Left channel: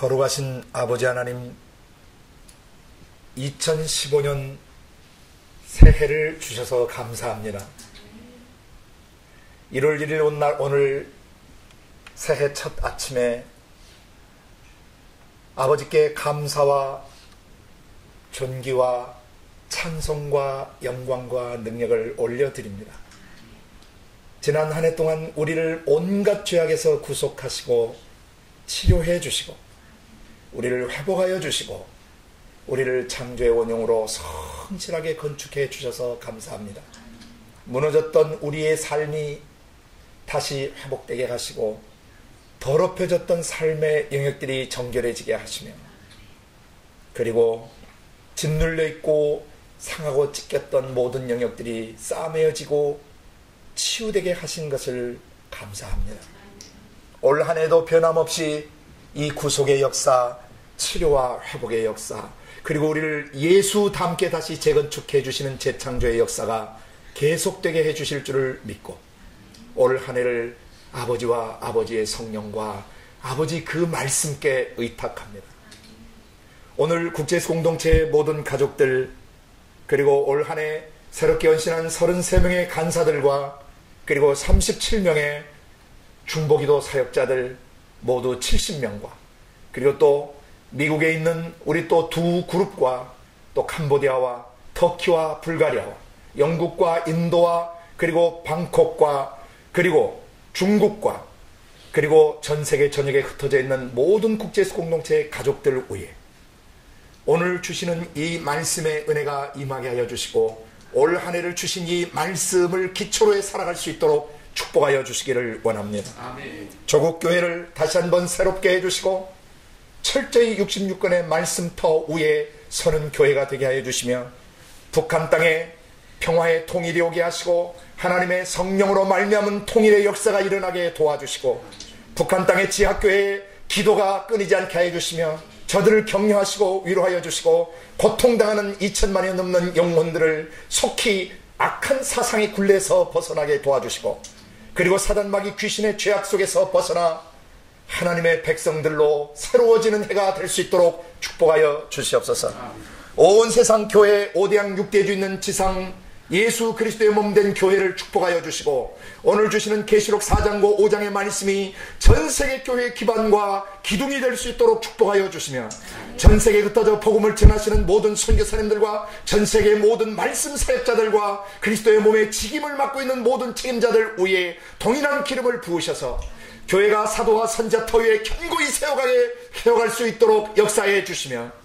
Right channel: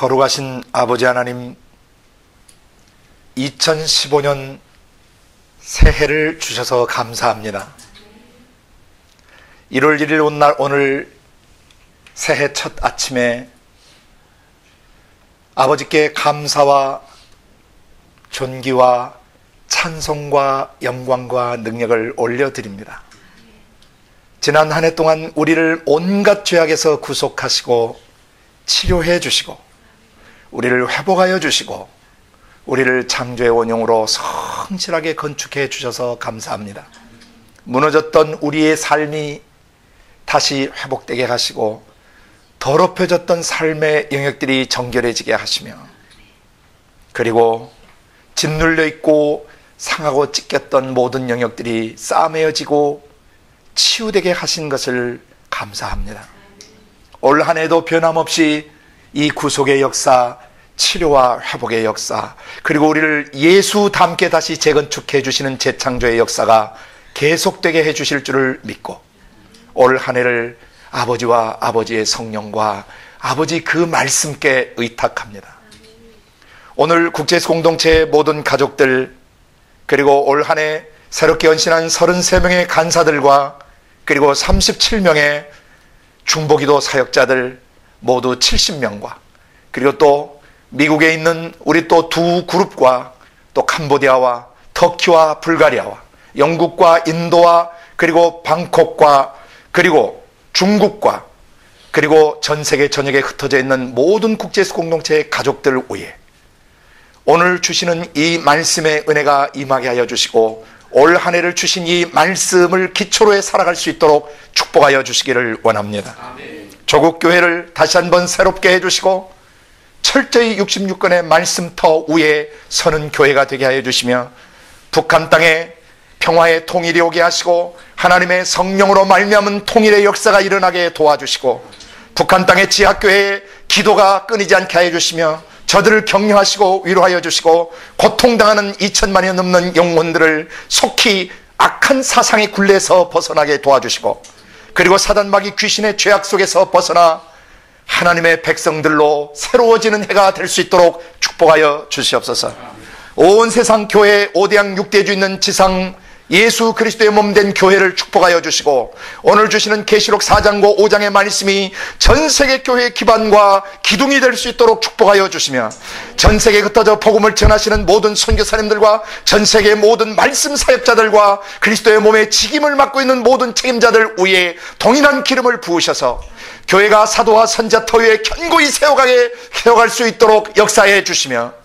거룩하신 아버지 하나님, 2015년 새해를 주셔서 감사합니다. 1월 1일 오늘 새해 첫 아침에 아버지께 감사와 존귀와 찬송과 영광과 능력을 올려드립니다. 지난 한 해 동안 우리를 온갖 죄악에서 구속하시고 치료해 주시고 우리를 회복하여 주시고 우리를 창조의 원형으로 성실하게 건축해 주셔서 감사합니다. 무너졌던 우리의 삶이 다시 회복되게 하시고 더럽혀졌던 삶의 영역들이 정결해지게 하시며, 그리고 짓눌려 있고 상하고 찢겼던 모든 영역들이 싸매어지고 치유되게 하신 것을 감사합니다. 올 한 해도 변함없이 이 구속의 역사, 치료와 회복의 역사, 그리고 우리를 예수 닮게 다시 재건축해 주시는 재창조의 역사가 계속되게 해 주실 줄을 믿고 올 한 해를 아버지와 아버지의 성령과 아버지 그 말씀께 의탁합니다. 오늘 국제예수 공동체의 모든 가족들, 그리고 올 한 해 새롭게 헌신한 33명의 간사들과 그리고 37명의 중보기도 사역자들 모두 70명과 그리고 또 미국에 있는 우리 또 두 그룹과 또 캄보디아와 터키와 불가리아와 영국과 인도와 그리고 방콕과 그리고 중국과 그리고 전 세계 전역에 흩어져 있는 모든 국제예수 공동체의 가족들 위에 오늘 주시는 이 말씀의 은혜가 임하게 하여 주시고 올 한 해를 주신 이 말씀을 기초로 해 살아갈 수 있도록 축복하여 주시기를 원합니다. 아멘. 조국 교회를 다시 한번 새롭게 해주시고 철저히 66권의 말씀터 위에 서는 교회가 되게 하여 주시며 북한 땅에 평화의 통일이 오게 하시고 하나님의 성령으로 말미암은 통일의 역사가 일어나게 도와주시고 북한 땅의 지하교회의 기도가 끊이지 않게 하여 주시며 저들을 격려하시고 위로하여 주시고 고통당하는 2천만여 넘는 영혼들을 속히 악한 사상의 굴레에서 벗어나게 도와주시고 그리고 사단마귀 귀신의 죄악 속에서 벗어나 하나님의 백성들로 새로워지는 해가 될 수 있도록 축복하여 주시옵소서. 온 세상 교회 5대양 6대주 있는 지상 예수 그리스도의 몸된 교회를 축복하여 주시고 오늘 주시는 계시록 4장과 5장의 말씀이 전세계 교회의 기반과 기둥이 될 수 있도록 축복하여 주시며 전세계에 흩어져 복음을 전하시는 모든 선교사님들과 전세계의 모든 말씀 사역자들과 그리스도의 몸에 직임을 맡고 있는 모든 책임자들 위에 동일한 기름을 부으셔서 교회가 사도와 선자 터위에 견고히 세워갈 수 있도록 역사해 주시며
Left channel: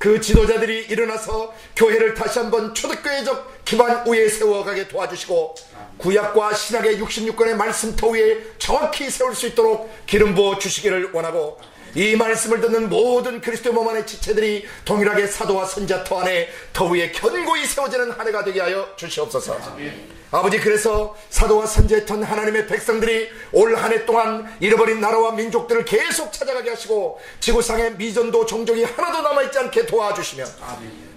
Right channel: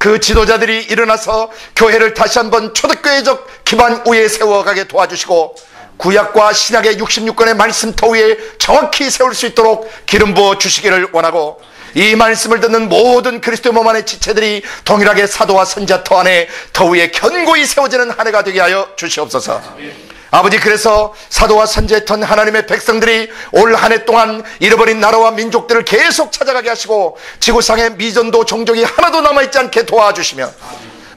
그 지도자들이 일어나서 교회를 다시 한번 초대교회적 기반 위에 세워가게 도와주시고 구약과 신약의 66권의 말씀터 위에 정확히 세울 수 있도록 기름 부어 주시기를 원하고 이 말씀을 듣는 모든 그리스도의 몸 안의 지체들이 동일하게 사도와 선자터 안에 더 위에 견고히 세워지는 한 해가 되게 하여 주시옵소서. 아버지, 그래서 사도와 선지자의 턴 하나님의 백성들이 올 한 해 동안 잃어버린 나라와 민족들을 계속 찾아가게 하시고 지구상의 미전도 종족이 하나도 남아있지 않게 도와주시며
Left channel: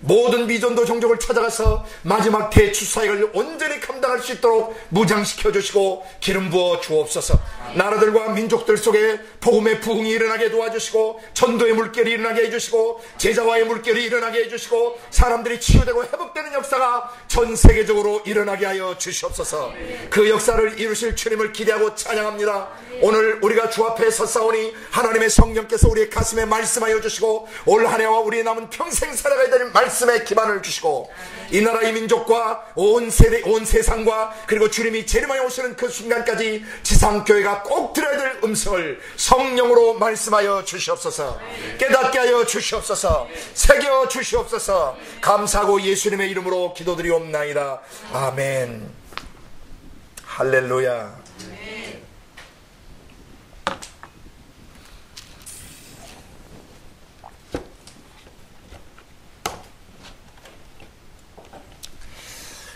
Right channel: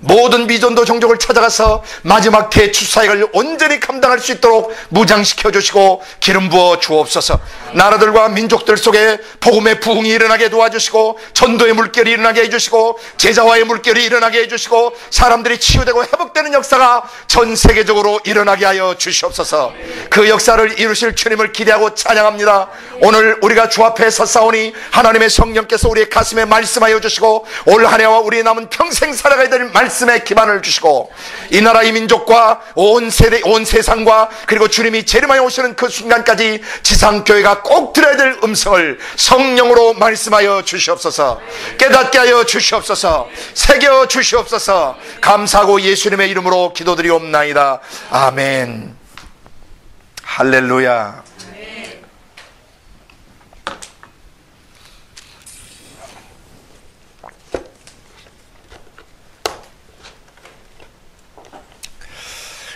모든 미전도 종족을 찾아가서 마지막 대추사역을 온전히 감당할 수 있도록 무장시켜 주시고 기름 부어 주옵소서. 나라들과 민족들 속에 복음의 부흥이 일어나게 도와주시고 전도의 물결이 일어나게 해주시고 제자와의 물결이 일어나게 해주시고 사람들이 치유되고 회복되는 역사가 전 세계적으로 일어나게 하여 주시옵소서. 그 역사를 이루실 주님을 기대하고 찬양합니다. 오늘 우리가 주 앞에 섰사오니 하나님의 성령께서 우리의 가슴에 말씀하여 주시고 올 한 해와 우리의 남은 평생 살아가야 될 말씀의 기반을 주시고 이 나라 이 민족과 온 세대 온 세상과 그리고 주님이 재림하여 오시는 그 순간까지 지상교회가 꼭 들어야 될 음성을 성령으로 말씀하여 주시옵소서. 깨닫게 하여 주시옵소서. 새겨 주시옵소서. 감사하고 예수님의 이름으로 기도드리옵나이다. 아멘. 할렐루야.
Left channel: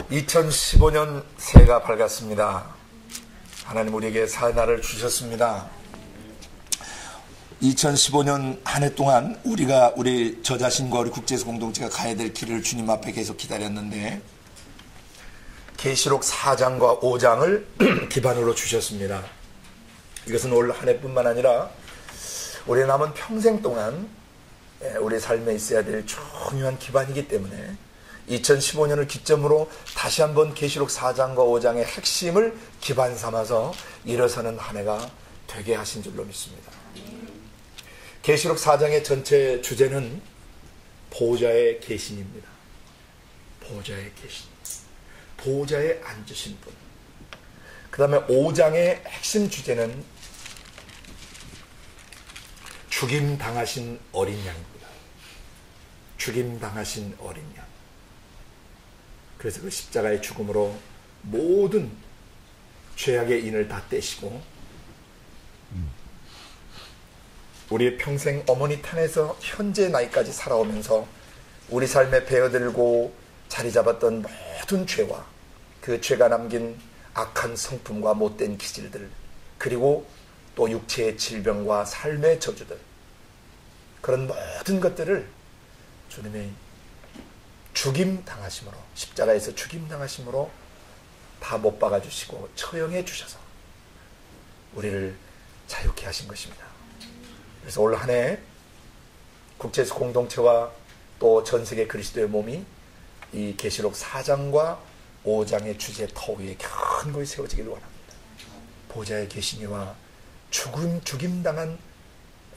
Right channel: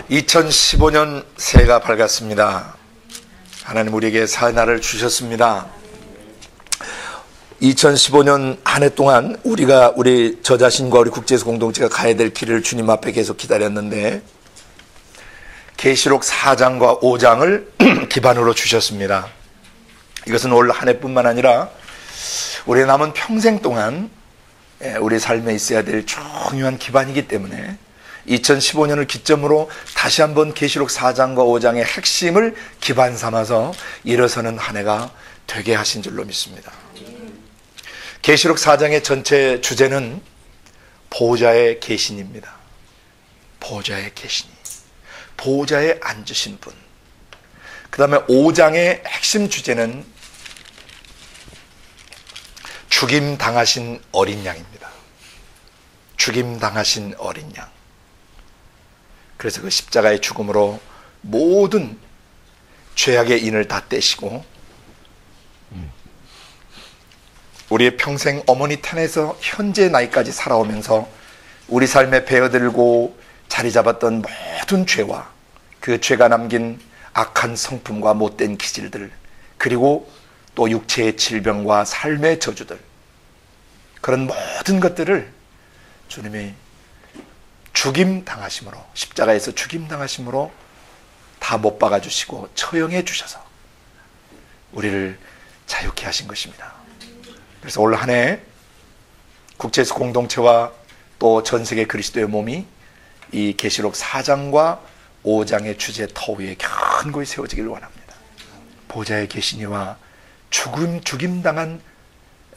2015년 새해가 밝았습니다. 하나님 우리에게 사날을 주셨습니다. 2015년 한 해 동안 우리 저 자신과 우리 국제예수 공동체가 가야 될 길을 주님 앞에 계속 기다렸는데 계시록 4장과 5장을 기반으로 주셨습니다. 이것은 올 한 해뿐만 아니라 우리 남은 평생 동안 우리 삶에 있어야 될 중요한 기반이기 때문에 2015년을 기점으로 다시 한번 계시록 4장과 5장의 핵심을 기반 삼아서 일어서는 한 해가 되게 하신 줄로 믿습니다. 계시록 4장의 전체 주제는 보호자의 계신입니다. 보호자의 계신, 보호자에 앉으신 분. 그 다음에 5장의 핵심 주제는 죽임당하신 어린 양입니다. 죽임당하신 어린 양. 그래서 그 십자가의 죽음으로 모든 죄악의 인을 다 떼시고 우리의 평생 어머니 탄에서 현재 나이까지 살아오면서 우리 삶에 베어들고 자리 잡았던 모든 죄와 그 죄가 남긴 악한 성품과 못된 기질들, 그리고 또 육체의 질병과 삶의 저주들, 그런 모든 것들을 주님이 죽임당하심으로, 십자가에서 죽임당하심으로 다 못 박아주시고 처형해 주셔서 우리를 자유케 하신 것입니다. 그래서 올 한 해 국제에서 공동체와 또 전세계 그리스도의 몸이 이 계시록 4장과 5장의 주제 터 위에 견고히 세워지길 원합니다. 보좌의 계시니와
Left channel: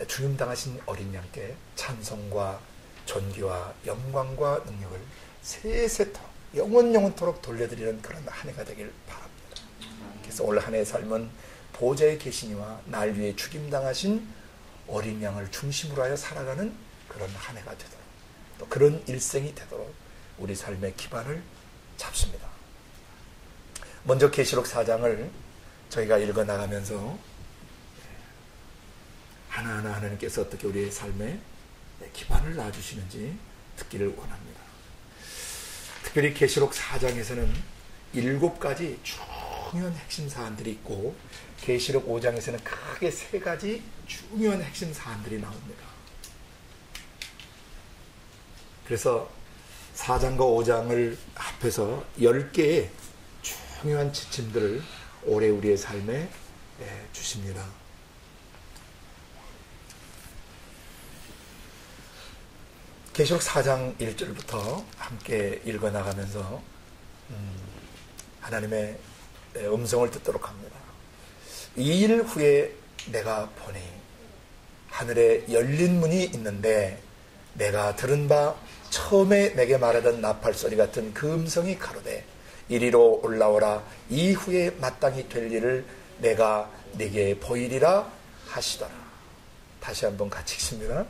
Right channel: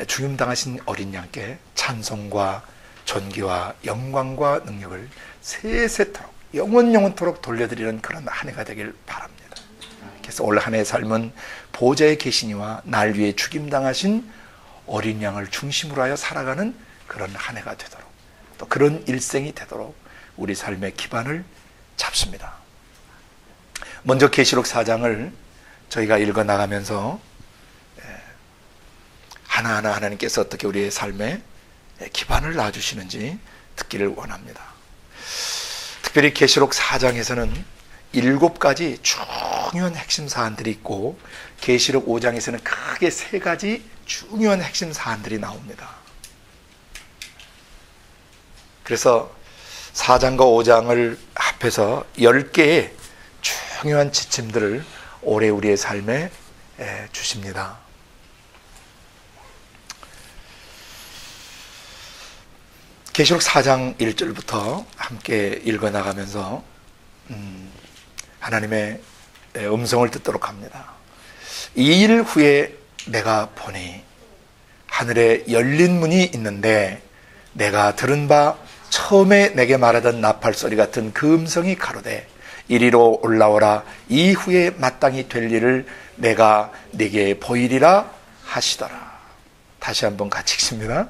죽임당하신 어린 양께 찬송과 존귀와 영광과 능력을 세세토록 영원토록 돌려드리는 그런 한 해가 되길 바랍니다. 그래서 올 한 해의 삶은 보좌의 계시니와 날 위해 죽임당하신 어린 양을 중심으로 하여 살아가는 그런 한 해가 되도록, 또 그런 일생이 되도록 우리 삶의 기반을 잡습니다. 먼저 계시록 4장을 저희가 읽어나가면서 하나하나 하나님께서 어떻게 우리의 삶에 기반을 놔주시는지 듣기를 원합니다. 특별히 계시록 4장에서는 7가지 중요한 핵심 사안들이 있고 계시록 5장에서는 크게 3가지 중요한 핵심 사안들이 나옵니다. 그래서 4장과 5장을 합해서 10개의 중요한 지침들을 올해 우리의 삶에 주십니다. 계시록 4장 1절부터 함께 읽어나가면서 하나님의 음성을 듣도록 합니다. 이 일 후에 내가 보니 하늘에 열린 문이 있는데 내가 들은 바 처음에 내게 말하던 나팔소리 같은 그 음성이 가로되 이리로 올라오라. 이후에 마땅히 될 일을 내가 네게 보이리라 하시더라. 다시 한번 같이 읽습니다.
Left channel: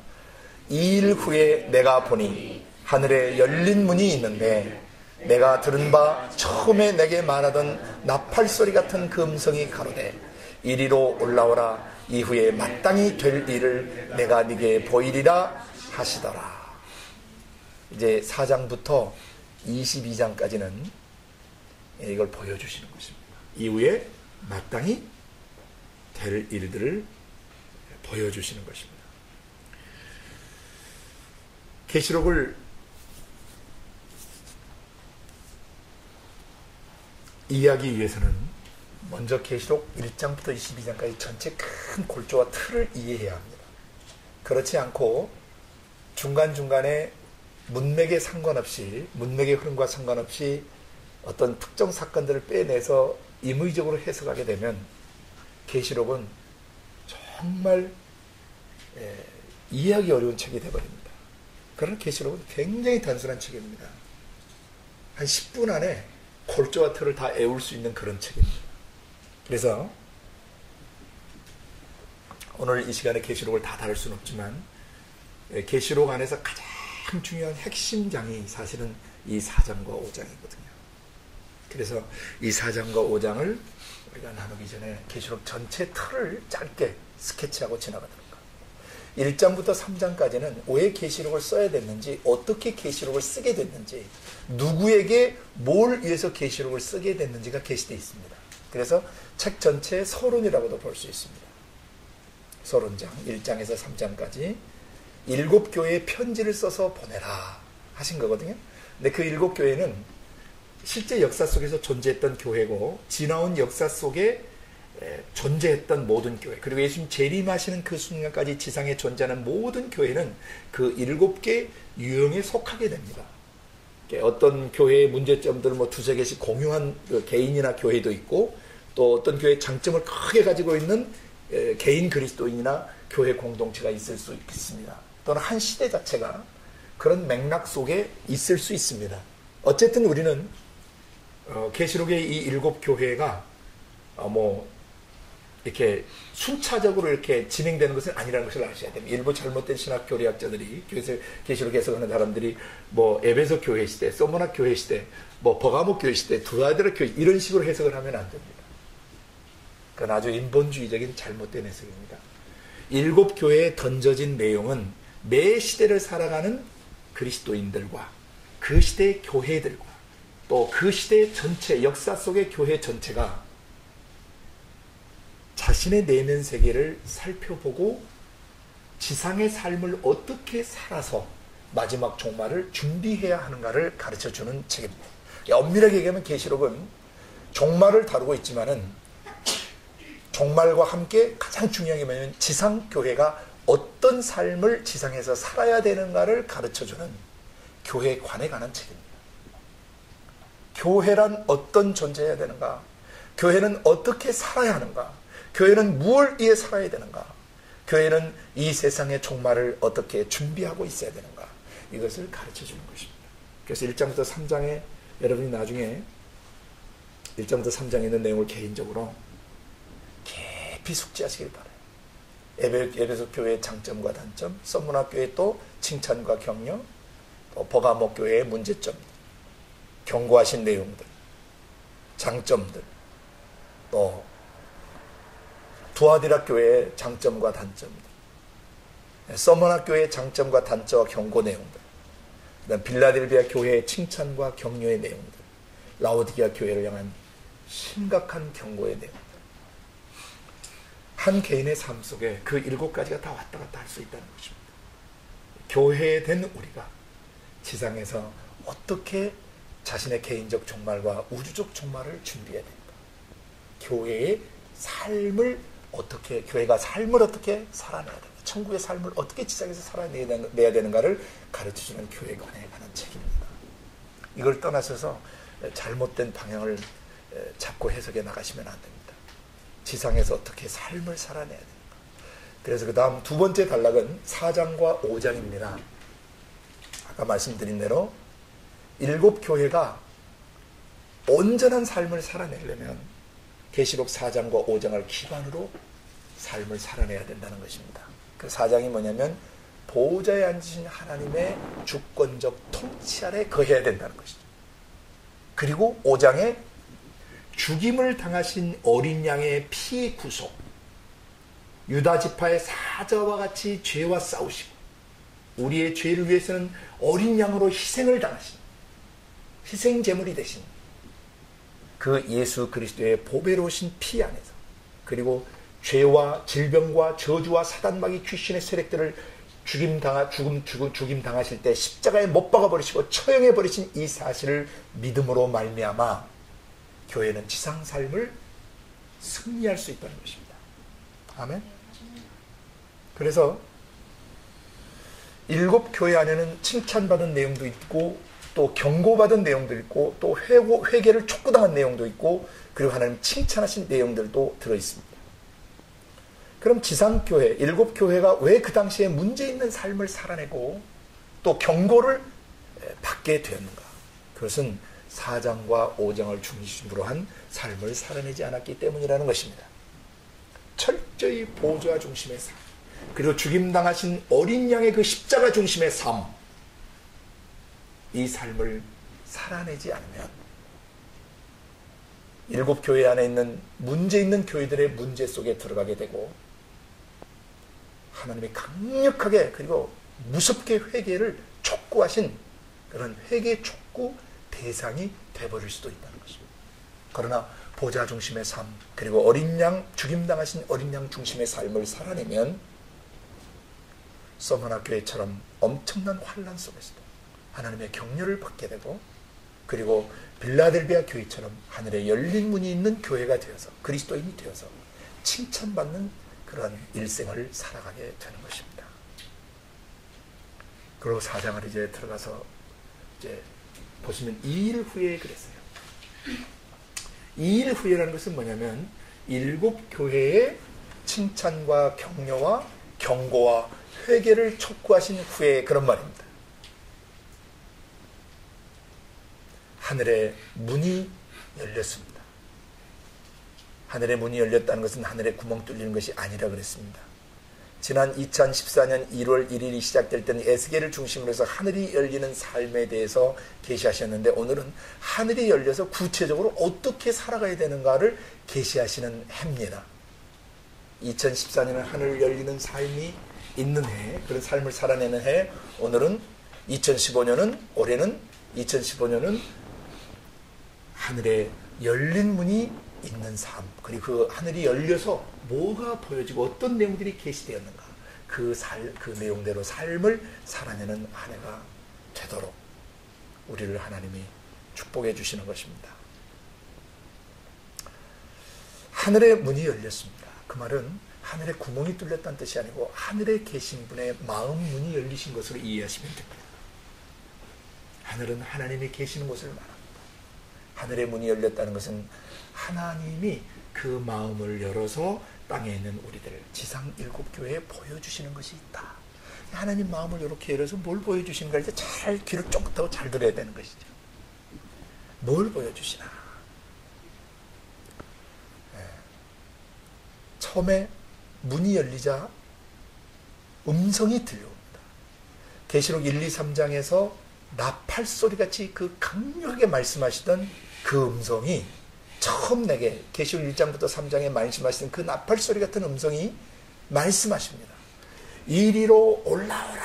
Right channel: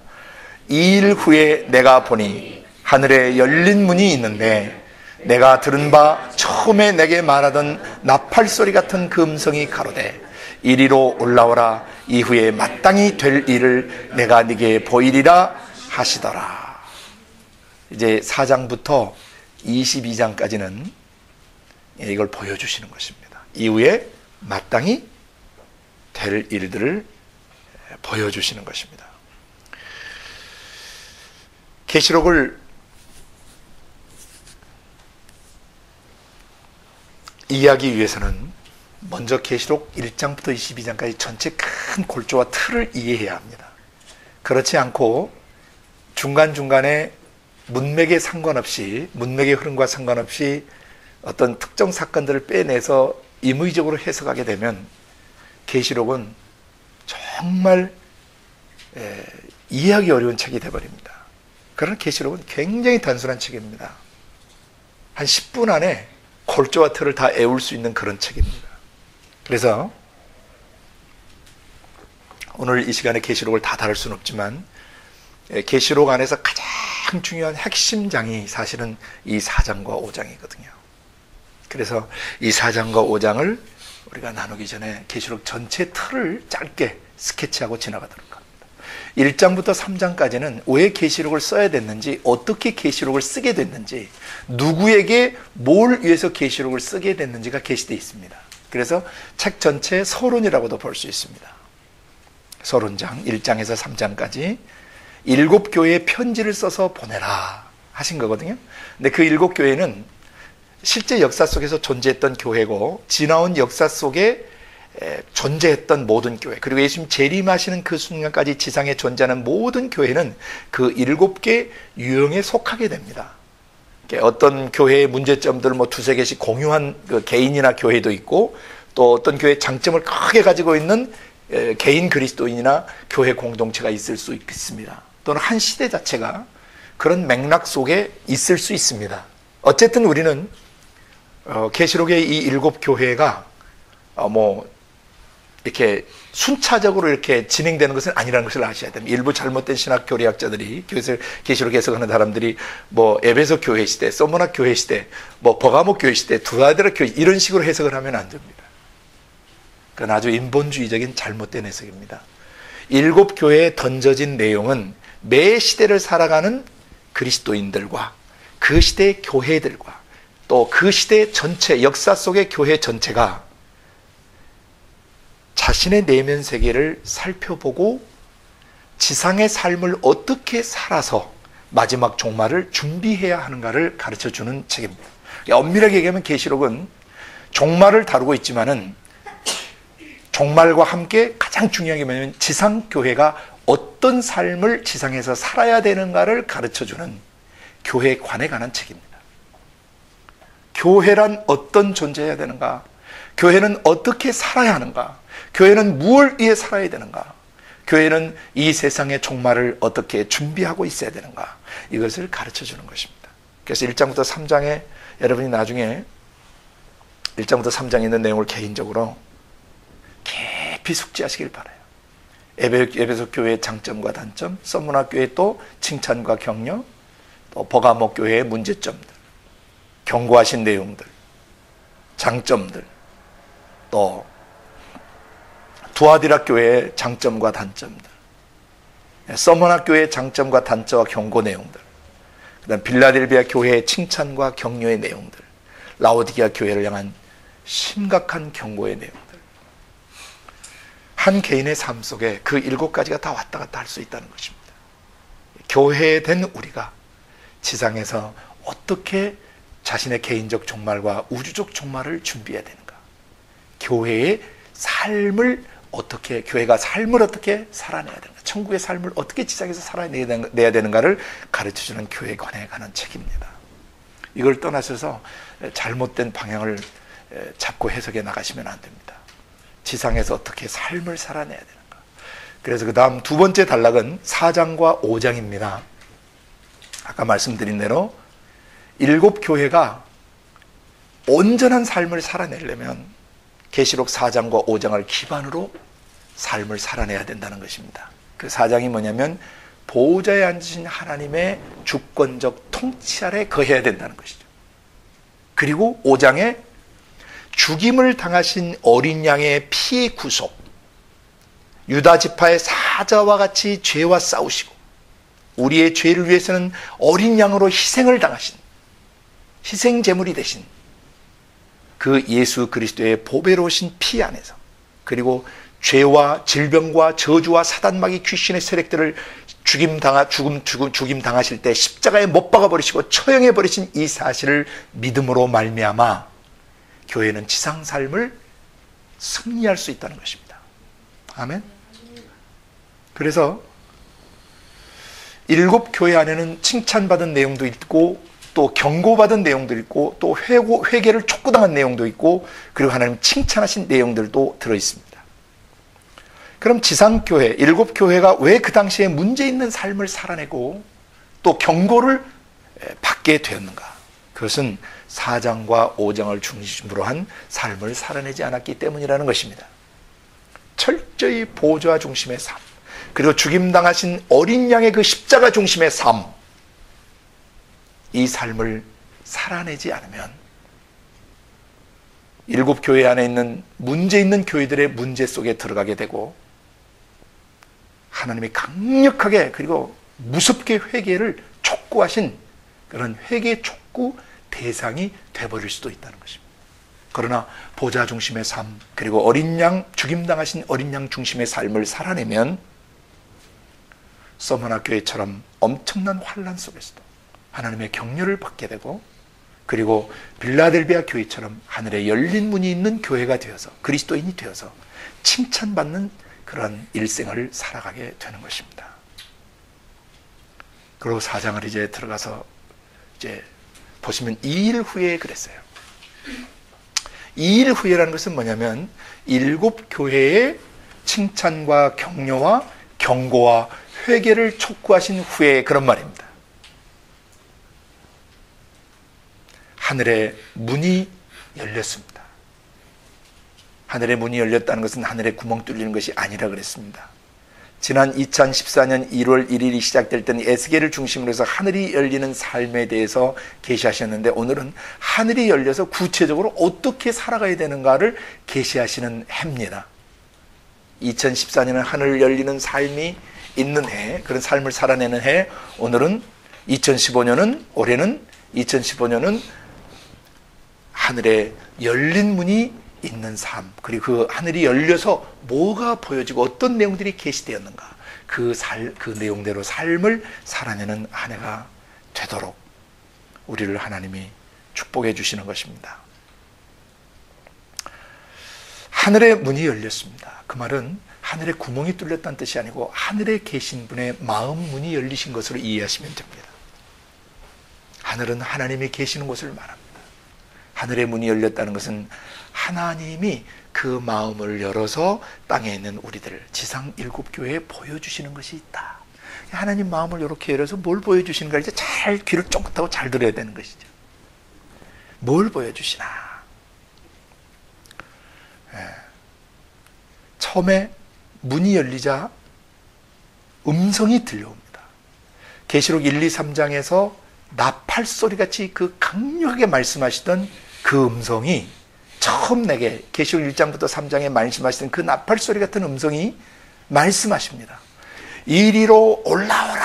이 일 후에 내가 보니 하늘에 열린 문이 있는데 내가 들은 바 처음에 내게 말하던 나팔소리 같은 그 음성이 가로되 이리로 올라오라. 이후에 마땅히 될 일을 내가 네게 보이리라 하시더라. 이제 4장부터 22장까지는 이걸 보여주시는 것입니다. 이후에 마땅히 될 일들을 보여주시는 것입니다. 계시록을 이해하기 위해서는 먼저 계시록 1장부터 22장까지 전체 큰 골조와 틀을 이해해야 합니다. 그렇지 않고 중간중간에 문맥에 상관없이, 문맥의 흐름과 상관없이 어떤 특정 사건들을 빼내서 임의적으로 해석하게 되면 계시록은 정말 이해하기 어려운 책이 되어버립니다. 그러나 계시록은 굉장히 단순한 책입니다. 한 10분 안에 골조와 틀을 다 애울 수 있는 그런 책입니다. 그래서 오늘 이 시간에 계시록을 다 다룰 수는 없지만 계시록 안에서 가장 중요한 핵심장이 사실은 이 4장과 5장이거든요. 그래서 이 4장과 5장을 우리가 나누기 전에 계시록 전체 틀을 짧게 스케치하고 지나가도록 합니다. 1장부터 3장까지는 왜 계시록을 써야 됐는지, 어떻게 계시록을 쓰게 됐는지, 누구에게 뭘 위해서 계시록을 쓰게 됐는지가 게시되어 있습니다. 그래서 책 전체 서론이라고도 볼 수 있습니다. 서론장 1장에서 3장까지 7교회에 편지를 써서 보내라 하신 거거든요. 근데 그 7교회는 실제 역사 속에서 존재했던 교회고 지나온 역사 속에 존재했던 모든 교회, 그리고 예수님 재림하시는 그 순간까지 지상에 존재하는 모든 교회는 그 7개 유형에 속하게 됩니다. 어떤 교회의 문제점들을 뭐 두세 개씩 공유한 그 개인이나 교회도 있고, 또 어떤 교회의 장점을 크게 가지고 있는 개인 그리스도인이나 교회 공동체가 있을 수 있습니다. 또는 한 시대 자체가 그런 맥락 속에 있을 수 있습니다. 어쨌든 우리는 계시록의 이 7교회가 뭐 이렇게 순차적으로 이렇게 진행되는 것은 아니라는 것을 아셔야 됩니다. 일부 잘못된 신학 교리학자들이, 계시록 해석하는 사람들이 뭐 에베소 교회 시대, 소모나 교회 시대, 뭐 버가모 교회 시대, 두아데라 교회 이런 식으로 해석을 하면 안 됩니다. 그건 아주 인본주의적인 잘못된 해석입니다. 7교회에 던져진 내용은 매 시대를 살아가는 그리스도인들과 그 시대의 교회들과 또 그 시대 전체, 역사 속의 교회 전체가 자신의 내면 세계를 살펴보고 지상의 삶을 어떻게 살아서 마지막 종말을 준비해야 하는가를 가르쳐주는 책입니다. 엄밀하게 얘기하면 계시록은 종말을 다루고 있지만은 종말과 함께 가장 중요한 게 뭐냐면 지상교회가 어떤 삶을 지상에서 살아야 되는가를 가르쳐주는 교회에 관한 책입니다. 교회란 어떤 존재해야 되는가? 교회는 어떻게 살아야 하는가? 교회는 무엇을 위해 살아야 되는가? 교회는 이 세상의 종말을 어떻게 준비하고 있어야 되는가? 이것을 가르쳐주는 것입니다. 그래서 1장부터 3장에 여러분이 나중에 1장부터 3장에 있는 내용을 개인적으로 깊이 숙지하시길 바라요. 에베소 교회의 장점과 단점, 서문화 교회의 또 칭찬과 격려, 또 버가모 교회의 문제점들, 경고하신 내용들, 장점들, 또 두아디라 교회의 장점과 단점들, 서문화 교회의 장점과 단점과 경고 내용들, 그다음 빌라델비아 교회의 칭찬과 격려의 내용들, 라오디게아 교회를 향한 심각한 경고의 내용들, 한 개인의 삶 속에 그 7가지가 다 왔다 갔다 할 수 있다는 것입니다. 교회된 우리가 지상에서 어떻게 자신의 개인적 종말과 우주적 종말을 준비해야 되는가? 교회의 삶을 어떻게, 교회가 삶을 어떻게 살아내야 되는가? 천국의 삶을 어떻게 지상에서 살아내야 되는가를 가르쳐주는 교회에 관해 가는 책입니다. 이걸 떠나셔서 잘못된 방향을 잡고 해석해 나가시면 안 됩니다. 지상에서 어떻게 삶을 살아내야 되는가? 그래서 그 다음 두 번째 단락은 4장과 5장입니다. 아까 말씀드린 대로 7교회가 온전한 삶을 살아내려면 계시록 4장과 5장을 기반으로 삶을 살아내야 된다는 것입니다. 그 4장이 뭐냐면 보호자에 앉으신 하나님의 주권적 통치 아래 거해야 된다는 것이죠. 그리고 5장에 죽임을 당하신 어린 양의 피의 구속, 유다 지파의 사자와 같이 죄와 싸우시고 우리의 죄를 위해서는 어린 양으로 희생을 당하신, 희생 제물이 되신 그 예수 그리스도의 보배로우신 피 안에서, 그리고 죄와 질병과 저주와 사단마귀 귀신의 세력들을 죽임 당하실 때 십자가에 못 박아 버리시고 처형해 버리신 이 사실을 믿음으로 말미암아 교회는 지상 삶을 승리할 수 있다는 것입니다. 아멘. 그래서 7교회 안에는 칭찬받은 내용도 있고 또 경고받은 내용도 있고 또 회개를 촉구당한 내용도 있고 그리고 하나님 칭찬하신 내용들도 들어있습니다. 그럼 지상교회, 7교회가 왜 그 당시에 문제 있는 삶을 살아내고 또 경고를 받게 되었는가? 그것은 4장과 5장을 중심으로 한 삶을 살아내지 않았기 때문이라는 것입니다. 철저히 보호자 중심의 삶, 그리고 죽임당하신 어린 양의 그 십자가 중심의 삶, 이 삶을 살아내지 않으면 7교회 안에 있는 문제 있는 교회들의 문제 속에 들어가게 되고 하나님이 강력하게 그리고 무섭게 회개를 촉구하신 그런 회개 촉구 대상이 돼버릴 수도 있다는 것입니다. 그러나 보좌 중심의 삶, 그리고 어린 양, 죽임당하신 어린 양 중심의 삶을 살아내면 서머나 교회처럼 엄청난 환난 속에서도 하나님의 격려를 받게 되고, 그리고 빌라델비아 교회처럼 하늘에 열린 문이 있는 교회가 되어서 그리스도인이 되어서 칭찬받는 그런 일생을 살아가게 되는 것입니다. 그리고 4장을 이제 들어가서 이제 보시면 2일 후에 그랬어요. 2일 후에라는 것은 뭐냐면 7 교회의 칭찬과 격려와 경고와 회개를 촉구하신 후에 그런 말입니다. 하늘의 문이 열렸습니다. 하늘의 문이 열렸다는 것은 하늘의 구멍 뚫리는 것이 아니라 그랬습니다. 지난 2014년 1월 1일이 시작될 때는 에스겔을 중심으로 해서 하늘이 열리는 삶에 대해서 계시하셨는데 오늘은 하늘이 열려서 구체적으로 어떻게 살아가야 되는가를 계시하시는 해입니다. 2014년은 하늘 열리는 삶이 있는 해, 그런 삶을 살아내는 해. 오늘은 2015년은, 올해는 2015년은 하늘에 열린 문이 있는 삶, 그리고 그 하늘이 열려서 뭐가 보여지고 어떤 내용들이 계시되었는가, 그 내용대로 삶을 살아내는 한 해가 되도록 우리를 하나님이 축복해 주시는 것입니다. 하늘의 문이 열렸습니다. 그 말은 하늘의 구멍이 뚫렸다는 뜻이 아니고 하늘에 계신 분의 마음 문이 열리신 것으로 이해하시면 됩니다. 하늘은 하나님이 계시는 곳을 말합니다. 하늘의 문이 열렸다는 것은 하나님이 그 마음을 열어서 땅에 있는 우리들 지상 7 교회에 보여주시는 것이 있다. 하나님 마음을 이렇게 열어서 뭘 보여주시는가 이제 잘 귀를 쫑긋하고 잘 들어야 되는 것이죠. 뭘 보여주시나. 처음에 문이 열리자 음성이 들려옵니다. 계시록 1, 2, 3장에서 나팔 소리같이 그 강력하게 말씀하시던 그 음성이 처음 내게 계시록 1장부터 3장에 말씀하시던 그 나팔 소리 같은 음성이 말씀하십니다. 이리로 올라오라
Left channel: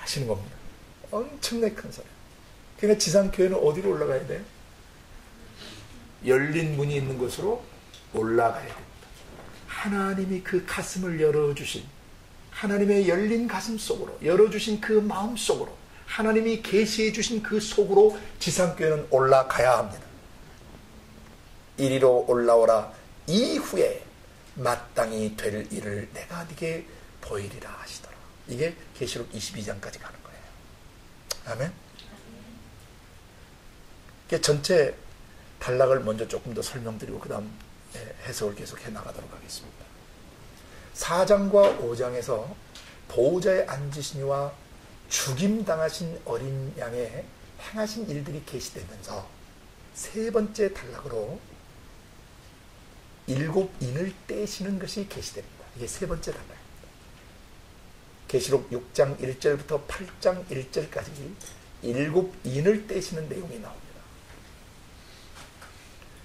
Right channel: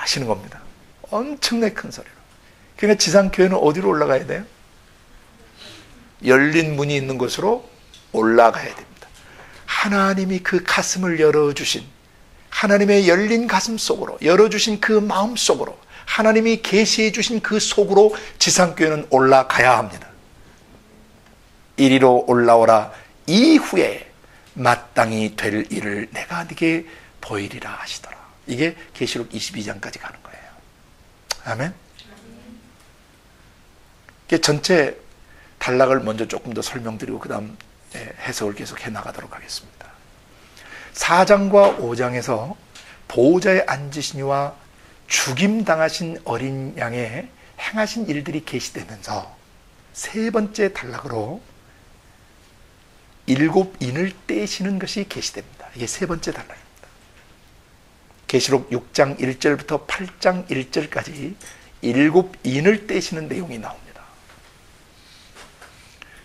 하시는 겁니다. 엄청나게 큰 소리로. 그러니까 지상교회는 어디로 올라가야 돼요? 열린 문이 있는 곳으로 올라가야 됩니다. 하나님이 그 가슴을 열어주신, 하나님의 열린 가슴 속으로, 열어주신 그 마음 속으로, 하나님이 계시해 주신 그 속으로 지상교회는 올라가야 합니다. 이리로 올라오라. 이후에 마땅히 될 일을 내가 네게 보이리라 하시더라. 이게 계시록 22장까지 가는 거예요. 아멘. 이게 전체 단락을 먼저 조금 더 설명드리고 그 다음 해석을 계속 해나가도록 하겠습니다. 4장과 5장에서 보호자에 앉으신 이와 죽임당하신 어린 양에 행하신 일들이 계시되면서 세 번째 단락으로 7 인을 떼시는 것이 계시됩니다. 이게 세 번째 단락입니다. 계시록 6장 1절부터 8장 1절까지 7 인을 떼시는 내용이 나옵니다.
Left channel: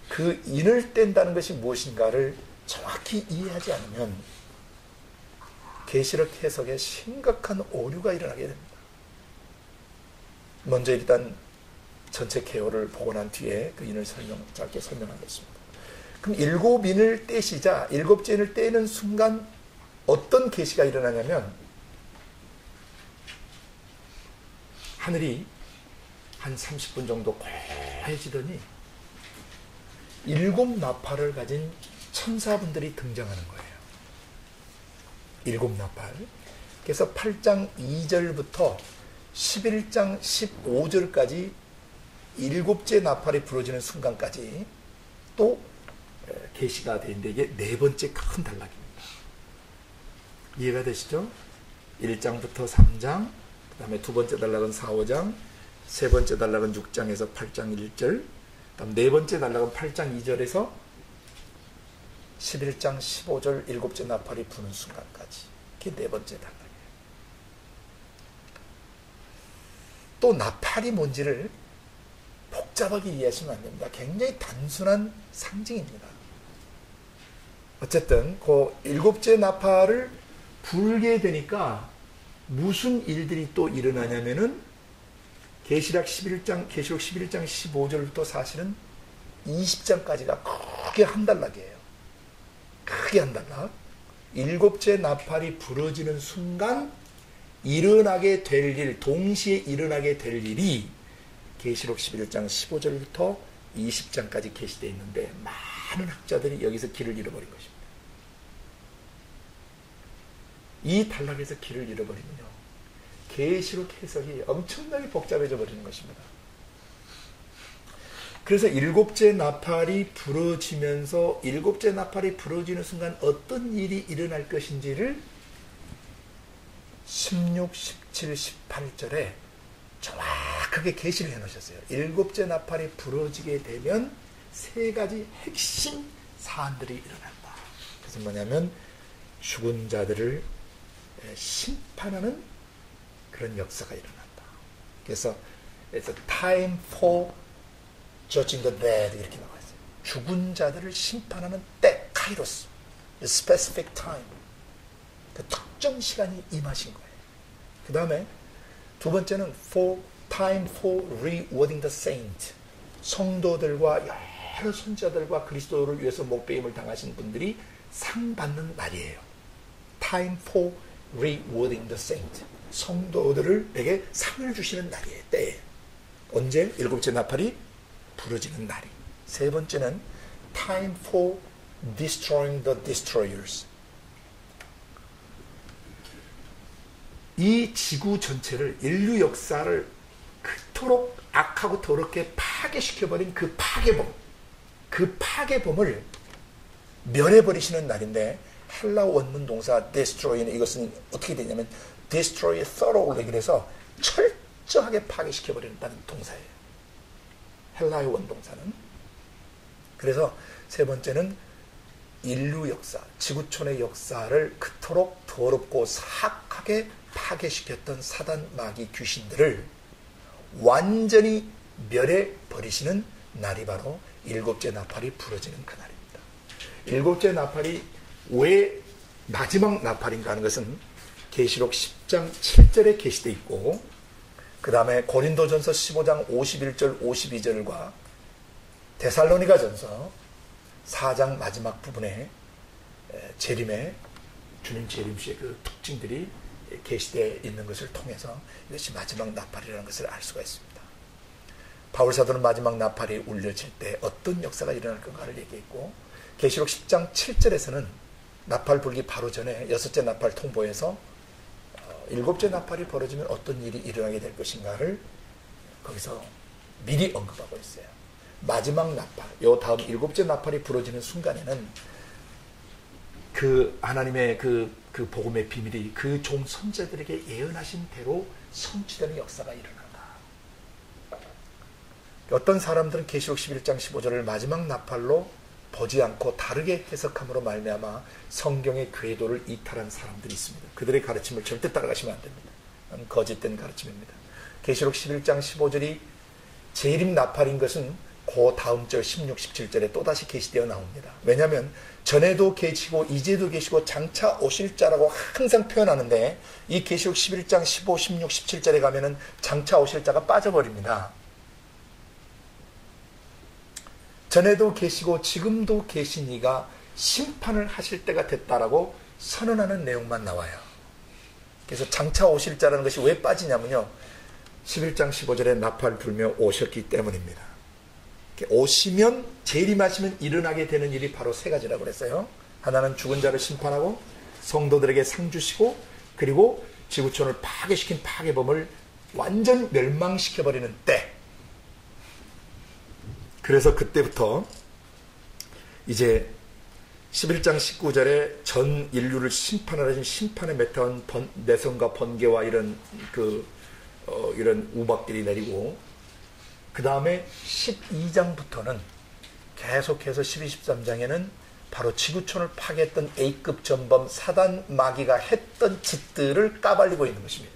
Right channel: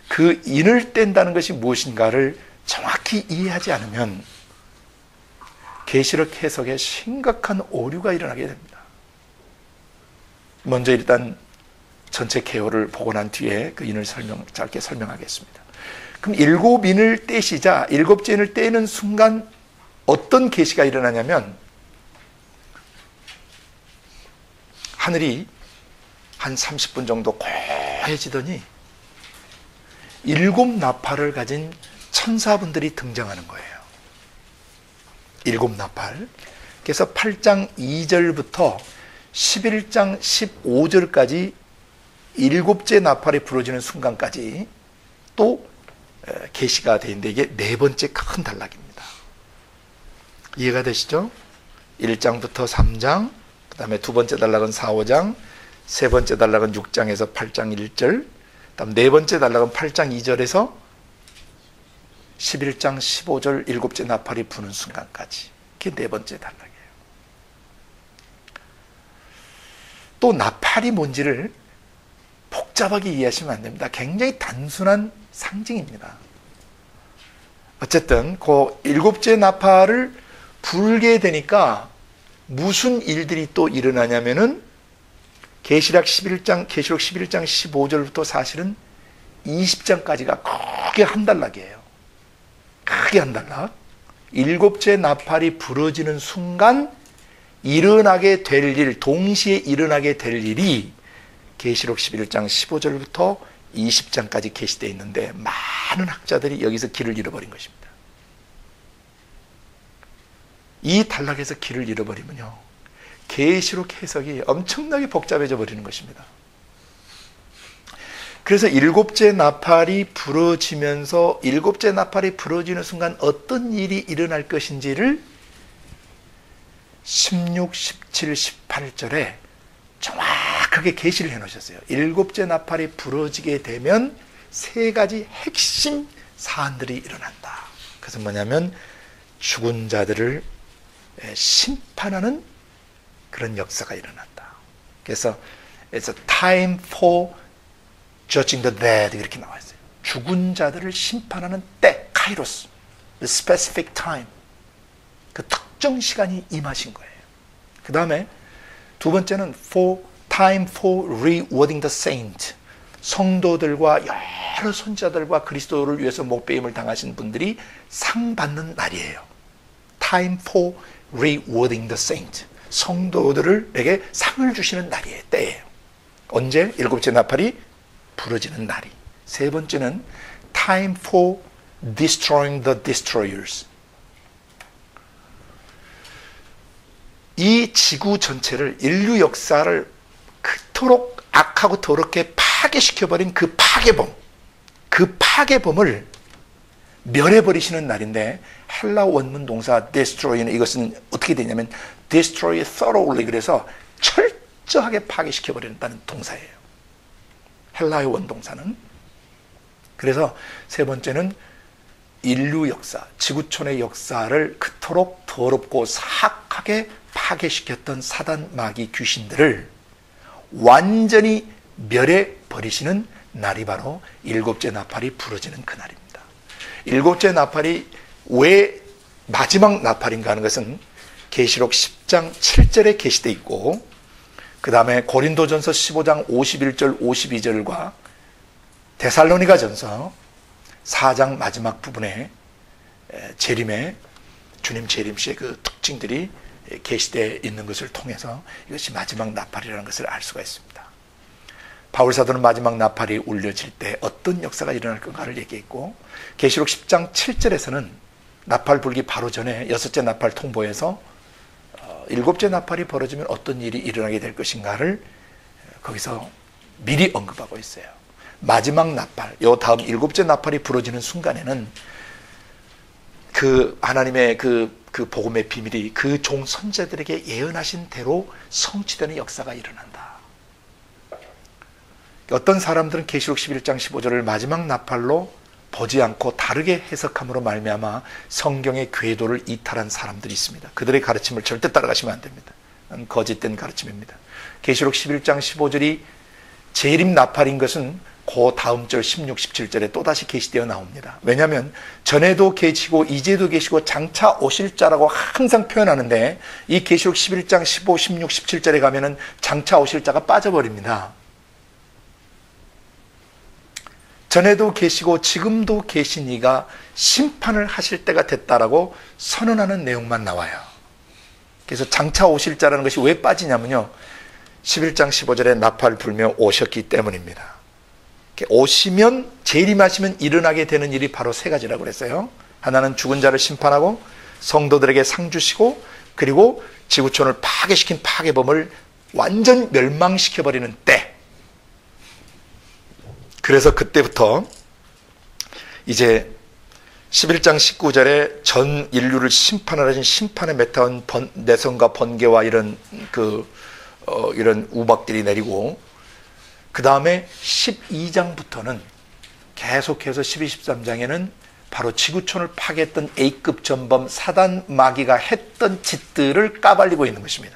그 인을 뗀다는 것이 무엇인가를 정확히 이해하지 않으면 계시록 해석에 심각한 오류가 일어나게 됩니다. 먼저 일단 전체 개요를 보고 난 뒤에 그 인을 짧게 설명하겠습니다. 그럼 7 인을 떼시자 7째 인을 떼는 순간 어떤 계시가 일어나냐면 하늘이 한 30분 정도 고해지더니 7 나팔을 가진 천사분들이 등장하는 거예요. 7 나팔. 그래서 8장 2절부터 11장 15절까지 7째 나팔이 부러지는 순간까지 또 계시가 되는데 이게 네 번째 큰 단락입니다. 이해가 되시죠? 1장부터 3장, 그 다음에 두 번째 단락은 4, 5장, 세 번째 단락은 6장에서 8장 1절, 다음 네 번째 단락은 8장 2절에서 11장 15절 7째 나팔이 부는 순간까지. 그게 네 번째 단락이에요. 또 나팔이 뭔지를 복잡하게 이해하시면 안 됩니다. 굉장히 단순한 상징입니다. 어쨌든 그 7째 나팔을 불게 되니까 무슨 일들이 또 일어나냐면은 계시록 11장 15절부터 사실은 20장까지가 크게 한 단락이에요. 크게 한 단락. 7째 나팔이 부러지는 순간 일어나게 될 일, 동시에 일어나게 될 일이 계시록 11장 15절부터 20장까지 계시되어 있는데 많은 학자들이 여기서 길을 잃어버린 것입니다. 이 단락에서 길을 잃어버리면요, 계시록 해석이 엄청나게 복잡해져 버리는 것입니다. 그래서 일곱째 나팔이 부러지면서 일곱째 나팔이 부러지는 순간 어떤 일이 일어날 것인지를 16, 17, 18절에 정확하게 계시를 해놓으셨어요. 일곱째 나팔이 부러지게 되면 세 가지 핵심 사안들이 일어난다. 그것은 뭐냐면 죽은 자들을 심판하는 그런 역사가 일어난다. 그래서 it's a time for judging the dead 이렇게 나와 있어요. 죽은 자들을 심판하는 때, 카이로스, the specific time, 그 특정 시간이 임하신 거예요. 그 다음에 두 번째는 time for rewarding the saint, 성도들과 여러 선지자들과 그리스도를 위해서 목배임을 당하신 분들이 상 받는 날이에요. time for rewarding the saint, 성도들에게 상을 주시는 날이에요. 때예요. 언제? 일곱째 나팔이 부러지는 날이. 세 번째는 time for destroying the destroyers, 이 지구 전체를, 인류 역사를 그토록 악하고 더럽게 파괴시켜버린 그 파괴범을 멸해버리시는 날인데, 헬라 원문 동사 destroy는 이것은 어떻게 되냐면 destroy thoroughly, 그래서 철저하게 파괴시켜버린다는 동사예요. 헬라의 원동사는. 그래서 세 번째는 인류 역사, 지구촌의 역사를 그토록 더럽고 사악하게 파괴시켰던 사단, 마귀, 귀신들을 완전히 멸해버리시는 날이 바로 일곱째 나팔이 부러지는 그날입니다. 일곱째 나팔이 왜 마지막 나팔인가 하는 것은 계시록 10장 7절에 계시되어 있고, 그 다음에 고린도전서 15장 51절 52절과 데살로니가전서 4장 마지막 부분에 재림의 주님 재림시의 그 특징들이 계시되어 있는 것을 통해서 이것이 마지막 나팔이라는 것을 알 수가 있습니다. 바울사도는 마지막 나팔이 울려질 때 어떤 역사가 일어날 건가를 얘기했고, 계시록 10장 7절에서는 나팔 불기 바로 전에 여섯째 나팔 통보에서 일곱째 나팔이 벌어지면 어떤 일이 일어나게 될 것인가를 거기서 미리 언급하고 있어요. 마지막 나팔, 요 다음 일곱째 나팔이 부러지는 순간에는 그 하나님의 그 복음의 비밀이 그 종 선지자들에게 예언하신 대로 성취되는 역사가 일어난다. 어떤 사람들은 계시록 11장 15절을 마지막 나팔로 보지 않고 다르게 해석함으로 말미암아 성경의 궤도를 이탈한 사람들이 있습니다. 그들의 가르침을 절대 따라가시면 안 됩니다. 거짓된 가르침입니다. 계시록 11장 15절이 재림 나팔인 것은 그 다음 절 16, 17절에 또다시 계시되어 나옵니다. 왜냐하면 전에도 계시고 이제도 계시고 장차 오실 자라고 항상 표현하는데, 이 계시록 11장 15, 16, 17절에 가면은 장차 오실 자가 빠져버립니다. 전에도 계시고 지금도 계신 이가 심판을 하실 때가 됐다라고 선언하는 내용만 나와요. 그래서 장차 오실 자라는 것이 왜 빠지냐면요, 11장 15절에 나팔 불며 오셨기 때문입니다. 오시면, 재림하시면 일어나게 되는 일이 바로 세 가지라고 그랬어요. 하나는 죽은 자를 심판하고 성도들에게 상 주시고, 그리고 지구촌을 파괴시킨 파괴범을 완전 멸망시켜버리는 때. 그래서 그때부터 이제 11장 19절에 전 인류를 심판하신 심판에 매타운 내성과 번개와 이런 이런 우박들이 내리고, 그 다음에 12장부터는 계속해서 12, 13장에는 바로 지구촌을 파괴했던 A급 전범 사단 마귀가 했던 짓들을 까발리고 있는 것입니다.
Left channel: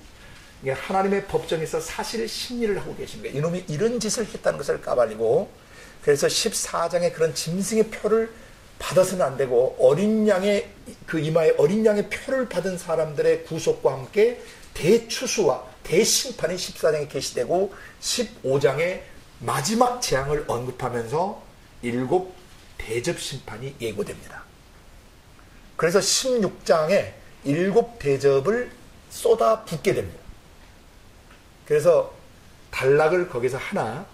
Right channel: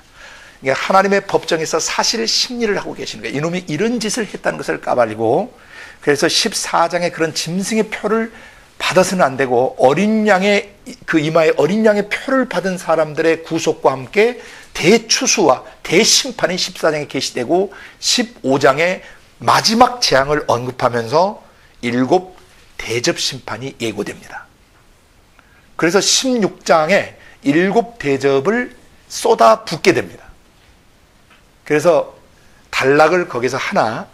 그러니까 하나님의 법정에서 사실 심리를 하고 계시는 거예요. 이놈이 이런 짓을 했다는 것을 까발리고, 그래서 14장에 그런 짐승의 표를 받아서는 안 되고, 어린 양의 그 이마에 어린 양의 표를 받은 사람들의 구속과 함께 대추수와 대심판이 14장에 계시되고, 15장에 마지막 재앙을 언급하면서 7 대접 심판이 예고됩니다. 그래서 16장에 7 대접을 쏟아 붓게 됩니다. 그래서 단락을 거기서 하나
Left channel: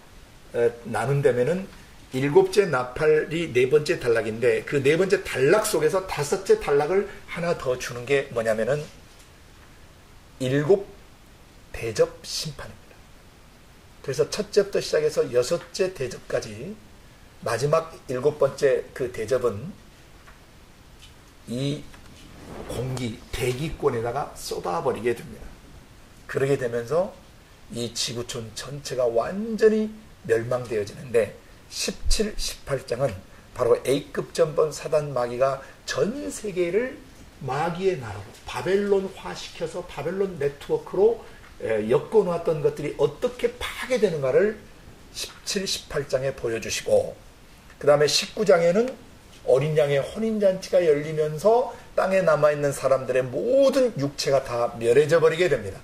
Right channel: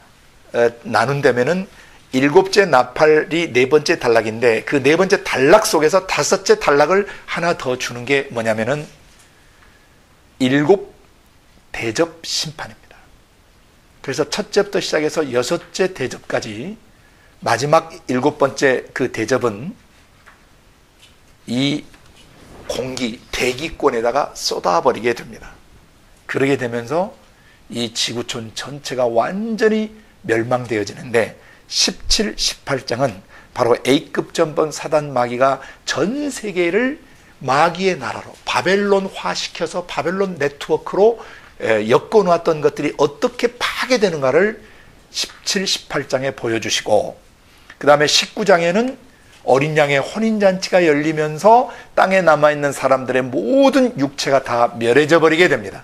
나눈다면은 일곱째 나팔이 네 번째 단락인데 그 네 번째 단락 속에서 다섯째 단락을 하나 더 주는 게 뭐냐면은 일곱 대접 심판입니다. 그래서 첫째부터 시작해서 여섯째 대접까지 마지막 일곱 번째 그 대접은 이 공기, 대기권에다가 쏟아버리게 됩니다. 그러게 되면서 이 지구촌 전체가 완전히 멸망되어지는데 17, 18장은 바로 A급 전범 사단 마귀가 전 세계를 마귀의 나라로 바벨론화시켜서 바벨론 네트워크로 엮어놓았던 것들이 어떻게 파괴되는가를 17, 18장에 보여주시고 그 다음에 19장에는 어린 양의 혼인잔치가 열리면서 땅에 남아있는 사람들의 모든 육체가 다 멸해져 버리게 됩니다.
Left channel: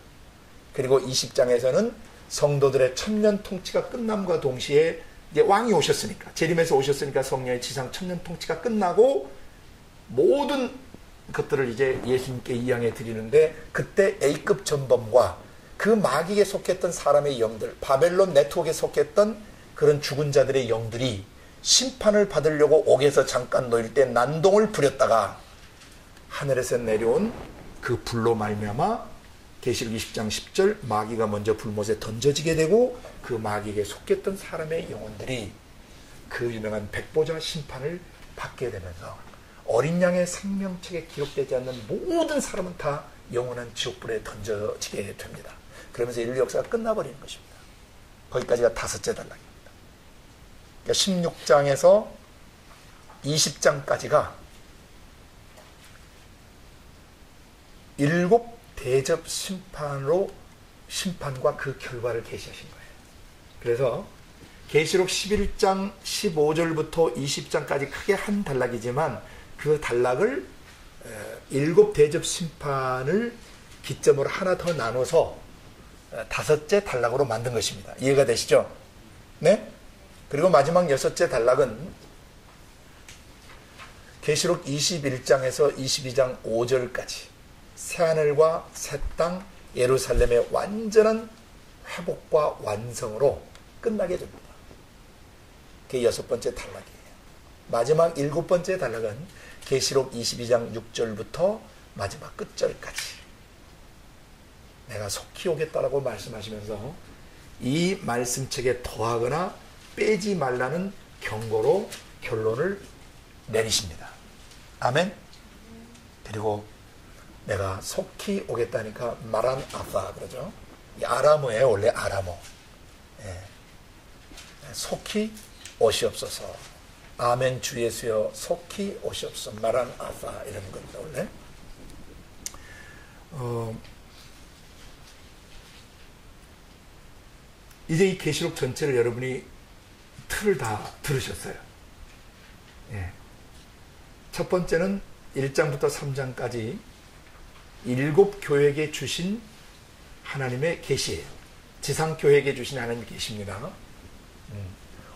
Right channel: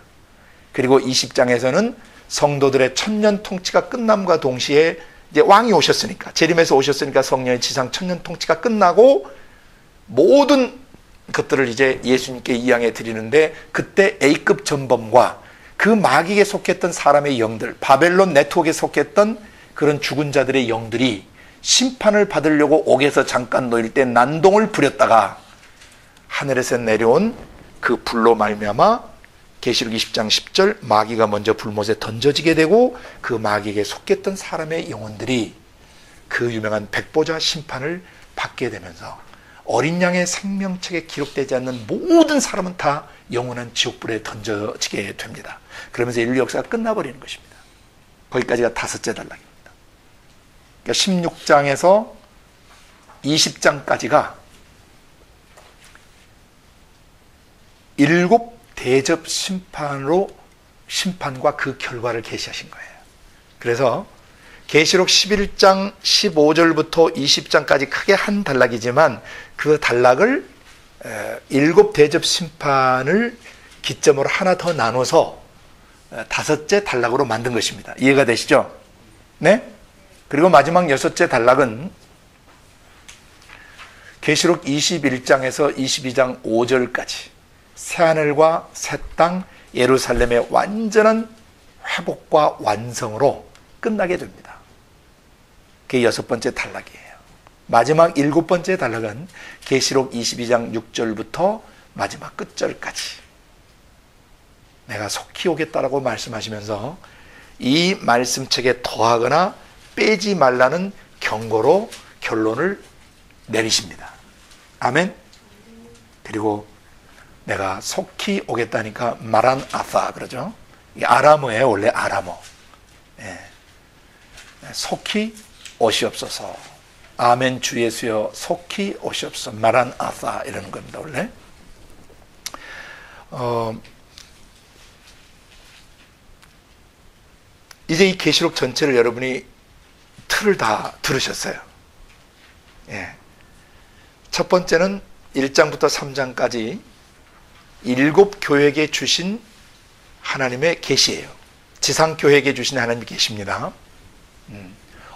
그리고 20장에서는 성도들의 천년 통치가 끝남과 동시에 이제 왕이 오셨으니까 재림에서 오셨으니까 성령의 지상 천년 통치가 끝나고 모든 것들을 이제 예수님께 이양해 드리는데 그때 A급 전범과 그 마귀에 속했던 사람의 영들 바벨론 네트워크에 속했던 그런 죽은 자들의 영들이 심판을 받으려고 옥에서 잠깐 놓일 때 난동을 부렸다가 하늘에서 내려온 그 불로 말미암아 계시록 20장 10절 마귀가 먼저 불못에 던져지게 되고 그 마귀에게 속했던 사람의 영혼들이 그 유명한 백보자 심판을 받게 되면서 어린 양의 생명책에 기록되지 않는 모든 사람은 다 영원한 지옥불에 던져지게 됩니다. 그러면서 인류 역사가 끝나버리는 것입니다. 거기까지가 다섯째 단락입니다. 그러니까 16장에서 20장까지가 일곱 대접 심판과 그 결과를 계시하신 거예요. 그래서 계시록 11장 15절부터 20장까지 크게 한 단락이지만 그 단락을 일곱 대접 심판을 기점으로 하나 더 나눠서 다섯째 단락으로 만든 것입니다. 이해가 되시죠? 네? 그리고 마지막 여섯째 단락은 계시록 21장에서 22장 5절까지 새하늘과 새 땅 예루살렘의 완전한 회복과 완성으로 끝나게 됩니다. 그게 여섯 번째 단락이에요. 마지막 일곱 번째 단락은 계시록 22장 6절부터 마지막 끝절까지 내가 속히 오겠다라고 말씀하시면서 이 말씀책에 더하거나 빼지 말라는 경고로 결론을 내리십니다. 아멘. 그리고 내가 속히 오겠다니까 마란 아사 그러죠. 이게 아람어예요. 원래 아람어. 예. 속히 오시옵소서. 아멘 주 예수여 속히 오시옵소서. 마란 아사 이러는 겁니다. 원래. 이제 이 계시록 전체를 여러분이 틀을 다 들으셨어요. 예. 첫 번째는 1장부터 3장까지 일곱 교회에게 주신 하나님의 계시예요. 지상 교회에게 주신 하나님의 계시입니다.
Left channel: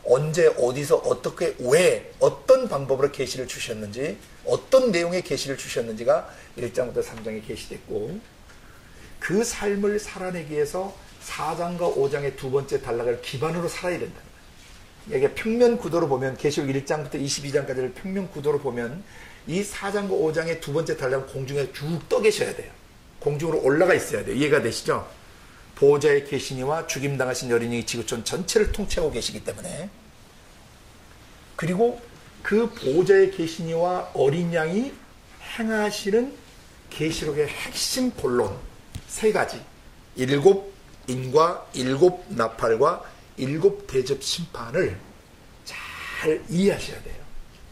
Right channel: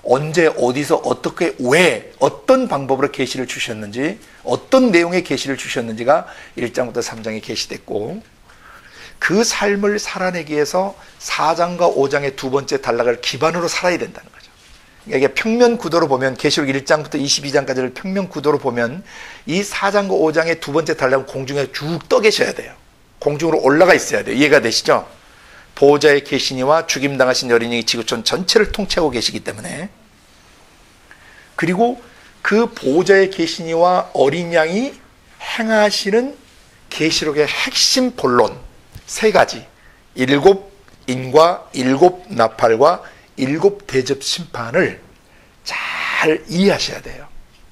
언제 어디서 어떻게 왜 어떤 방법으로 계시를 주셨는지 어떤 내용의 계시를 주셨는지가 1장부터 3장에 계시됐고 그 삶을 살아내기 위해서 4장과 5장의 두 번째 단락을 기반으로 살아야 된다는 거죠. 이게 평면 구도로 보면 계시록 1장부터 22장까지를 평면 구도로 보면 이 4장과 5장의 두 번째 단락은 공중에 쭉 떠 계셔야 돼요. 공중으로 올라가 있어야 돼요. 이해가 되시죠? 보호자의 계시니와 죽임당하신 어린이 지구촌 전체를 통치하고 계시기 때문에 그리고 그 보호자의 계시니와 어린 양이 행하시는 계시록의 핵심 본론 세 가지 일곱 인과 일곱 나팔과 일곱 대접 심판을 잘 이해하셔야 돼요.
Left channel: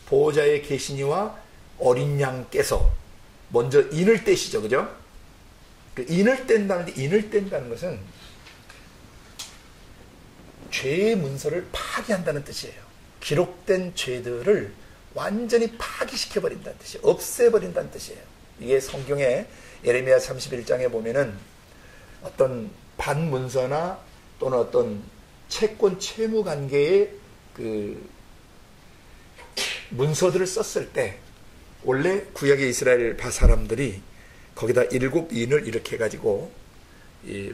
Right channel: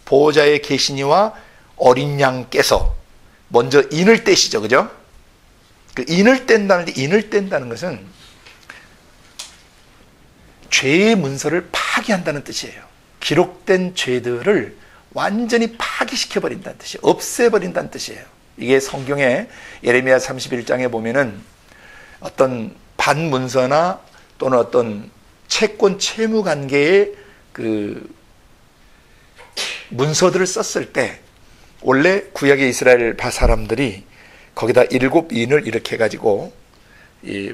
보호자의 계시니와 어린 양께서 먼저 인을 떼시죠. 그죠? 그 인을 뗀다는 것은 죄의 문서를 파기한다는 뜻이에요. 기록된 죄들을 완전히 파기시켜버린다는 뜻이에요. 없애버린다는 뜻이에요. 이게 성경에 예레미야 31장에 보면은 어떤 반문서나 또는 어떤 채권 채무 관계의 그 문서들을 썼을 때 원래 구약의 이스라엘 사람들이 거기다 일곱 인을 이렇게 해가지고 이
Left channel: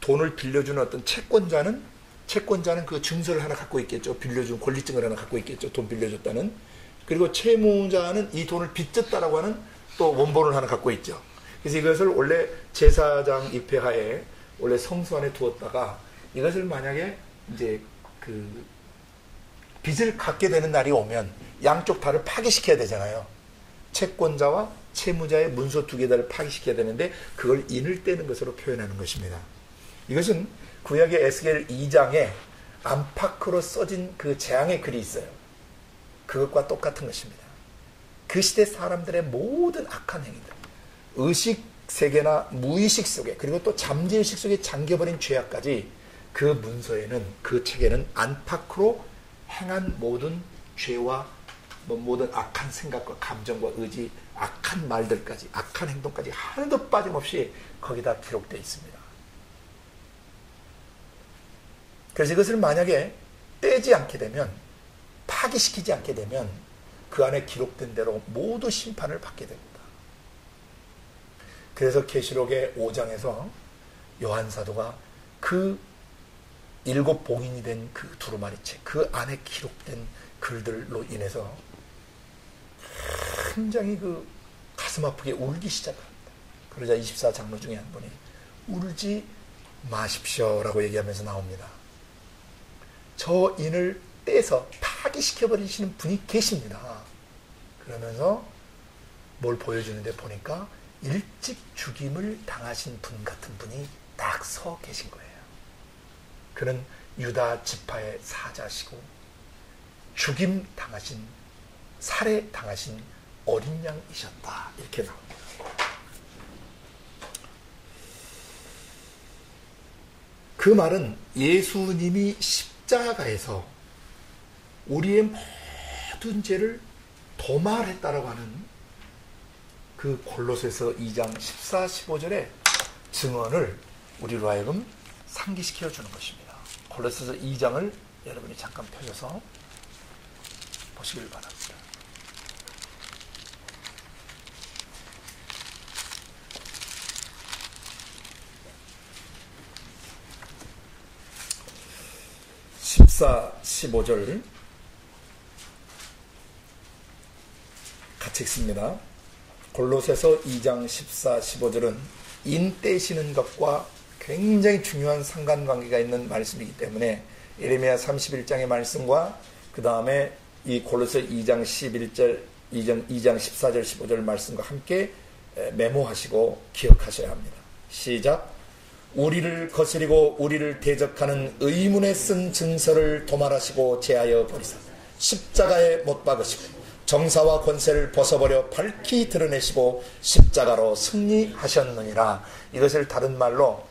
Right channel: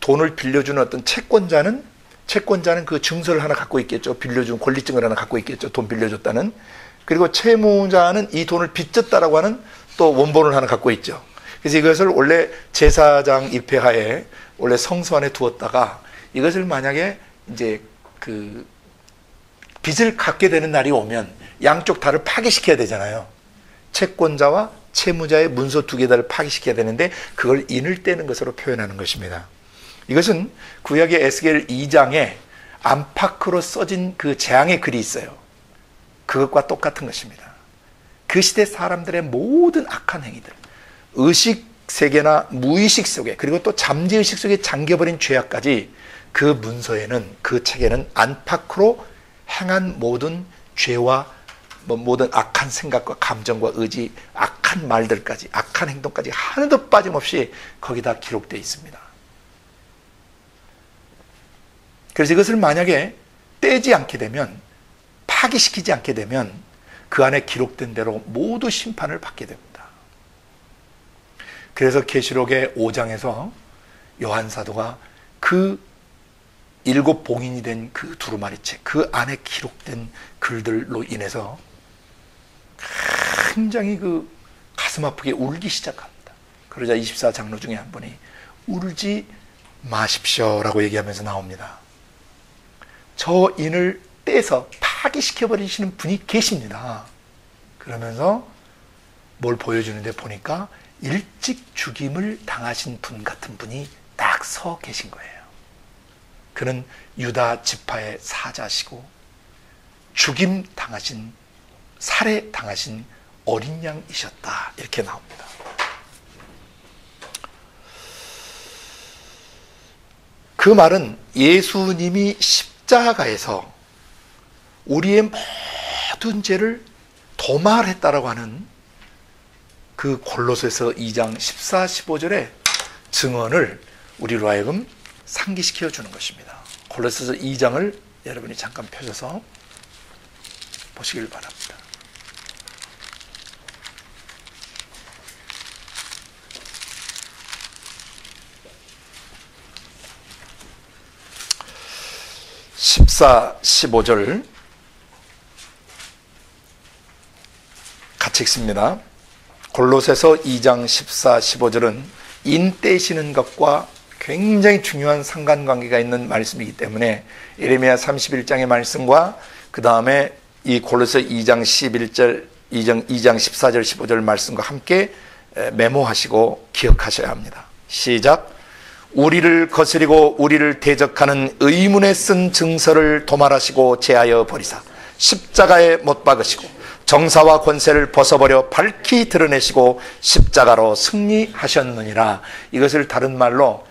돈을 빌려주는 어떤 채권자는 채권자는 그 증서를 하나 갖고 있겠죠. 빌려준 권리증을 하나 갖고 있겠죠. 돈 빌려줬다는. 그리고 채무자는 이 돈을 빚졌다라고 하는 또 원본을 하나 갖고 있죠. 그래서 이것을 원래 제사장 입회하에 원래 성소 안에 두었다가 이것을 만약에 이제 그 빚을 갚게 되는 날이 오면 양쪽 다를 파기시켜야 되잖아요. 채권자와 채무자의 문서 두 개 다를 파기시켜야 되는데 그걸 인을 떼는 것으로 표현하는 것입니다. 이것은 구약의 에스겔 2장에 안팎으로 써진 그 재앙의 글이 있어요. 그것과 똑같은 것입니다. 그 시대 사람들의 모든 악한 행위들, 의식 세계나 무의식 속에, 그리고 또 잠재의식 속에 잠겨버린 죄악까지 그 문서에는, 그 책에는 안팎으로 행한 모든 죄와 모든 악한 생각과 감정과 의지, 악한 말들까지, 악한 행동까지 하나도 빠짐없이 거기다 기록되어 있습니다. 그래서 이것을 만약에 떼지 않게 되면, 파기시키지 않게 되면 그 안에 기록된 대로 모두 심판을 받게 됩니다. 그래서 계시록의 5장에서 요한 사도가 그 7 봉인이 된 그 두루마리책, 그 안에 기록된 글들로 인해서 굉장히 그 가슴 아프게 울기 시작합니다. 그러자 24장로 중에 한 분이 울지 마십시오라고 얘기하면서 나옵니다. 저 인을 떼서 파기시켜버리시는 분이 계십니다. 그러면서 뭘 보여주는데 보니까 일찍 죽임을 당하신 분 같은 분이 딱 서 계신 거예요. 그는 유다 지파의 사자시고 죽임 당하신, 살해 당하신 어린 양이셨다. 이렇게 나옵니다. 그 말은 예수님이 십자가에서 우리의 모든 죄를 도말했다라고 하는 그 골로새서 2장 14, 15절의 증언을 우리로 하여금 상기시켜 주는 것입니다. 골로새서 2장을 여러분이 잠깐 펴셔서 보시길 바랍니다. (14, 15절) 같이 읽습니다. 골로새서 2장 14, 15절은 인 떼시는 것과 굉장히 중요한 상관관계가 있는 말씀이기 때문에 예레미야 31장의 말씀과 그 다음에 이 골로새 2장 11절, 2장 14절, 15절 말씀과 함께 메모하시고 기억하셔야 합니다. 시작. 우리를 거스리고 우리를 대적하는 의문에 쓴 증서를 도말하시고 제하여 버리사 십자가에 못 박으시고 정사와 권세를 벗어버려 밝히 드러내시고 십자가로 승리하셨느니라. 이것을 다른 말로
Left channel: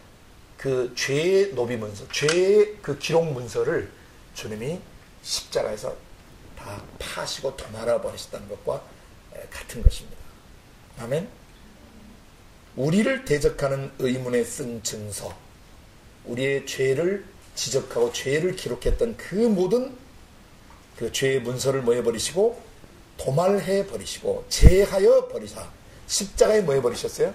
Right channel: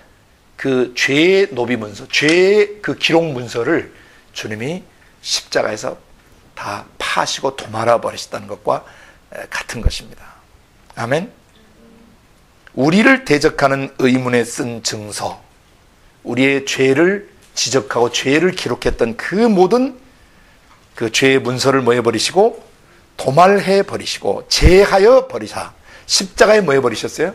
그 죄의 노비문서, 죄의 그 기록 문서를 주님이 십자가에서 다 파시고 도말아 버리셨다는 것과 같은 것입니다. 아멘. 우리를 대적하는 의문에 쓴 증서, 우리의 죄를 지적하고 죄를 기록했던 그 모든 그 죄의 문서를 뭐 해버리시고 도말해 버리시고 제하여 버리사 십자가에 뭐 해버리셨어요?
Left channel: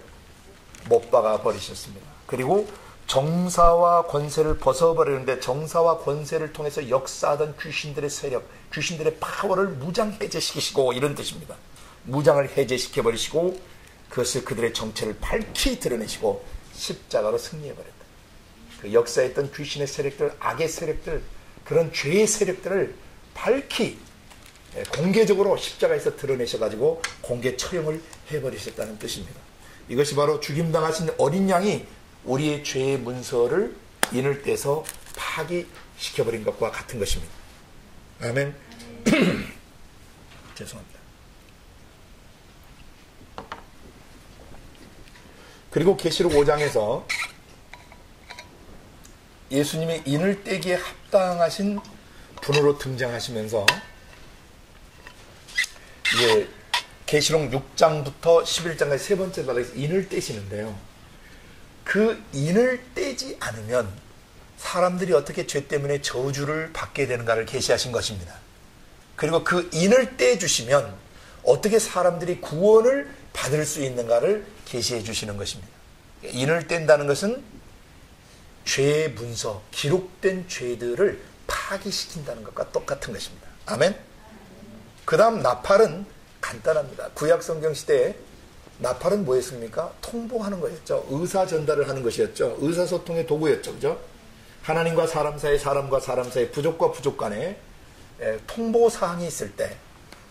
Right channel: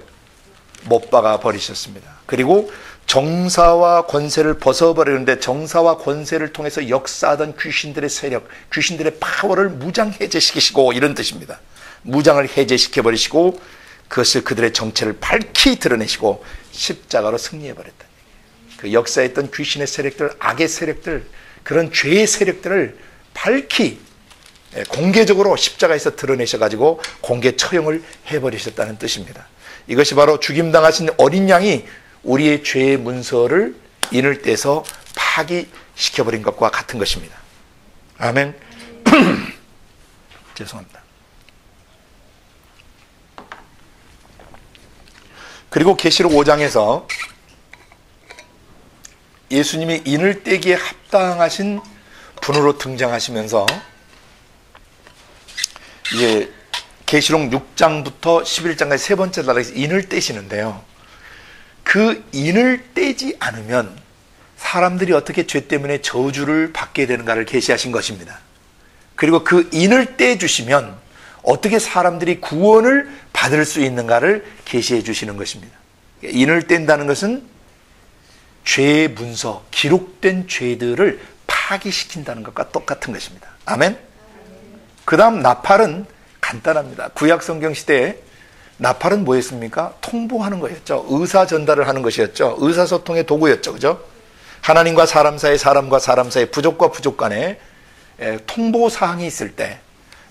못 박아 버리셨습니다. 그리고 정사와 권세를 벗어버리는데 정사와 권세를 통해서 역사하던 귀신들의 세력, 귀신들의 파워를 무장해제시키시고 이런 뜻입니다. 무장을 해제시켜버리시고 그것을 그들의 정체를 밝히 드러내시고 십자가로 승리해버렸다. 그 역사에 있던 귀신의 세력들, 악의 세력들, 그런 죄의 세력들을 밝히 공개적으로 십자가에서 드러내셔가지고 공개 처형을 해버리셨다는 뜻입니다. 이것이 바로 죽임당하신 어린 양이 우리의 죄의 문서를 인을 떼서 파기시켜버린 것과 같은 것입니다. 아멘. 죄송합니다. 그리고 계시록 5장에서 예수님이 인을 떼기에 합당하신 분으로 등장하시면서 이제 계시록 6장부터 11장까지 세 번째 단락에서 인을 떼시는데요. 그 인을 떼지 않으면 사람들이 어떻게 죄 때문에 저주를 받게 되는가를 계시하신 것입니다. 그리고 그 인을 떼주시면 어떻게 사람들이 구원을 받을 수 있는가를 계시해 주시는 것입니다. 인을 뗀다는 것은 죄의 문서, 기록된 죄들을 파기시킨다는 것과 똑같은 것입니다. 아멘? 그 다음 나팔은 간단합니다. 구약 성경 시대에 나팔은 뭐였습니까? 통보하는 거였죠. 의사 전달을 하는 것이었죠. 의사소통의 도구였죠. 그죠? 하나님과 사람 사이, 사람과 사람 사이, 부족과 부족 간에 통보 사항이 있을 때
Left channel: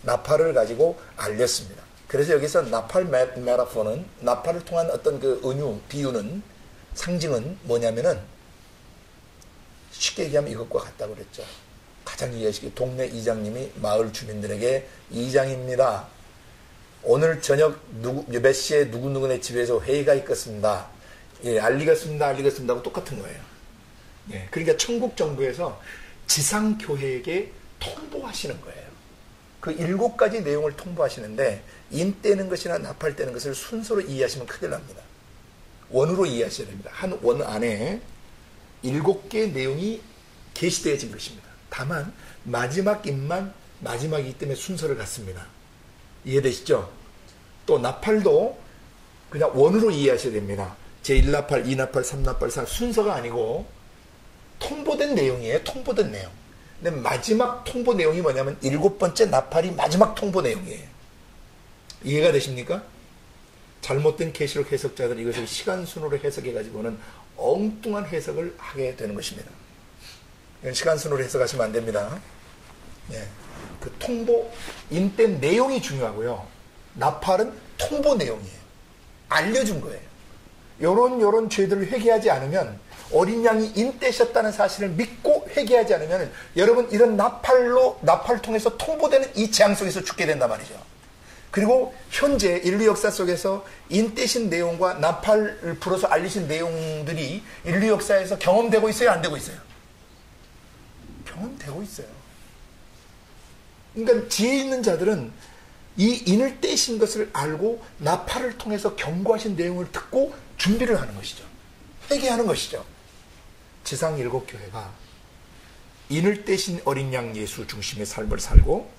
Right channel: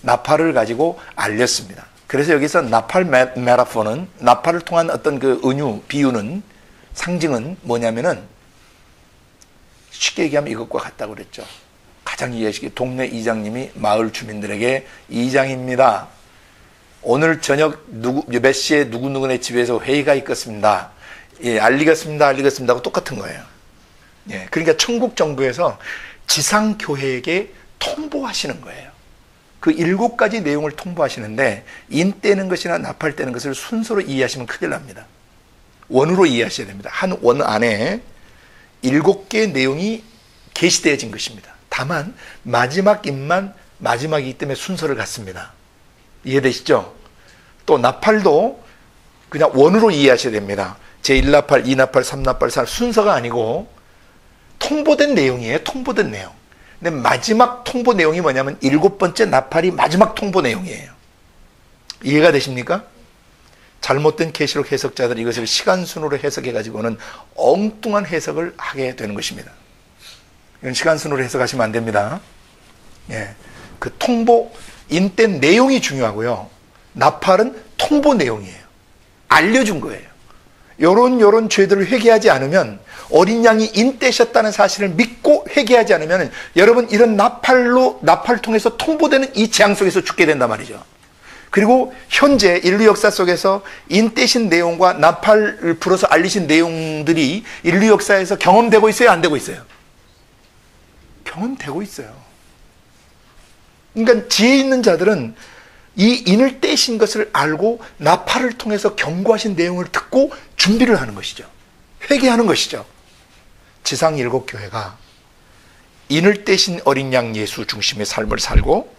나팔을 가지고 알렸습니다. 그래서 여기서 나팔 메타포는, 나팔을 통한 어떤 그 은유, 비유는, 상징은 뭐냐면은 쉽게 얘기하면 이것과 같다고 그랬죠. 가장 이해하시기, 동네 이장님이 마을 주민들에게, 이장입니다, 오늘 저녁 몇 시에 누구누구네 집에서 회의가 있겠습니다. 예, 알리겠습니다 하고 똑같은 거예요. 예, 그러니까 천국 정부에서 지상교회에게 통보하시는 거예요. 그 7가지 내용을 통보하시는데, 인 떼는 것이나 나팔 떼는 것을 순서로 이해하시면 큰일 납니다. 원으로 이해하셔야 됩니다. 한 원 안에 7개의 내용이 게시되어진 것입니다. 다만 마지막 인만 마지막이기 때문에 순서를 갖습니다. 이해되시죠? 또 나팔도 그냥 원으로 이해하셔야 됩니다. 제1나팔, 2나팔, 3나팔, 4나팔 순서가 아니고 통보된 내용이에요. 통보된 내용. 근데 마지막 통보 내용이 뭐냐면 7번째 나팔이 마지막 통보 내용이에요. 이해가 되십니까? 잘못된 계시록 해석자들이 이것을 시간 순으로 해석해 가지고는 엉뚱한 해석을 하게 되는 것입니다. 이건 시간 순으로 해석하시면 안 됩니다. 예. 그 통보, 인된 내용이 중요하고요. 나팔은 통보 내용이에요. 알려준 거예요. 요런 죄들을 회개하지 않으면, 어린 양이 인떼셨다는 사실을 믿고 회개하지 않으면 여러분 이런 나팔 통해서 통보되는 이 재앙 속에서 죽게 된단 말이죠. 그리고 현재 인류 역사 속에서 인떼신 내용과 나팔을 불어서 알리신 내용들이 인류 역사에서 경험되고 있어요? 안 되고 있어요? 경험되고 있어요. 그러니까 지혜 있는 자들은 이 인을 떼신 것을 알고 나팔을 통해서 경고하신 내용을 듣고 준비를 하는 것이죠. 회개하는 것이죠. 지상 7교회가 인을 떼신 어린 양 예수 중심의 삶을 살고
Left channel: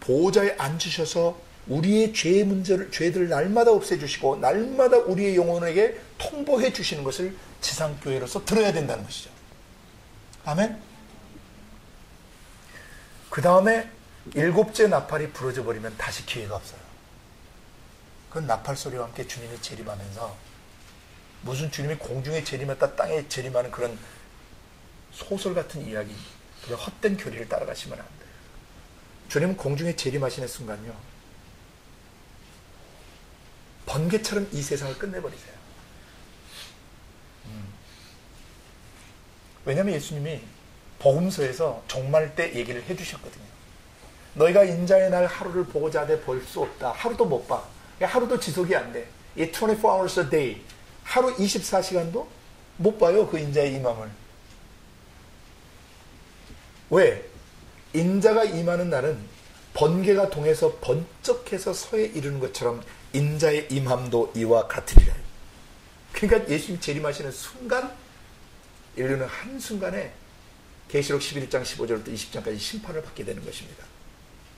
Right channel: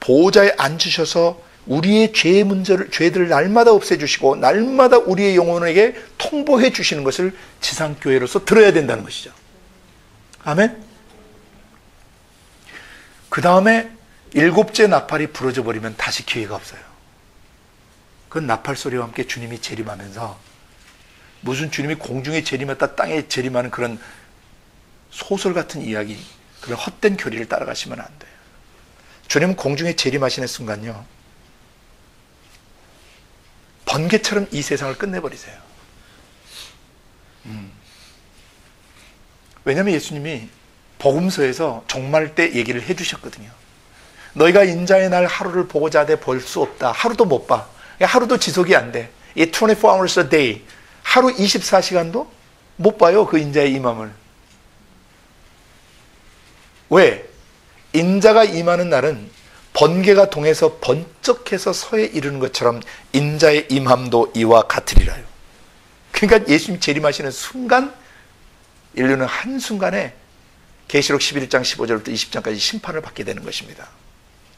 보호자에 앉으셔서 우리의 죄의 문제를, 죄들을 날마다 없애주시고 날마다 우리의 영혼에게 통보해 주시는 것을 지상교회로서 들어야 된다는 것이죠. 아멘? 그 다음에 7째 나팔이 부러져 버리면 다시 기회가 없어요. 그건 나팔 소리와 함께 주님이 재림하면서, 무슨 주님이 공중에 재림했다 땅에 재림하는 그런 소설 같은 이야기, 그런 헛된 교리를 따라가시면 안 돼요. 주님은 공중에 재림하시는 순간요, 번개처럼 이 세상을 끝내버리세요. 왜냐하면 예수님이 복음서에서 종말 때 얘기를 해주셨거든요. 너희가 인자의 날 하루를 보고자 하되 볼 수 없다. 하루도 못 봐. 하루도 지속이 안 돼. 24 hours a day. 하루 24시간도 못 봐요. 그 인자의 임함을. 왜? 인자가 임하는 날은 번개가 동해서 번쩍해서 서에 이르는 것처럼 인자의 임함도 이와 같으리라요. 그러니까 예수님이 재림하시는 순간, 인류는 한순간에 계시록 11장 15절부터 20장까지 심판을 받게 되는 것입니다.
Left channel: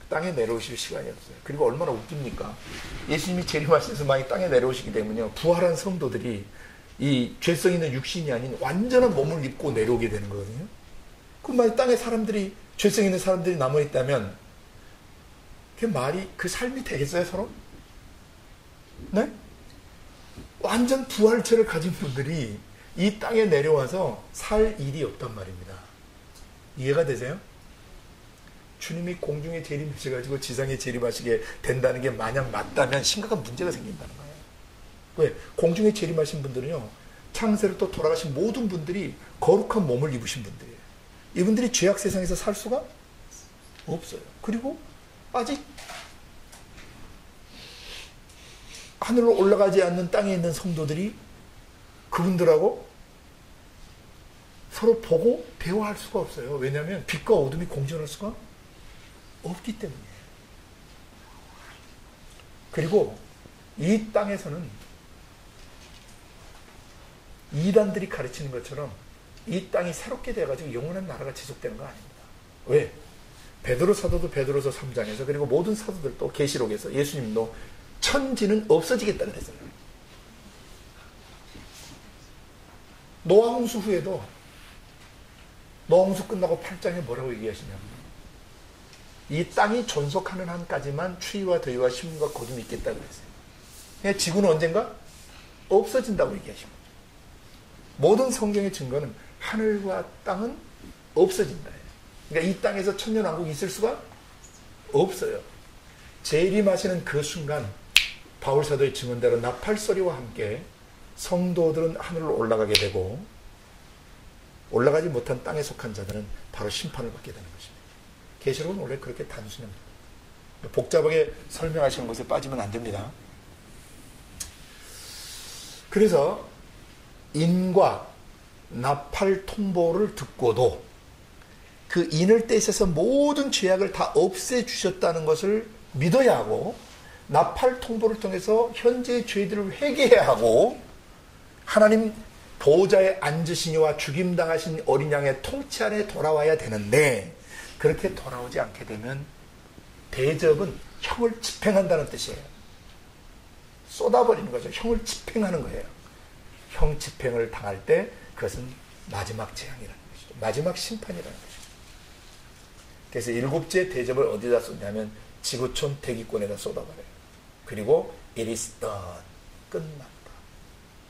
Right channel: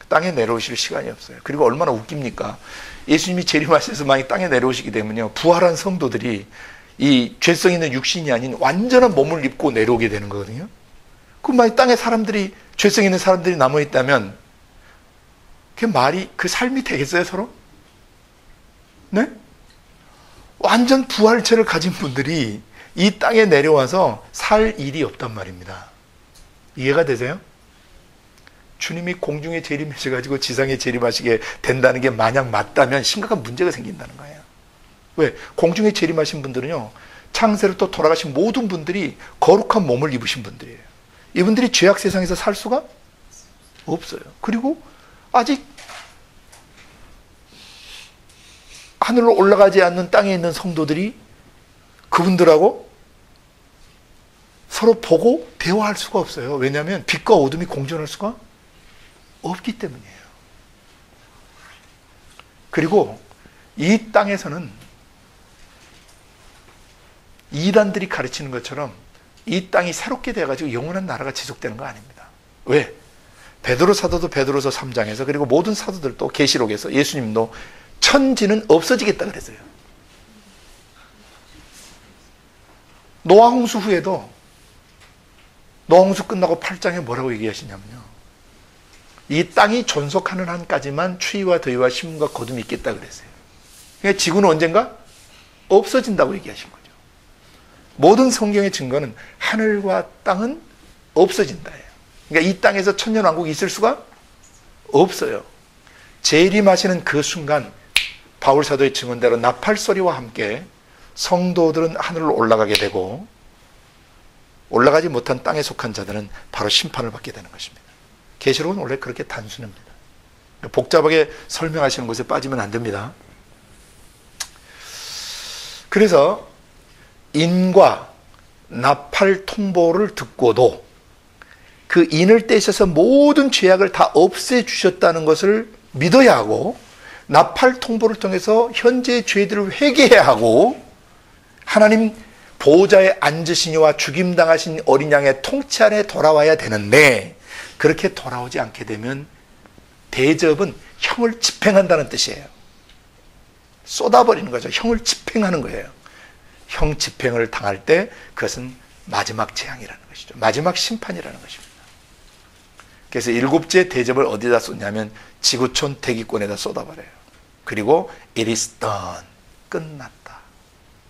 땅에 내려오실 시간이 없어요. 그리고 얼마나 웃깁니까? 예수님이 재림하셔서 만약 땅에 내려오시게 되면요, 부활한 성도들이 이 죄성 있는 육신이 아닌 완전한 몸을 입고 내려오게 되는 거거든요. 그럼 만약 땅에 사람들이, 죄성 있는 사람들이 남아있다면 그 삶이 되겠어요, 서로? 네? 완전 부활체를 가진 분들이 이 땅에 내려와서 살 일이 없단 말입니다. 이해가 되세요? 주님이 공중에 재림하셔가지고 지상에 재림하시게 된다는 게 만약 맞다면 심각한 문제가 생긴다는 거예요. 왜? 공중에 재림하신 분들은요, 창세로 또 돌아가신 모든 분들이 거룩한 몸을 입으신 분들이에요. 이분들이 죄악 세상에서 살 수가 없어요. 그리고 아직 하늘로 올라가지 않는 땅에 있는 성도들이 그분들하고 서로 보고 대화할 수가 없어요. 왜냐하면 빛과 어둠이 공존할 수가 없기 때문이에요. 그리고 이 땅에서는 이단들이 가르치는 것처럼 이 땅이 새롭게 돼가지고 영원한 나라가 지속되는 거 아닙니다. 왜? 베드로 사도도 베드로서 3장에서, 그리고 모든 사도들도 계시록에서 예수님도 천지는 없어지겠다 그랬어요. 노아 홍수 후에도 노아 홍수 끝나고 8장에 뭐라고 얘기하시냐면요. 이 땅이 존속하는 한까지만 추위와 더위와 심음과 거둠이 있겠다 그랬어요. 그러니까 지구는 언젠가 없어진다고 얘기하신 거죠. 모든 성경의 증거는 하늘과 땅은 없어진다예요. 그러니까 이 땅에서 천년왕국이 있을 수가 없어요. 재림하시는 그 순간 바울 사도의 증언대로 나팔 소리와 함께 성도들은 하늘로 올라가게 되고 올라가지 못한 땅에 속한 자들은 바로 심판을 받게 되는 것입니다. 계시록은 원래 그렇게 단순합니다. 복잡하게 설명하시는 것에 빠지면 안 됩니다. 그래서 인과 나팔 통보를 듣고도 그 인을 떼셔서 모든 죄악을 다 없애주셨다는 것을 믿어야 하고 나팔 통보를 통해서 현재의 죄들을 회개해야 하고 하나님 보호자에 앉으시니와 죽임당하신 어린 양의 통치 아래 돌아와야 되는데 그렇게 돌아오지 않게 되면 대접은 형을 집행한다는 뜻이에요. 쏟아버리는 거죠. 형을 집행하는 거예요. 형 집행을 당할 때 그것은 마지막 재앙이라는 것이죠. 마지막 심판이라는 것입니다. 그래서 일곱째 대접을 어디다 쏟냐면 지구촌 대기권에다 쏟아버려요. 그리고 it is done. 끝났다.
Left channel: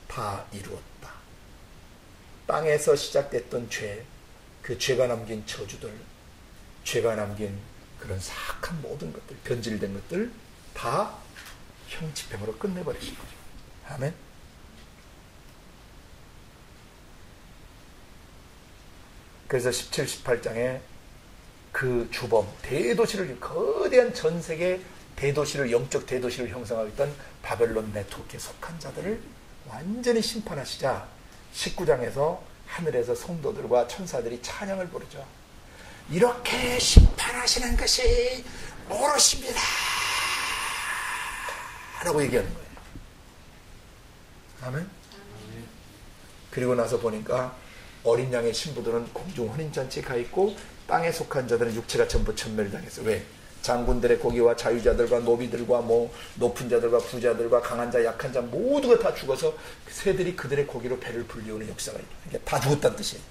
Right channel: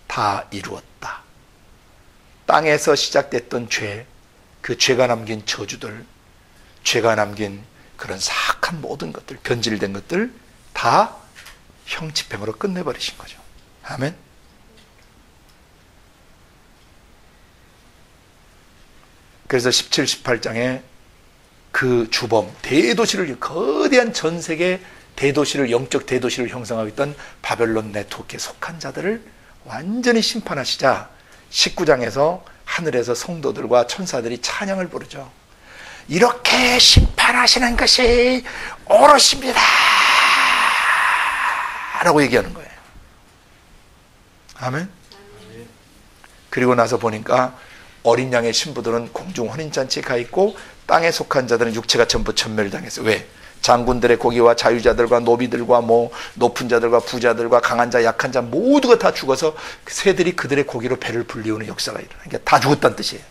다 이루었다. 땅에서 시작됐던 죄, 그 죄가 남긴 저주들, 죄가 남긴 그런 사악한 모든 것들, 변질된 것들 다 형 집행으로 끝내버리신 거죠. 아멘. 그래서 17, 18장에 그 주범, 대도시를, 거대한 전 세계 대도시를, 영적 대도시를 형성하고 있던 바벨론 네트워크에 속한 자들을 완전히 심판하시자 19장에서 하늘에서 성도들과 천사들이 찬양을 부르죠. 이렇게 심판하시는 것이 옳으십니다 라고 얘기하는 거예요. 아멘. 그리고 나서 보니까 어린 양의 신부들은 공중 혼인잔치에 가 있고 땅에 속한 자들은 육체가 전부 전멸당했어요. 왜? 장군들의 고기와 자유자들과 노비들과 높은 자들과 부자들과 강한 자 약한 자 모두가 다 죽어서 새들이 그들의 고기로 배를 불리우는 역사가 일어나요. 그러니까 다 죽었다는 뜻이에요.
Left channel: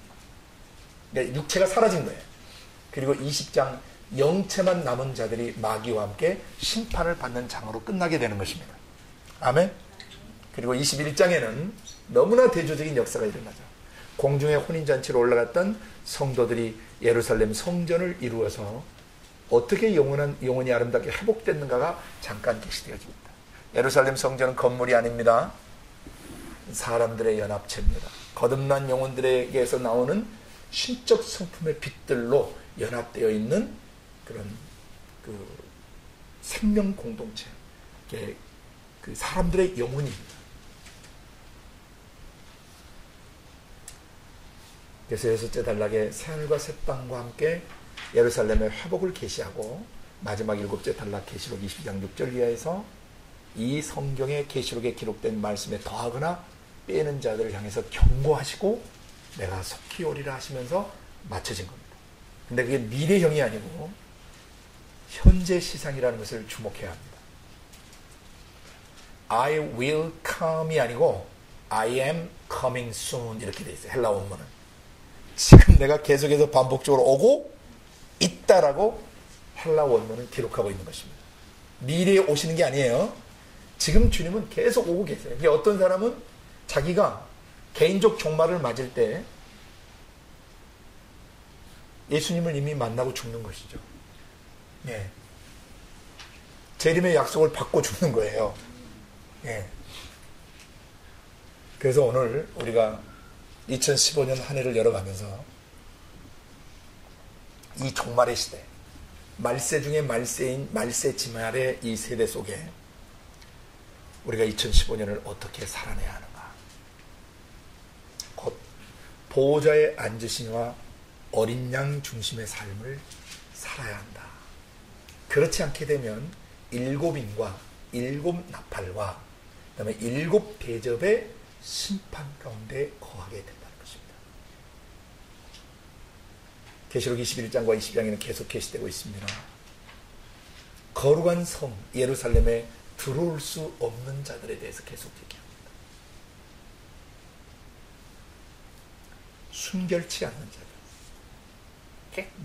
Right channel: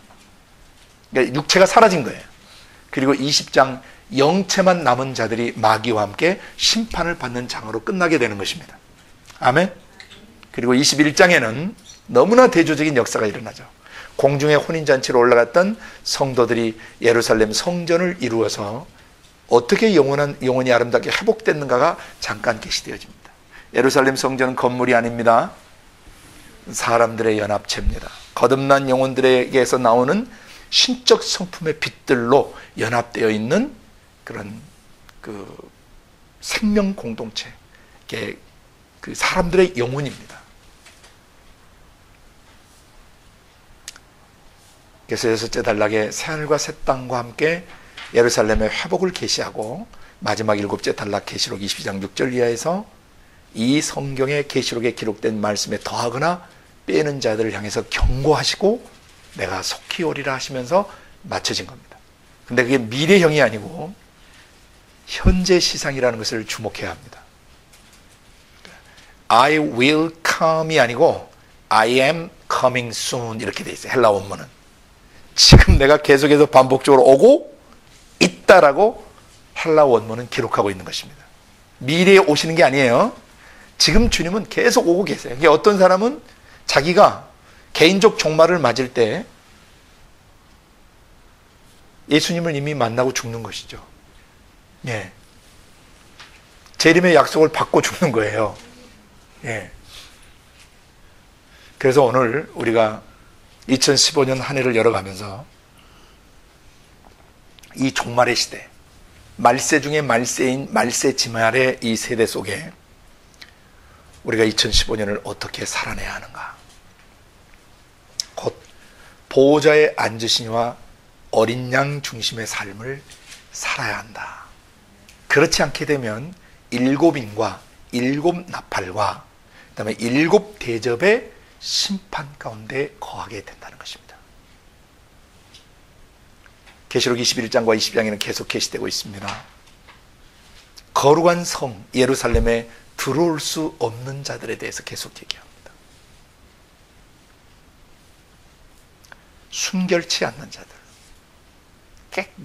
그러니까 육체가 사라진 거예요. 그리고 20장 영체만 남은 자들이 마귀와 함께 심판을 받는 장으로 끝나게 되는 것입니다. 아멘. 그리고 21장에는 너무나 대조적인 역사가 일어나죠. 공중의 혼인잔치로 올라갔던 성도들이 예루살렘 성전을 이루어서 어떻게 영혼이 아름답게 회복됐는가가 잠깐 계시되어집니다. 예루살렘 성전은 건물이 아닙니다. 사람들의 연합체입니다. 거듭난 영혼들에게서 나오는 신적 성품의 빛들로 연합되어 있는 그런 그 생명 공동체, 그 사람들의 영혼입니다. 그래서 여섯째 단락에 새하늘과 새 땅과 함께 예루살렘의 회복을 계시하고 마지막 일곱째 단락 계시록 22장 6절 이하에서 이 성경의 계시록에 기록된 말씀에 더하거나 빼는 자들을 향해서 경고하시고 내가 속히 오리라 하시면서 맞춰진 겁니다. 근데 그게 미래형이 아니고 현재 시상이라는 것을 주목해야 합니다. I will come이 아니고 I am coming soon 이렇게 돼 있어요. 헬라 원문은. 지금 내가 계속해서 반복적으로 오고 있다라고 헬라 원문은 기록하고 있는 것입니다. 미래에 오시는 게 아니에요. 지금 주님은 계속 오고 계세요. 이게 어떤 사람은 자기가 개인적 종말을 맞을 때 예수님을 이미 만나고 죽는 것이죠. 예. 재림의 약속을 받고 죽는 거예요. 예. 그래서 오늘 우리가 2015년 한 해를 열어가면서 이 종말의 시대, 말세 중에 말세인 말세 지말의 이 세대 속에 우리가 2015년을 어떻게 살아내야 하는가? 곧 보호자의 앉으시니와 어린 양 중심의 삶을 살아야 한다. 그렇지 않게 되면 일곱 인과 일곱 나팔과 그다음에 일곱 대접의 심판 가운데 거하게 된다는 것입니다. 계시록 21장과 20장에는 계속 계시되고 있습니다. 거룩한 성 예루살렘에 들어올 수 없는 자들에 대해서 계속 얘기합니다. 순결치 않는 자들.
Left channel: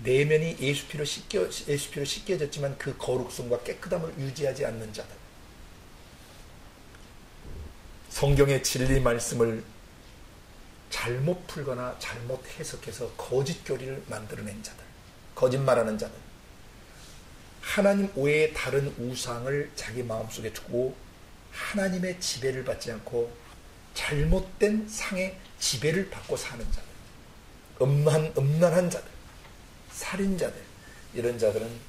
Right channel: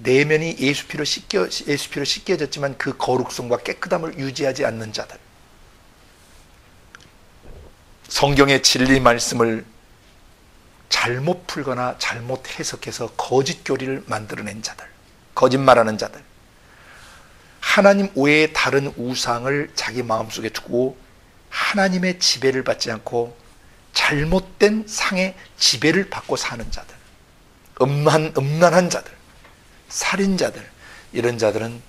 내면이 예수 피로 씻겨졌지만 그 거룩성과 깨끗함을 유지하지 않는 자들. 성경의 진리 말씀을 잘못 풀거나 잘못 해석해서 거짓 교리를 만들어낸 자들, 거짓말하는 자들, 하나님 외에 다른 우상을 자기 마음속에 두고 하나님의 지배를 받지 않고 잘못된 상의 지배를 받고 사는 자들, 음란한 자들, 살인자들, 이런 자들은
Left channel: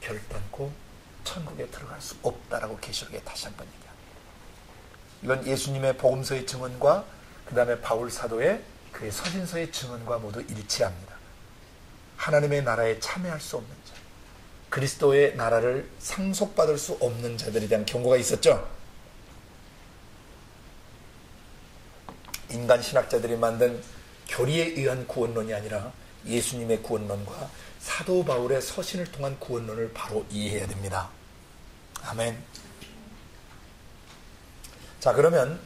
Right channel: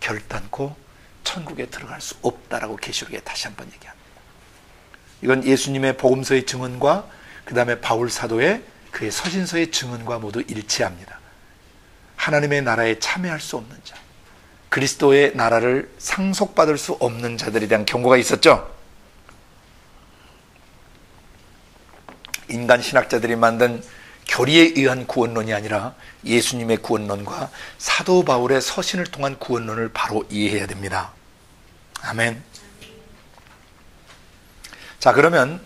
결단코 천국에 들어갈 수 없다라고 계시록에 다시 한번 얘기합니다. 이건 예수님의 복음서의 증언과 그 다음에 바울 사도의 그의 서신서의 증언과 모두 일치합니다. 하나님의 나라에 참여할 수 없는 자, 그리스도의 나라를 상속받을 수 없는 자들에 대한 경고가 있었죠. 인간 신학자들이 만든 교리에 의한 구원론이 아니라 예수님의 구원론과 사도 바울의 서신을 통한 구원론을 바로 이해해야 됩니다. 아멘. 자, 그러면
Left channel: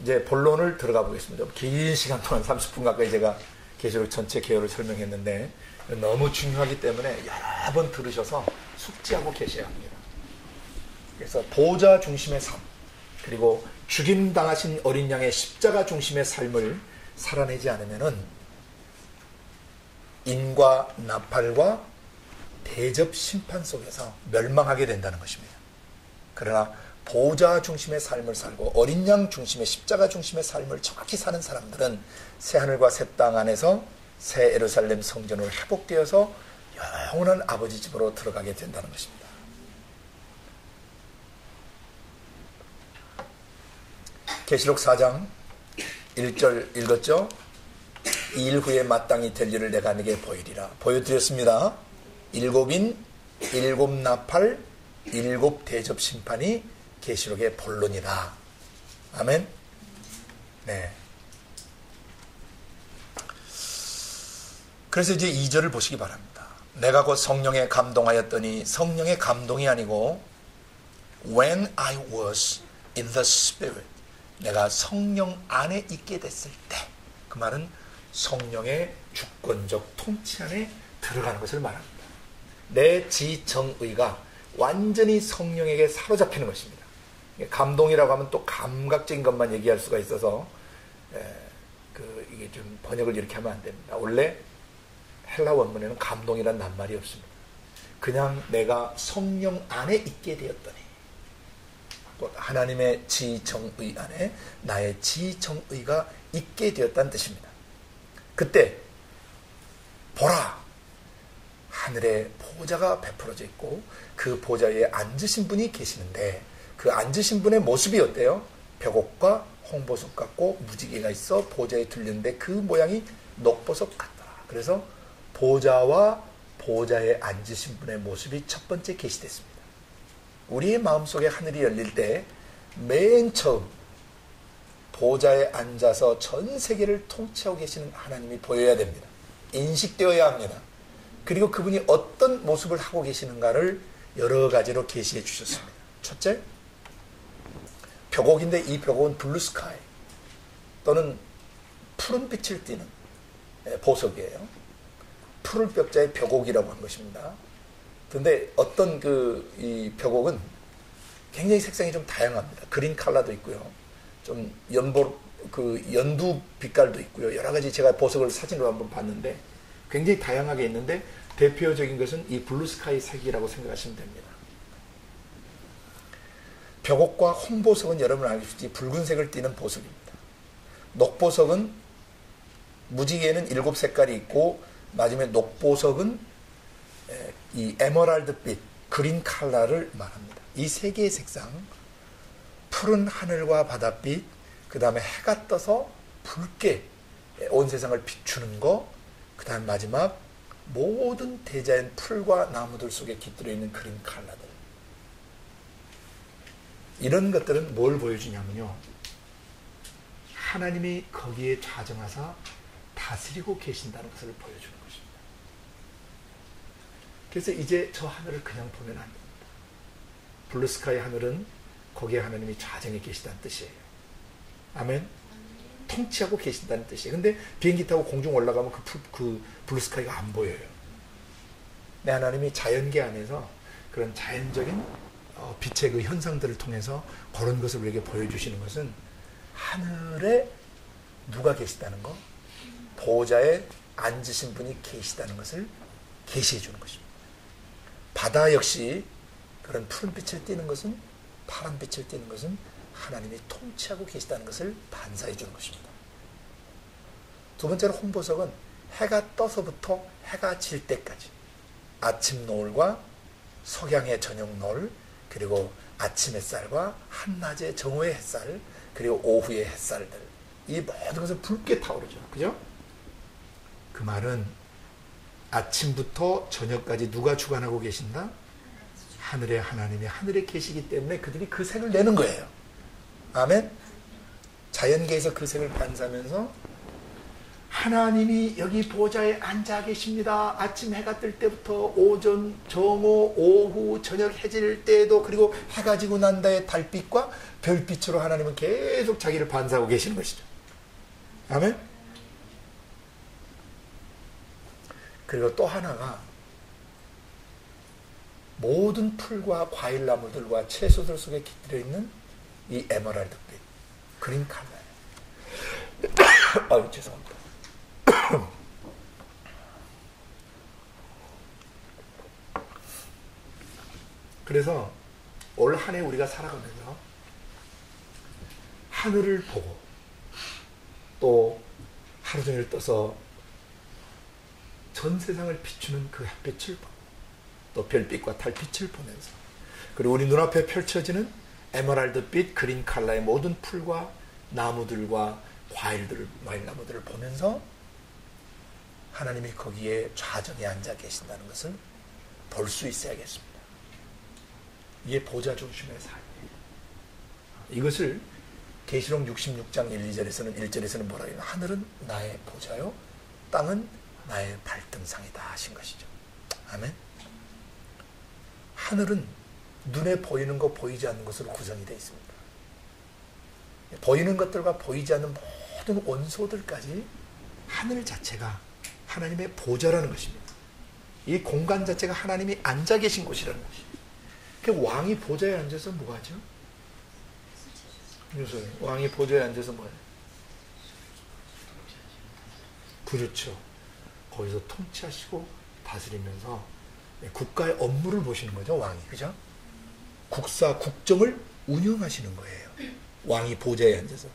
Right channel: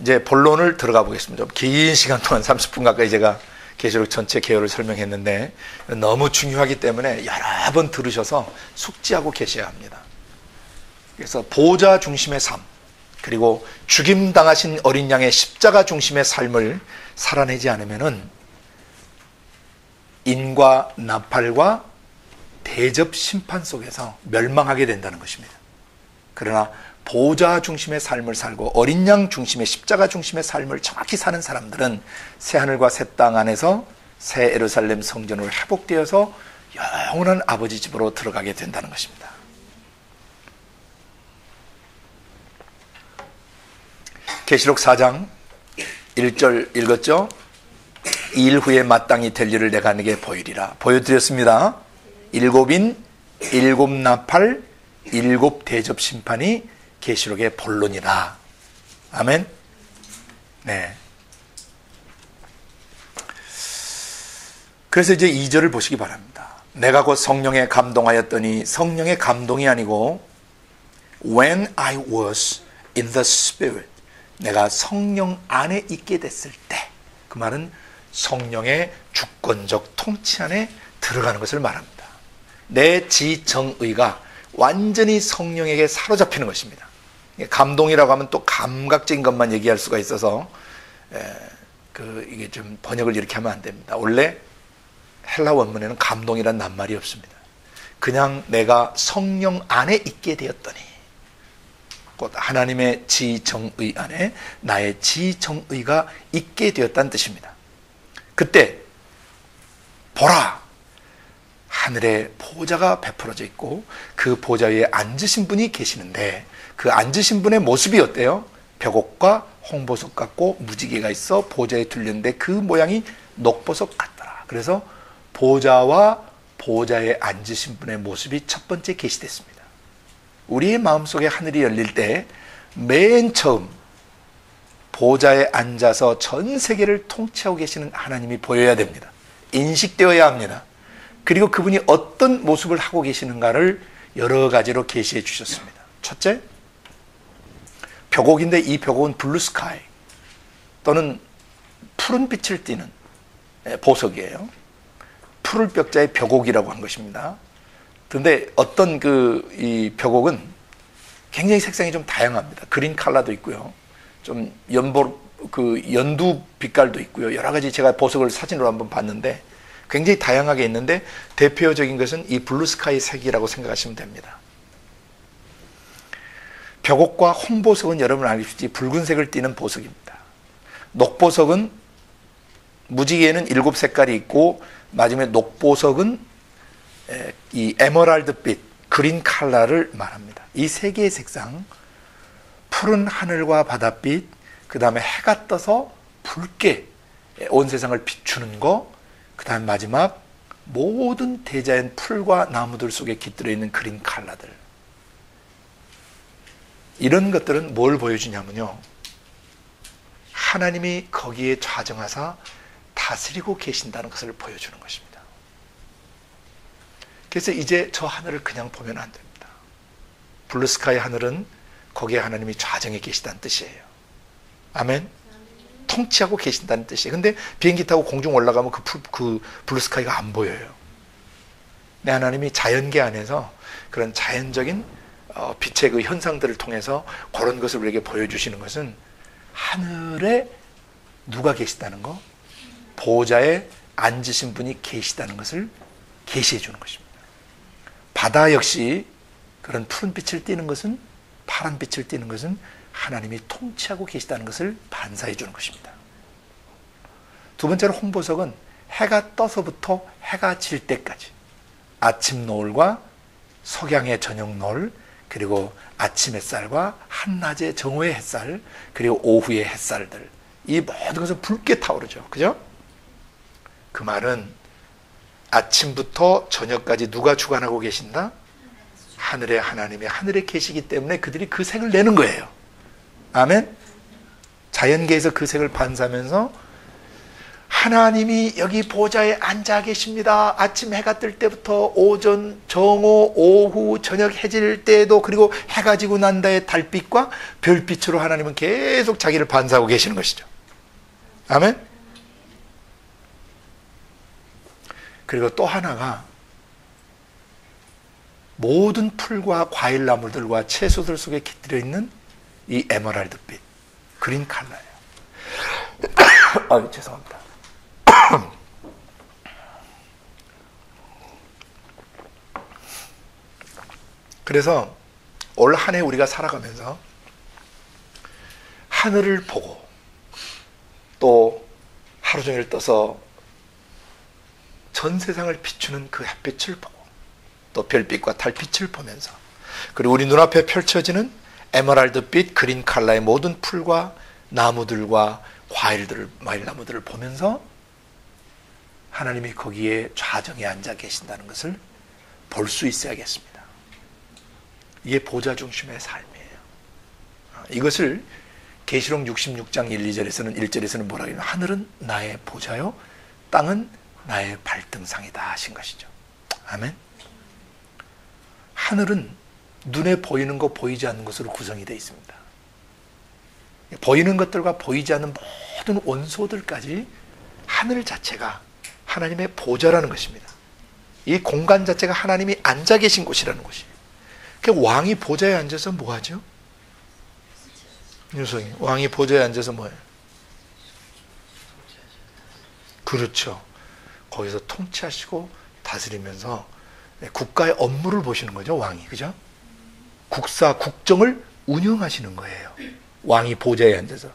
이제 본론을 들어가 보겠습니다. 긴 시간 동안 30분 가까이 제가 계시록 전체 개요를 설명했는데 너무 중요하기 때문에 여러 번 들으셔서 숙지하고 계셔야 합니다. 그래서 보좌 중심의 삶, 그리고 죽임당하신 어린 양의 십자가 중심의 삶을 살아내지 않으면은 인과 나팔과 대접 심판 속에서 멸망하게 된다는 것입니다. 그러나 보좌 중심의 삶을 살고 어린 양 중심의 십자가 중심의 삶을 정확히 사는 사람들은 새하늘과 새 땅 안에서 새 예루살렘 성전으로 회복되어서 영원한 아버지 집으로 들어가게 된다는 것입니다. 계시록 4장 1절 읽었죠? 이 일 후에 마땅히 될 일을 내가 네게 보이리라. 보여드렸습니다. 일곱인, 일곱 나팔, 일곱 대접 심판이 계시록의 본론이라. 아멘. 네. 그래서 이제 2절을 보시기 바랍니다. 내가 곧 성령에 감동하였더니 성령의 감동이 아니고 when I was in the Spirit, 내가 성령 안에 있게 됐을 때, 그 말은 성령의 주권적 통치 안에 들어가는 것을 말합니다. 내 지정의가 완전히 성령에게 사로잡히는 것입니다. 감동이라고 하면 또 감각적인 것만 얘기할 수가 있어서 이게 좀 번역을 이렇게 하면 안 됩니다. 원래 헬라 원문에는 감동이란 낱말이 없습니다. 그냥 내가 성령 안에 있게 되었더니, 곧 하나님의 지정의 안에 나의 지정의가 있게 되었다는 뜻입니다. 그때 보라, 하늘에 보좌가 베풀어져 있고 그 보좌 위에 앉으신 분이 계시는데 그 앉으신 분의 모습이 어때요? 벽옥과 홍보석 같고 무지개가 있어 보좌에 둘렸는데 그 모양이 녹보석 같더라. 그래서 보좌와 보좌에 앉으신 분의 모습이 첫 번째 계시됐습니다. 우리의 마음속에 하늘이 열릴 때 맨 처음 보좌에 앉아서 전 세계를 통치하고 계시는 하나님이 보여야 됩니다. 인식되어야 합니다. 그리고 그분이 어떤 모습을 하고 계시는가를 여러 가지로 계시해 주셨습니다. 첫째, 벽옥인데 이 벽옥은 블루 스카이 또는 푸른 빛을 띠는 보석이에요. 푸른 벽자의 벽옥이라고 한 것입니다. 그런데 어떤 이 벽옥은 굉장히 색상이 좀 다양합니다. 그린 컬러도 있고요. 좀 연두 빛깔도 있고요. 여러 가지 제가 보석을 사진으로 한번 봤는데 굉장히 다양하게 있는데 대표적인 것은 이 블루 스카이 색이라고 생각하시면 됩니다. 벽옥과 홍보석은 여러분 알겠지, 붉은색을 띠는 보석입니다. 녹보석은 무지개에는 7색깔이 있고 마지막에 녹보석은 이 에메랄드빛, 그린 컬러를 말합니다. 이 세 개의 색상, 푸른 하늘과 바닷빛, 그 다음에 해가 떠서 붉게 온 세상을 비추는 거, 그 다음 마지막 모든 대자연 풀과 나무들 속에 깃들어 있는 그린 컬러들. 이런 것들은 뭘 보여주냐면요, 하나님이 거기에 좌정하사 다스리고 계신다는 것을 보여주는 것입니다. 그래서 이제 저 하늘을 그냥 보면 안 됩니다. 블루스카이 하늘은 거기에 하나님이 좌정해 계시다는 뜻이에요. 아멘. 통치하고 계신다는 뜻이에요. 근데 비행기 타고 공중 올라가면 그 블루스카이가 안 보여요. 내 하나님이 자연계 안에서 그런 자연적인 빛의 그 현상들을 통해서 그런 것을 우리에게 보여주시는 것은 하늘에 누가 계시다는 거, 보호자에 앉으신 분이 계시다는 것을 계시해 주는 것입니다. 바다 역시 그런 푸른 빛을 띠는 것은, 파란 빛을 띠는 것은 하나님이 통치하고 계시다는 것을 반사해 주는 것입니다. 두 번째로 홍보석은 해가 떠서부터 해가 질 때까지, 아침 노을과 석양의 저녁 노을, 그리고 아침 햇살과 한낮의 정오의 햇살, 그리고 오후의 햇살들, 이 모든 것은 붉게 타오르죠. 그죠? 그 말은 아침부터 저녁까지 누가 주관하고 계신다? 하늘의 하나님이 하늘에 계시기 때문에 그들이 그 색을 내는 거예요. 아멘? 자연계에서 그 색을 반사하면서 하나님이 여기 보좌에 앉아 계십니다. 아침 해가 뜰 때부터 오전, 정오, 오후, 저녁 해질 때에도, 그리고 해가 지고 난 다음에 달빛과 별빛으로 하나님은 계속 자기를 반사하고 계시는 것이죠. 아멘? 그리고 또 하나가 모든 풀과 과일나무들과 채소들 속에 깃들여 있는 이 에메랄드빛, 그린 컬러예요. 죄송합니다. 그래서 올 한 해 우리가 살아가면서 하늘을 보고 또 하루 종일 떠서 전 세상을 비추는 그 햇빛을 보고 또 별빛과 달빛을 보면서, 그리고 우리 눈앞에 펼쳐지는 에메랄드빛 그린 컬러의 모든 풀과 나무들과 과일나무들을 보면서 하나님이 거기에 좌정에 앉아 계신다는 것을 볼 수 있어야겠습니다. 이게 보좌 중심의 삶이에요. 이것을 계시록 66장 1, 1절에서는 뭐라고 해요? 하늘은 나의 보좌요, 땅은 나의 발등상이다 하신 것이죠. 아멘. 하늘은 눈에 보이는 것, 보이지 않는 것으로 구성이 되어 있습니다. 보이는 것들과 보이지 않는 모든 원소들까지 하늘 자체가 하나님의 보좌라는 것입니다. 이 공간 자체가 하나님이 앉아 계신 곳이라는 것이에요. 그 왕이 보좌에 앉아서 뭐 하죠? 유성이 왕이 보좌에 앉아서 뭐예요? 그렇죠. 거기서 통치하시고 다스리면서 국가의 업무를 보시는 거죠, 왕이. 그죠? 국정을 운영하시는 거예요. 왕이 보좌에 앉아서.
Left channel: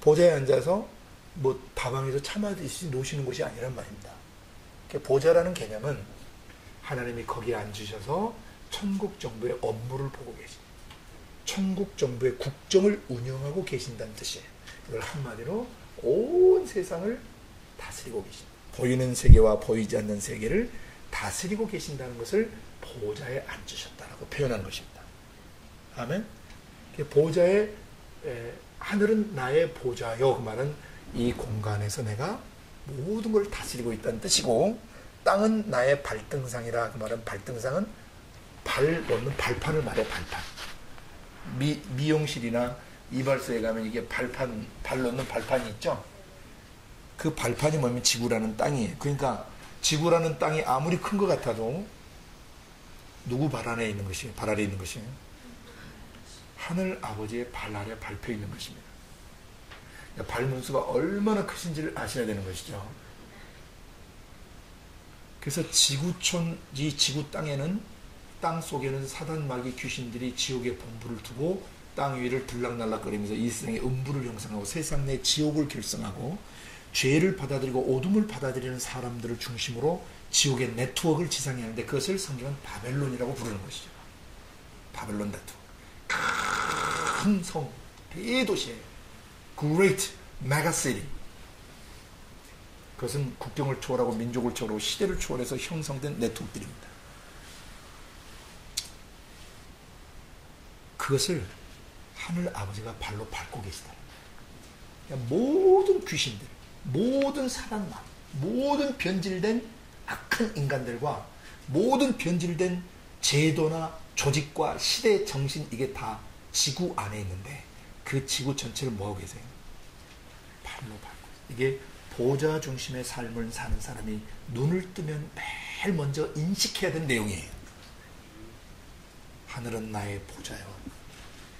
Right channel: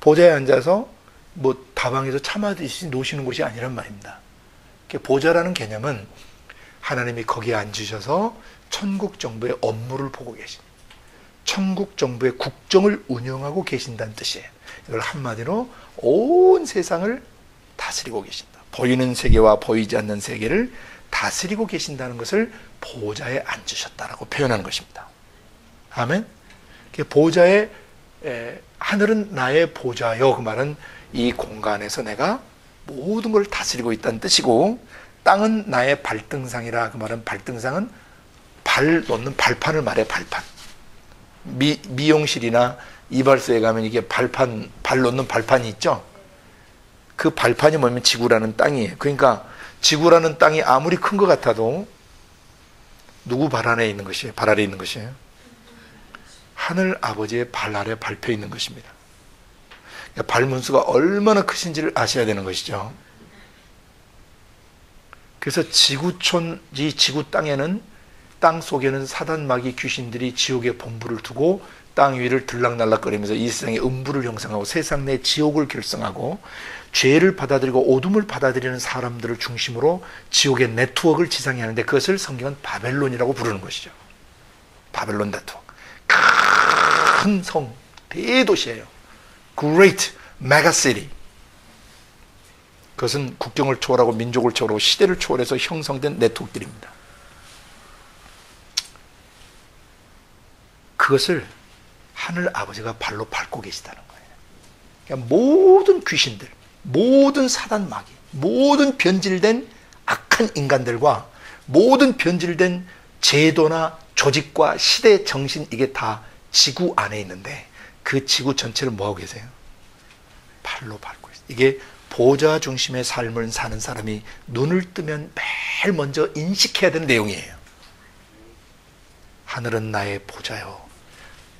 보좌에 앉아서 뭐 다방에서 참아드시 노시는 곳이 아니란 말입니다. 보좌라는 개념은 하나님이 거기에 앉으셔서 천국 정부의 업무를 보고 계신, 천국 정부의 국정을 운영하고 계신다는 뜻이에요. 이걸 한마디로 온 세상을 다스리고 계신다. 보이는 세계와 보이지 않는 세계를 다스리고 계신다는 것을 보좌에 앉으셨다라고 표현하는 것입니다. 아멘. 보좌에, 하늘은 나의 보좌요, 그 말은 이 공간에서 내가 모든 걸 다스리고 있다는 뜻이고, 땅은 나의 발등상이라, 그 말은 발등상은 발 놓는 발판을 말해. 발판. 미용실이나 이발소에 가면 이게 발 놓는 발판이 있죠. 그 발판이 뭐냐면 지구라는 땅이에요. 그러니까 지구라는 땅이 아무리 큰 것 같아도 누구 발 안에 있는 것이에요? 발 아래 있는 것이에요? 하늘 아버지의 발 아래 밟혀 있는 것입니다. 그러니까 발문수가 얼마나 크신지를 아셔야 되는 것이죠. 그래서 이 지구 땅에는, 땅 속에는 사단 마귀 귀신들이 지옥의 본부를 두고 땅 위를 들락날락거리면서 이 세상의 음부를 형성하고 세상 내 지옥을 결성하고 죄를 받아들이고 오둠을 받아들이는 사람들을 중심으로 지옥의 네트워크를 지상에 하는데, 그것을 성경은 바벨론이라고 부르는 것이죠. 바벨론 네트워크. 큰 성, 대도시예요. Great Mega City. 그것은 국경을 초월하고 민족을 초월하고 시대를 초월해서 형성된 네트워크들입니다. 그것을 하늘 아버지가 발로 밟고 계시다는 거예요. 그러니까 모든 귀신들, 모든 사단 마귀, 모든 변질된 악한 인간들과 모든 변질된 제도나 조직과 시대 정신, 이게 다 지구 안에 있는데 그 지구 전체를 뭐하고 계세요? 발로 팔로 밟고 있어요. 이게 보좌 중심의 삶을 사는 사람이 눈을 뜨면 매일 먼저 인식해야 되는 내용이에요. 하늘은 나의 보좌요,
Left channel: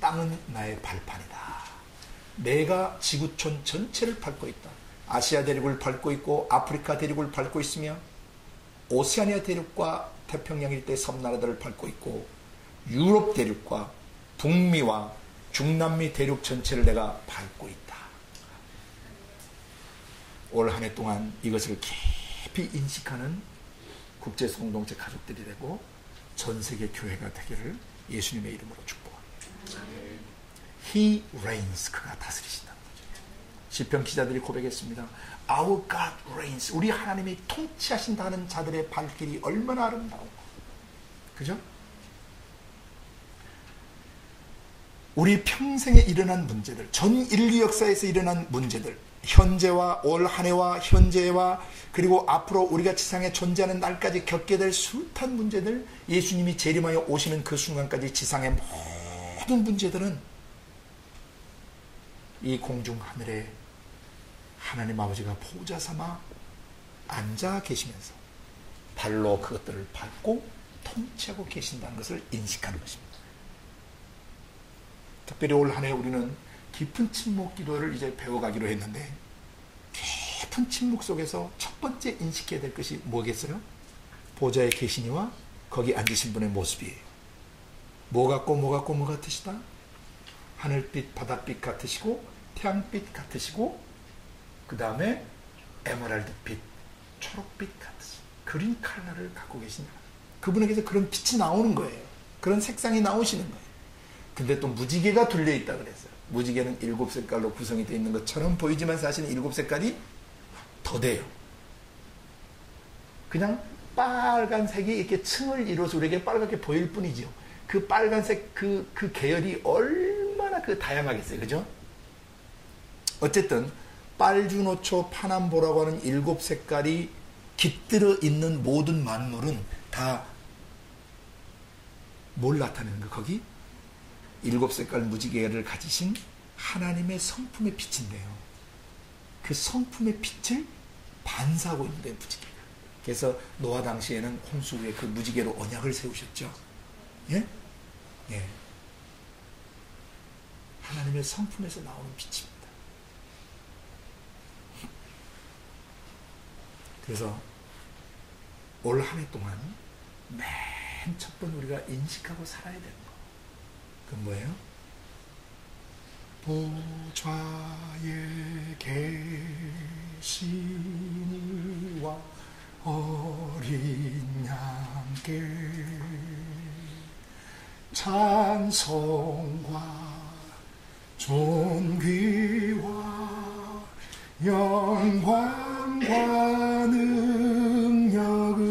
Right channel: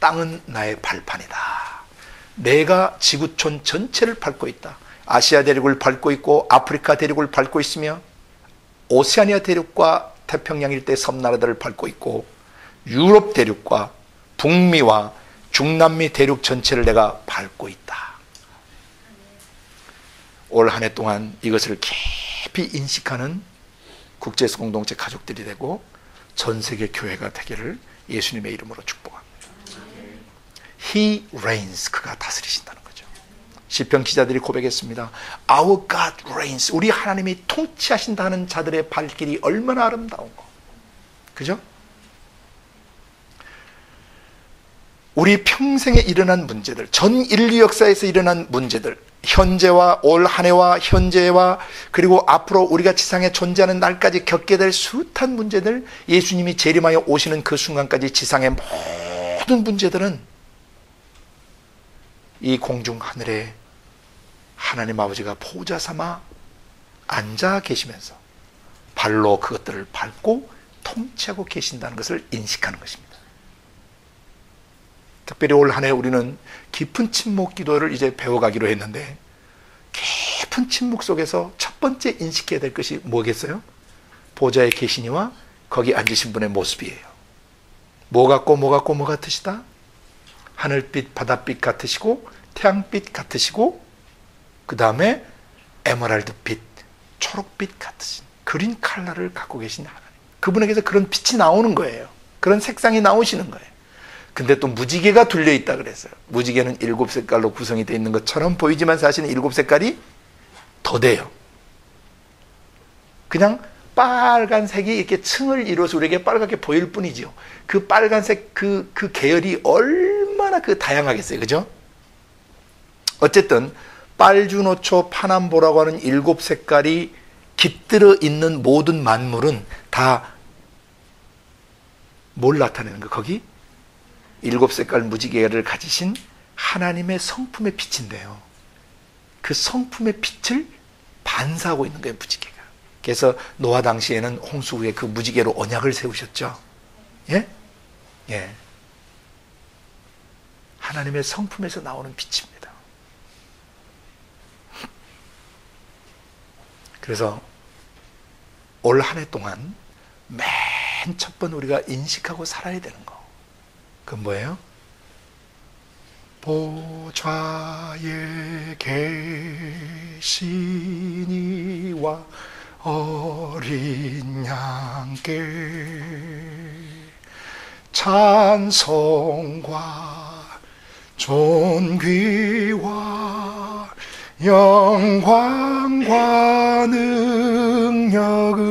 땅은 나의 발판이다. 내가 지구촌 전체를 밟고 있다. 아시아 대륙을 밟고 있고 아프리카 대륙을 밟고 있으며 오세아니아 대륙과 태평양 일대 섬나라들을 밟고 있고 유럽 대륙과 북미와 중남미 대륙 전체를 내가 밟고 있다. 올 한 해 동안 이것을 깊이 인식하는 국제에서 공동체 가족들이 되고 전 세계 교회가 되기를 예수님의 이름으로 축복합니다. He reigns. 그가 다스리신다는 거죠. 시편 기자들이 고백했습니다. Our God reigns. 우리 하나님이 통치하신다는 자들의 발길이 얼마나 아름다운가. 그죠? 우리 평생에 일어난 문제들, 전 인류 역사에서 일어난 문제들, 현재와 올 한 해와 현재와 그리고 앞으로 우리가 지상에 존재하는 날까지 겪게 될 숱한 문제들, 예수님이 재림하여 오시는 그 순간까지 지상의 모든 문제들은 이 공중 하늘에 하나님 아버지가 보좌 삼아 앉아 계시면서 발로 그것들을 밟고 통치하고 계신다는 것을 인식하는 것입니다. 특별히 올 한 해 우리는 깊은 침묵 기도를 이제 배워가기로 했는데, 깊은 침묵 속에서 첫 번째 인식해야 될 것이 뭐겠어요? 보좌에 계시니와 거기 앉으신 분의 모습이에요. 뭐 같고 뭐 같으시다? 하늘빛 바닷빛 같으시고 태양빛 같으시고 그 다음에 에메랄드빛 초록빛 같으신 그린 컬러를 갖고 계신 하나님, 그분에게서 그런 빛이 나오는 거예요. 그런 색상이 나오시는 거예요. 근데 또 무지개가 둘려있다 그랬어요. 무지개는 7색깔로 구성이 되어 있는 것처럼 보이지만 사실은 7색깔이 더 돼요. 그냥 빨간색이 이렇게 층을 이루어서 우리에게 빨갛게 보일 뿐이죠. 그 빨간색 그 계열이 얼마나 다양하겠어요. 그죠? 어쨌든 빨주노초 파남보라고 하는 7색깔이 깃들어 있는 모든 만물은 다 뭘 나타내는 거? 거기 7색깔 무지개를 가지신 하나님의 성품의 빛인데요. 그 성품의 빛을 반사하고 있는 거예요, 무지개가. 그래서 노아 당시에는 홍수 후에 그 무지개로 언약을 세우셨죠. 예? 예. 하나님의 성품에서 나오는 빛입니다. 그래서 올 한 해 동안 맨 첫 번 우리가 인식하고 살아야 되는 거, 그건 뭐예요? 보좌에 계시니와 어린 양께 찬송과 존귀와 영광과 능력을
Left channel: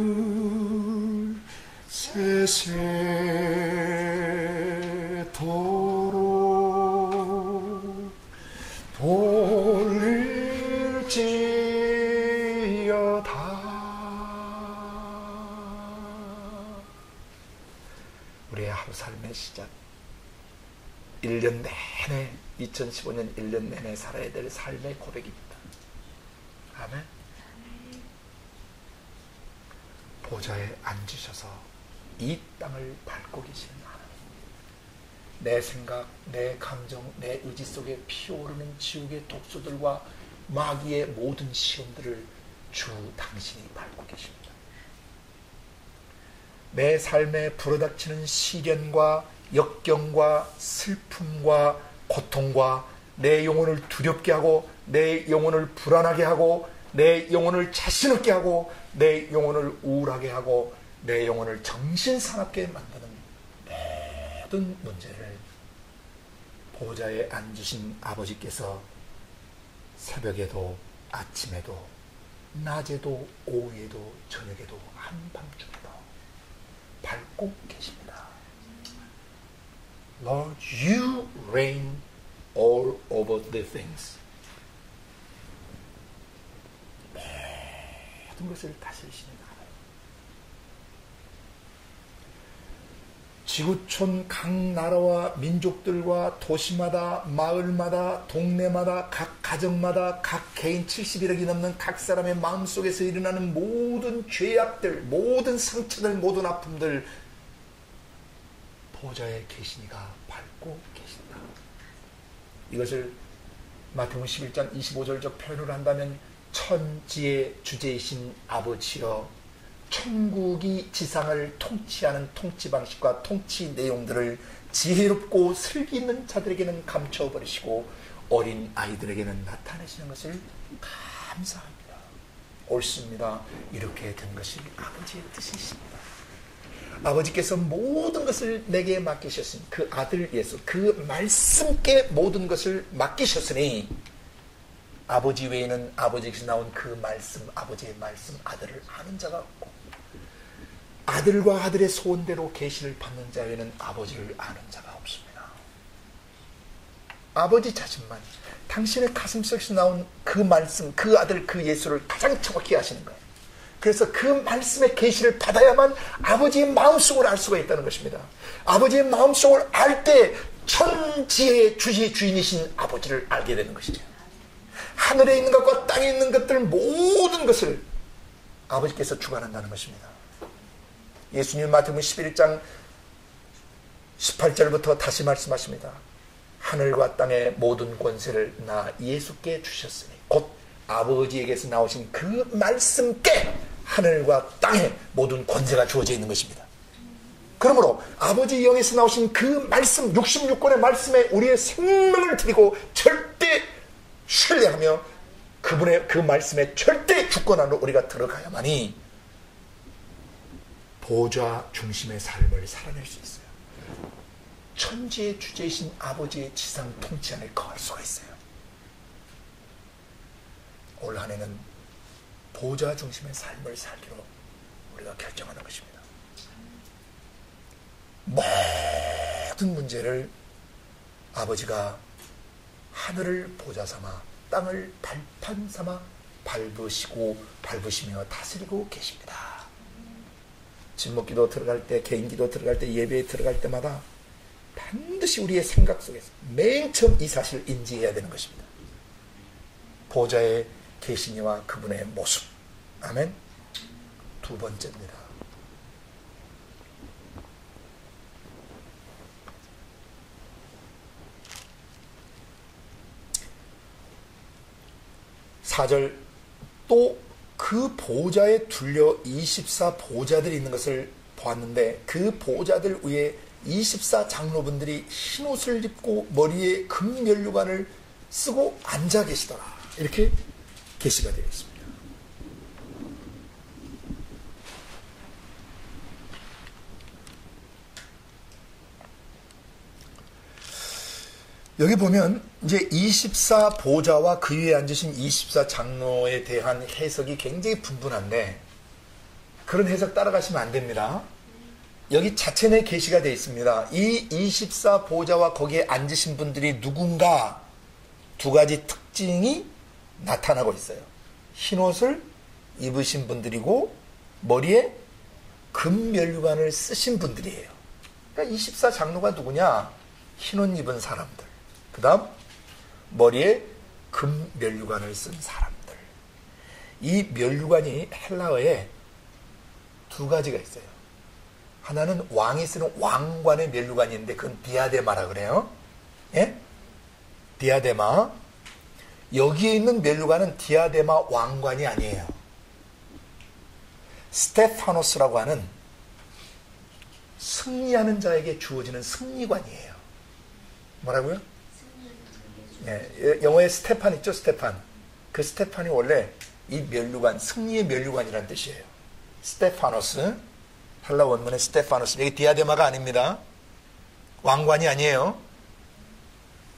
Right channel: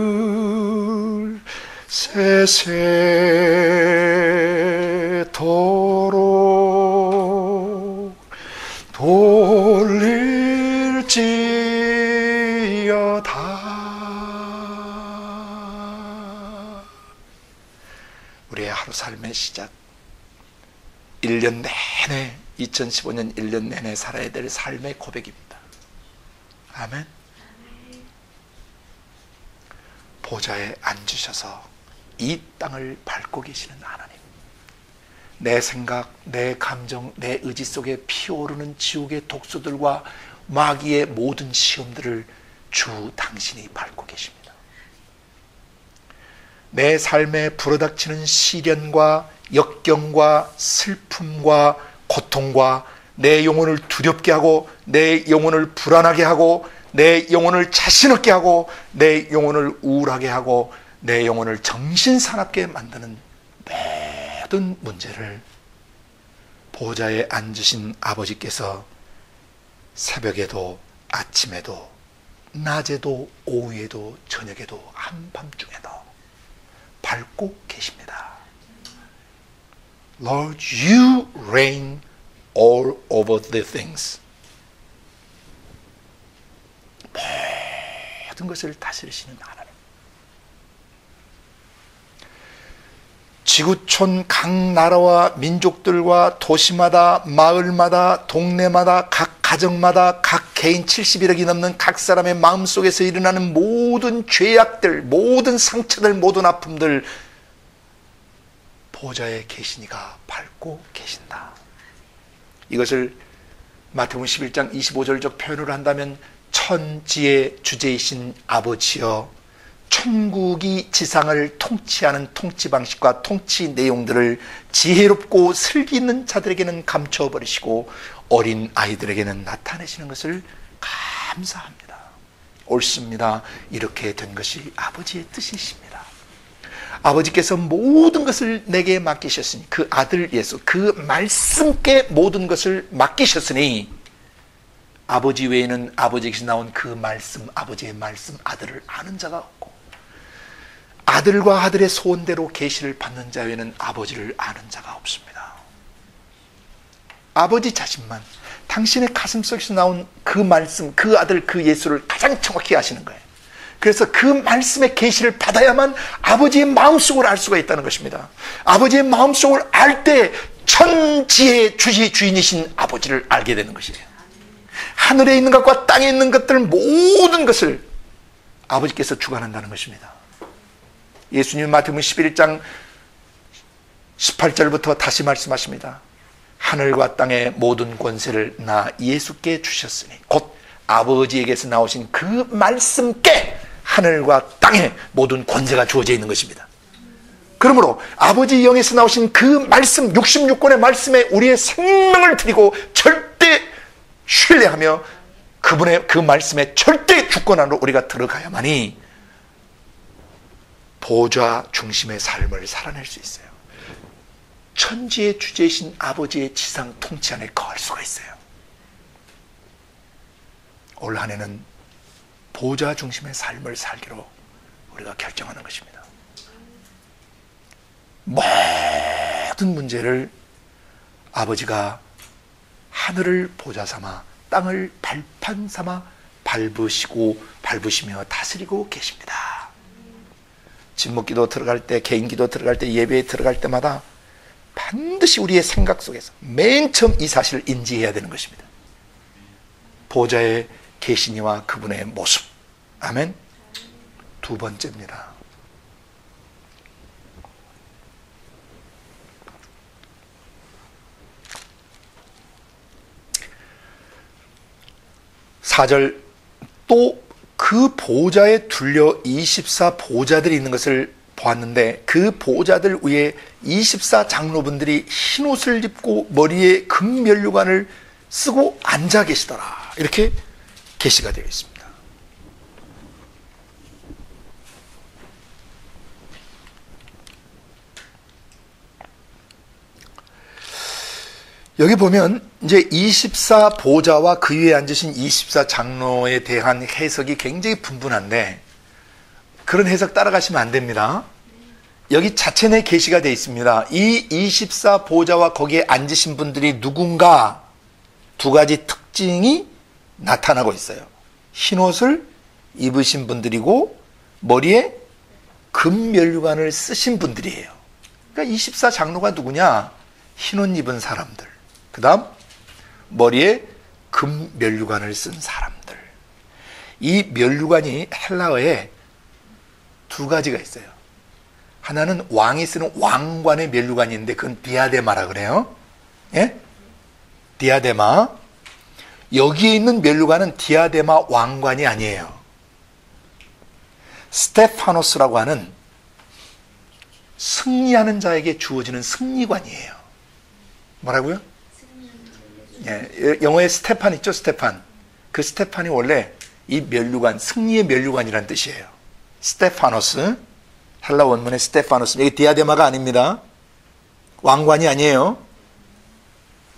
세세토록 돌릴지어다. 우리의 하루 삶의 시작, 1년 내내 2015년 1년 내내 살아야 될 삶의 고백입니다. 아멘. 보좌에 앉으셔서 이 땅을 밟고 계시는 하나님, 내 생각, 내 감정, 내 의지 속에 피어오르는 지옥의 독소들과 마귀의 모든 시험들을 주 당신이 밟고 계십니다. 내 삶에 불어닥치는 시련과 역경과 슬픔과 고통과 내 영혼을 두렵게 하고 내 영혼을 불안하게 하고 내 영혼을 자신 없게 하고 내 영혼을 우울하게 하고 내 영혼을 정신사납게 만드는 모든 문제를 보좌에 앉으신 아버지께서 새벽에도 아침에도 낮에도 오후에도 저녁에도 한밤중에도 밟고 계십니다. Lord, you reign all over the things. 모든 것을 다스리시는 하나님. 지구촌 각 나라와 민족들과 도시마다 마을마다 동네마다 각 가정마다 각 개인 71억이 넘는 각 사람의 마음속에서 일어나는 모든 죄악들, 모든 상처들, 모든 아픔들 보좌에 계신 이가 밟고 계신다. 이것을 마태복음 11장 25절적 표현으로 한다면 천지의 주제이신 아버지여, 천국이 지상을 통치하는 통치 방식과 통치 내용들을 지혜롭고 슬기 있는 자들에게는 감춰버리시고 어린 아이들에게는 나타내시는 것을 감사합니다. 옳습니다. 이렇게 된 것이 아버지의 뜻이십니다. 아버지께서 모든 것을 내게 맡기셨으니, 그 아들 예수, 그 말씀께 모든 것을 맡기셨으니, 아버지 외에는 아버지에게서 나온 그 말씀, 아버지의 말씀, 아들을 아는 자가 없고, 아들과 아들의 소원대로 계시를 받는 자 외에는 아버지를 아는 자가 없습니다. 아버지 자신만 당신의 가슴속에서 나온 그 말씀, 그 아들, 그 예수를 가장 정확히 아시는 거예요. 그래서 그 말씀의 계시를 받아야만 아버지의 마음속을 알 수가 있다는 것입니다. 아버지의 마음속을 알 때 천지의 주인이신 아버지를 알게 되는 것이에요. 하늘에 있는 것과 땅에 있는 것들 모든 것을 아버지께서 주관한다는 것입니다. 예수님 마태복음 11장 18절부터 다시 말씀하십니다. 하늘과 땅의 모든 권세를 나 예수께 주셨으니, 곧 아버지에게서 나오신 그 말씀께 하늘과 땅의 모든 권세가 주어져 있는 것입니다. 그러므로 아버지 영에서 나오신 그 말씀, 66권의 말씀에 우리의 생명을 드리고 절대 신뢰하며 그분의 그 말씀에 절대 주권 안으로 우리가 들어가야만이 보좌 중심의 삶을 살아낼 수 있어요. 천지의 주제이신 아버지의 지상 통치 안에 거할 수가 있어요. 올 한 해는 보좌 중심의 삶을 살기로 우리가 결정하는 것입니다. 모든 문제를 아버지가 하늘을 보좌 삼아 땅을 발판 삼아 밟으시며 다스리고 계십니다. 진목기도 들어갈 때, 개인기도 들어갈 때, 예배에 들어갈 때마다 반드시 우리의 생각 속에서 맨 처음 이 사실을 인지해야 되는 것입니다. 보좌에 계신 이와 그분의 모습. 아멘. 두 번째입니다. (4절) 또 그 보좌에 둘려 24 보좌들이 있는 것을 보았는데, 그 보좌들 위에 24 장로분들이 흰옷을 입고 머리에 금면류관을 쓰고 앉아 계시더라. 이렇게 계시가 되어 있습니다. 여기 보면 이제 24 보좌와 그 위에 앉으신 24 장로에 대한 해석이 굉장히 분분한데, 그런 해석 따라가시면 안 됩니다. 여기 자체 내 계시가 되어 있습니다. 이 24 보좌와 거기에 앉으신 분들이 누군가 두 가지 특징이 나타나고 있어요. 흰옷을 입으신 분들이고 머리에 금면류관을 쓰신 분들이에요. 그러니까 24 장로가 누구냐? 흰옷 입은 사람들, 그 다음 머리에 금면류관을 쓴 사람들. 이 면류관이 헬라어에 두 가지가 있어요. 하나는 왕이 쓰는 왕관의 면류관이 있는데 그건 디아데마라 그래요. 예? 디아데마. 여기에 있는 면류관은 디아데마 왕관이 아니에요. 스테파노스라고 하는 승리하는 자에게 주어지는 승리관이에요. 뭐라고요? 예, 영어에 스테판 있죠, 스테판. 그 스테판이 원래 이 면류관, 승리의 면류관이라는 뜻이에요. 스테파노스, 헬라 원문의 스테파노스. 이게 디아데마가 아닙니다. 왕관이 아니에요.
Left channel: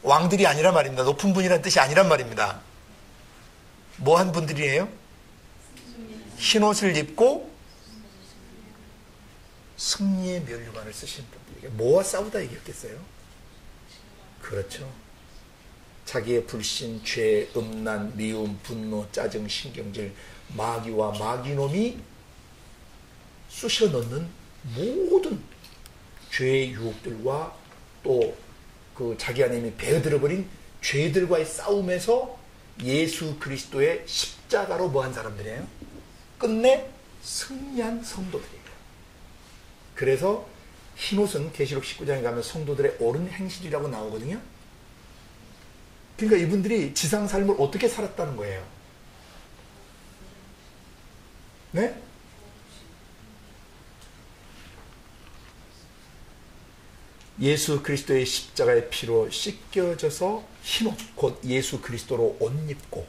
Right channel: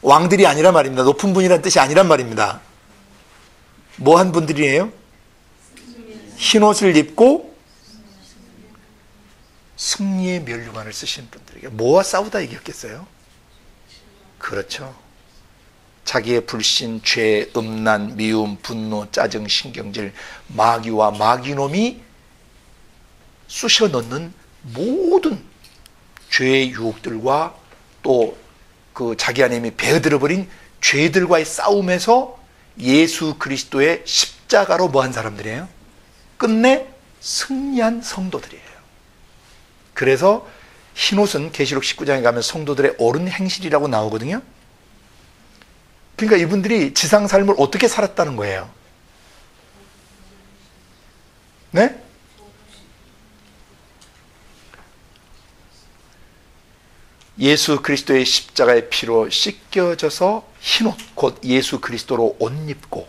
왕들이 아니란 말입니다. 높은 분이라는 뜻이 아니란 말입니다. 뭐 한 분들이에요? 흰옷을 입고 승리의 면류관을 쓰신 분들에게. 뭐와 싸우다 이겼겠어요? 그렇죠. 자기의 불신, 죄, 음란, 미움, 분노, 짜증, 신경질, 마귀와 마귀놈이 쑤셔 넣는 모든 죄의 유혹들과 또 그 자기 안에 이미 배어들어버린 죄들과의 싸움에서 예수 그리스도의 십자가로 뭐한 사람들이에요? 끝내 승리한 성도들이에요. 그래서 흰옷은 계시록 19장에 가면 성도들의 옳은 행실이라고 나오거든요. 그러니까 이분들이 지상 삶을 어떻게 살았다는 거예요? 네? 예수 그리스도의 십자가의 피로 씻겨져서 흰옷, 곧 예수 그리스도로 옷 입고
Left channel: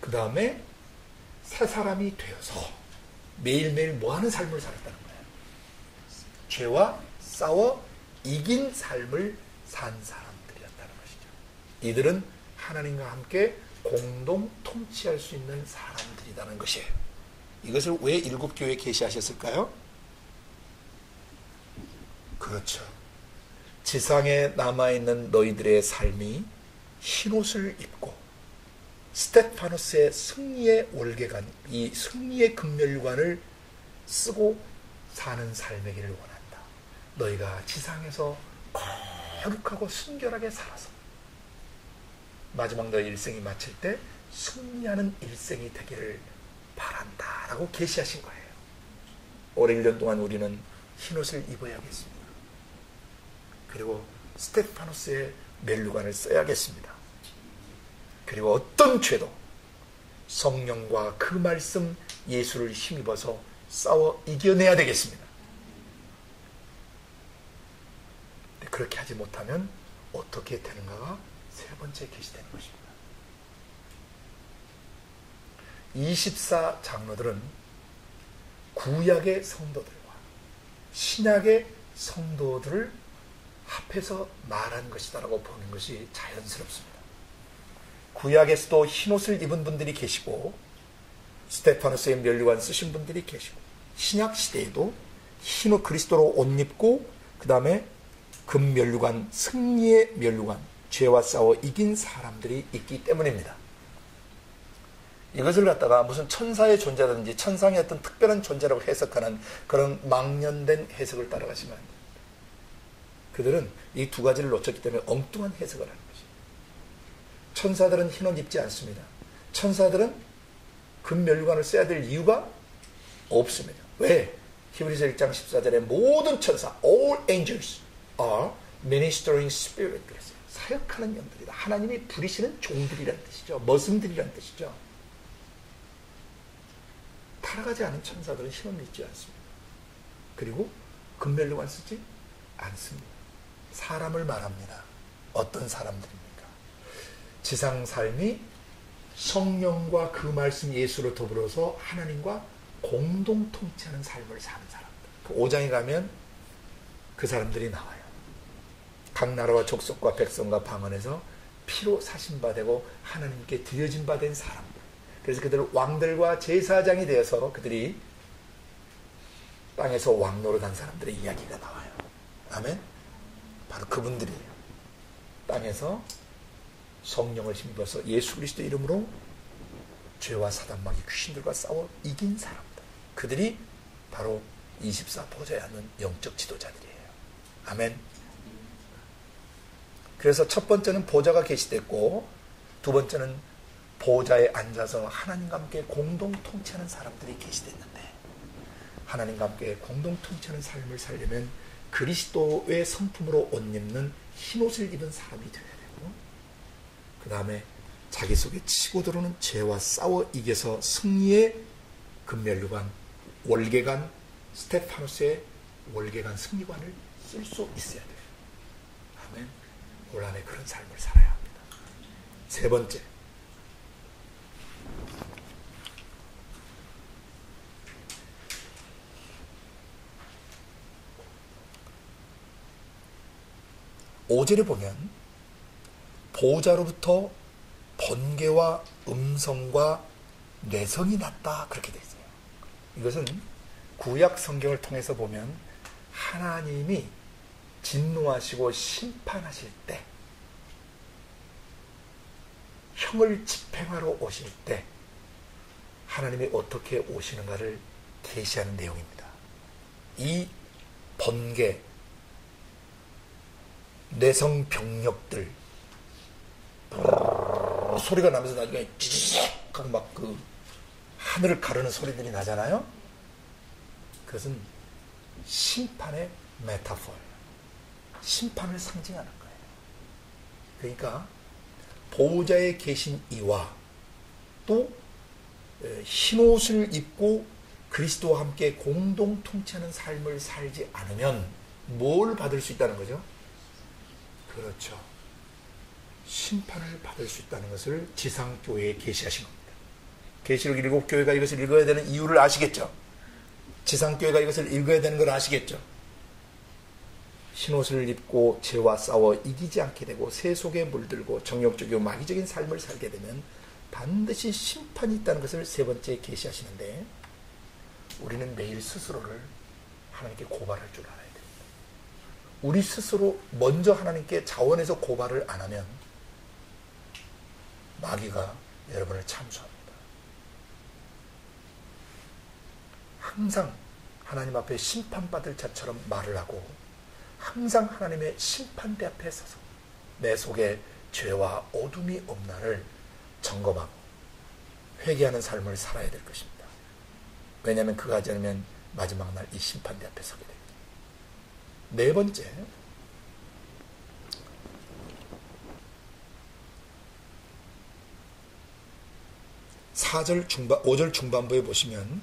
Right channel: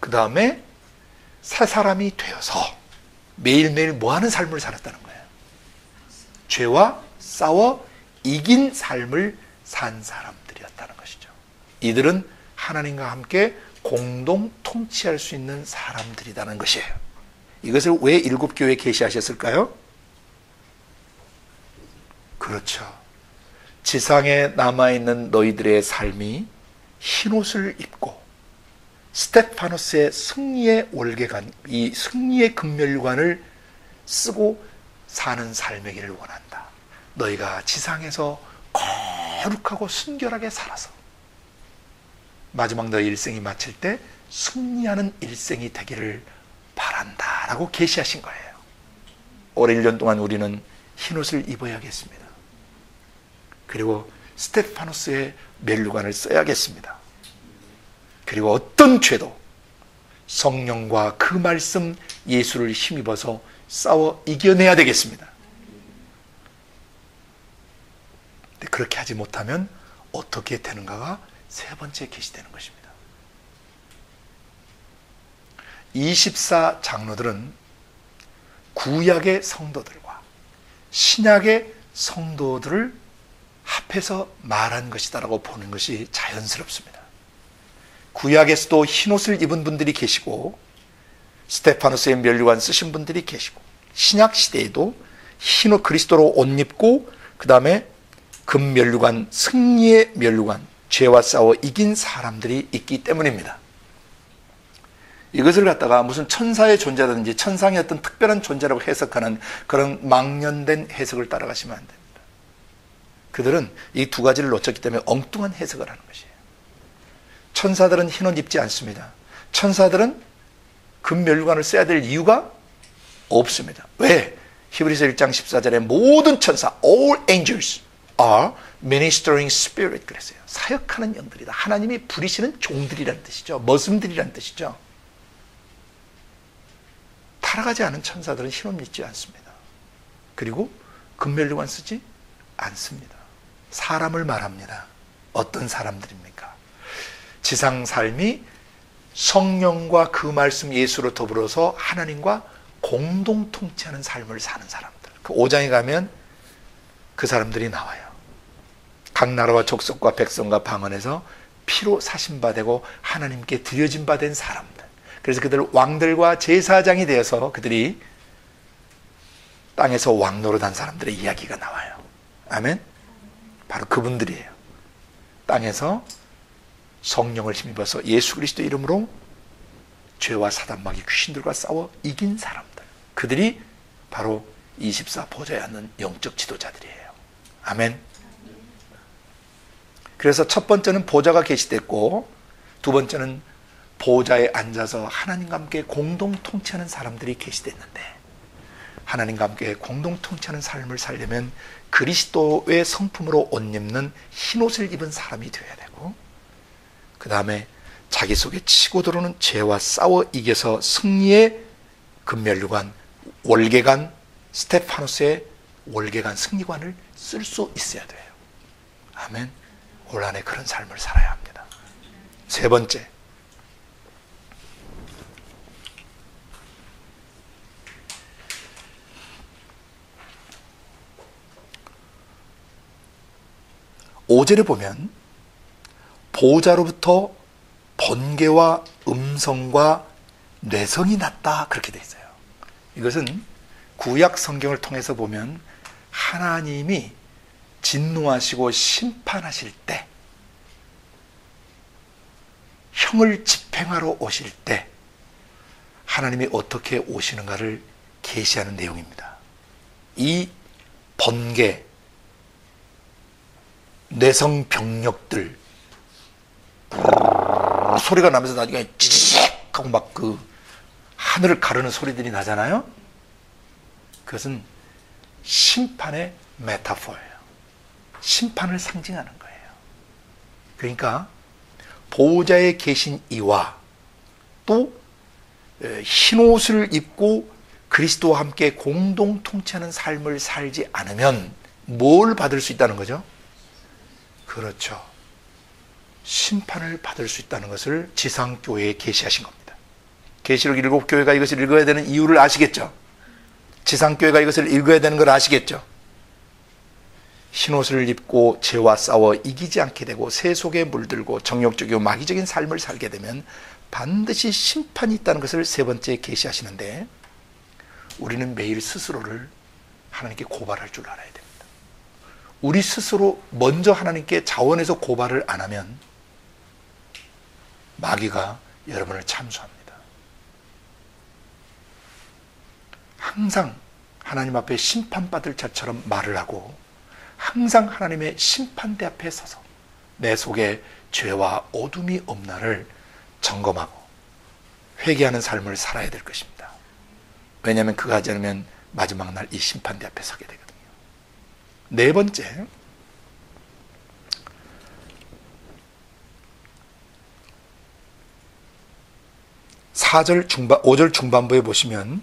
그 다음에 새 사람이 되어서 매일매일 뭐하는 삶을 살았다는 거예요? 죄와 싸워 이긴 삶을 산 사람들이었다는 것이죠. 이들은 하나님과 함께 공동 통치할 수 있는 사람들이라는 것이에요. 이것을 왜 일곱 교회에 계시하셨을까요? 그렇죠. 지상에 남아있는 너희들의 삶이 흰옷을 입고 스테파노스의 승리의 월계관, 이 승리의 금멸관을 쓰고 사는 삶이기를 원한다. 너희가 지상에서 거룩하고 순결하게 살아서 마지막 너희 일생이 마칠 때 승리하는 일생이 되기를 바란다 라고 계시하신 거예요. 올해 1년 동안 우리는 흰옷을 입어야겠습니다. 그리고 스테파노스의 멸류관을 써야겠습니다. 그리고 어떤 죄도 성령과 그 말씀 예수를 힘입어서 싸워 이겨내야 되겠습니다. 근데 그렇게 하지 못하면 어떻게 되는가가 세 번째 계시되는 것입니다. 24 장로들은 구약의 성도들과 신약의 성도들을 합해서 말한 것이다라고 보는 것이 자연스럽습니다. 구약에서도 흰옷을 입은 분들이 계시고 스테파노스의 멸류관 쓰신 분들이 계시고 신약 시대에도 흰옷 그리스도로 옷 입고 그 다음에 금멸류관, 승리의 멸류관, 죄와 싸워 이긴 사람들이 있기 때문입니다. 이것을 갖다가 무슨 천사의 존재라든지 천상의 어떤 특별한 존재라고 해석하는 그런 망연된 해석을 따라가시면 안 됩니다. 그들은 이 두 가지를 놓쳤기 때문에 엉뚱한 해석을 하는 것이에요. 천사들은 흰옷 입지 않습니다. 천사들은 금멸류관을 써야 될 이유가 없습니다. 왜? 히브리서 1장 14절에 모든 천사, all angels are ministering spirit 그랬어요. 사역하는 영들이다. 하나님이 부리시는 종들이라는 뜻이죠. 머슴들이라는 뜻이죠. 타락하지 않은 천사들은 흰옷 입지 않습니다. 그리고 금멸류관 쓰지 않습니다. 사람을 말합니다. 어떤 사람들입니까? 지상 삶이 성령과 그 말씀 예수로 더불어서 하나님과 공동 통치하는 삶을 사는 사람들. 그 5장에 가면 그 사람들이 나와요. 각 나라와 족속과 백성과 방언에서 피로 사신 바 되고 하나님께 드려진 바 된 사람들. 그래서 그들 왕들과 제사장이 되어서 그들이 땅에서 왕 노릇한 사람들의 이야기가 나와요. 아멘? 바로 그분들이에요. 땅에서 성령을 힘입어서 예수 그리스도 이름으로 죄와 사단 마귀 귀신들과 싸워 이긴 사람들. 그들이 바로 24 보좌에 앉는 영적 지도자들이에요. 아멘. 그래서 첫 번째는 보좌가 계시됐고 두 번째는 보좌에 앉아서 하나님과 함께 공동 통치하는 사람들이 계시됐는데 하나님과 함께 공동 통치하는 삶을 살려면 그리스도의 성품으로 옷 입는 흰옷을 입은 사람이 되어야 되고 그 다음에 자기 속에 치고 들어오는 죄와 싸워 이겨서 승리의 금멸류관, 월계관, 스테파노스의 월계관 승리관을 쓸 수 있어야 돼요. 아멘. 올 한해 그런 삶을 살아야 합니다. 세 번째, 오절에 보면 보호자로부터 번개와 음성과 뇌성이 났다 그렇게 돼 있어요. 이것은 구약 성경을 통해서 보면 하나님이 진노하시고 심판하실 때 형을 집행하러 오실 때 하나님이 어떻게 오시는가를 계시하는 내용입니다. 이 번개, 뇌성 병력들 소리가 나면서 나중에 찌직 하고 막 그 하늘을 가르는 소리들이 나잖아요. 그것은 심판의 메타포예요. 심판을 상징하는 거예요. 그러니까 보호자에 계신 이와 또 흰옷을 입고 그리스도와 함께 공동 통치하는 삶을 살지 않으면 뭘 받을 수 있다는 거죠? 그렇죠. 심판을 받을 수 있다는 것을 지상교회에 계시하신 겁니다. 계시록 7교회가 이것을 읽어야 되는 이유를 아시겠죠? 지상교회가 이것을 읽어야 되는 걸 아시겠죠? 흰옷을 입고 죄와 싸워 이기지 않게 되고 새 속에 물들고 정욕적이고 마귀적인 삶을 살게 되면 반드시 심판이 있다는 것을 세 번째 계시하시는데, 우리는 매일 스스로를 하나님께 고발할 줄 알아야 됩니다. 우리 스스로 먼저 하나님께 자원해서 고발을 안 하면 마귀가 여러분을 참수합니다. 항상 하나님 앞에 심판받을 자처럼 말을 하고 항상 하나님의 심판대 앞에 서서 내 속에 죄와 어둠이 없나를 점검하고 회개하는 삶을 살아야 될 것입니다. 왜냐하면 그가 하지 않으면 마지막 날 이 심판대 앞에 서게 되거든요. 네 번째, 중반, 5절 중반부에 보시면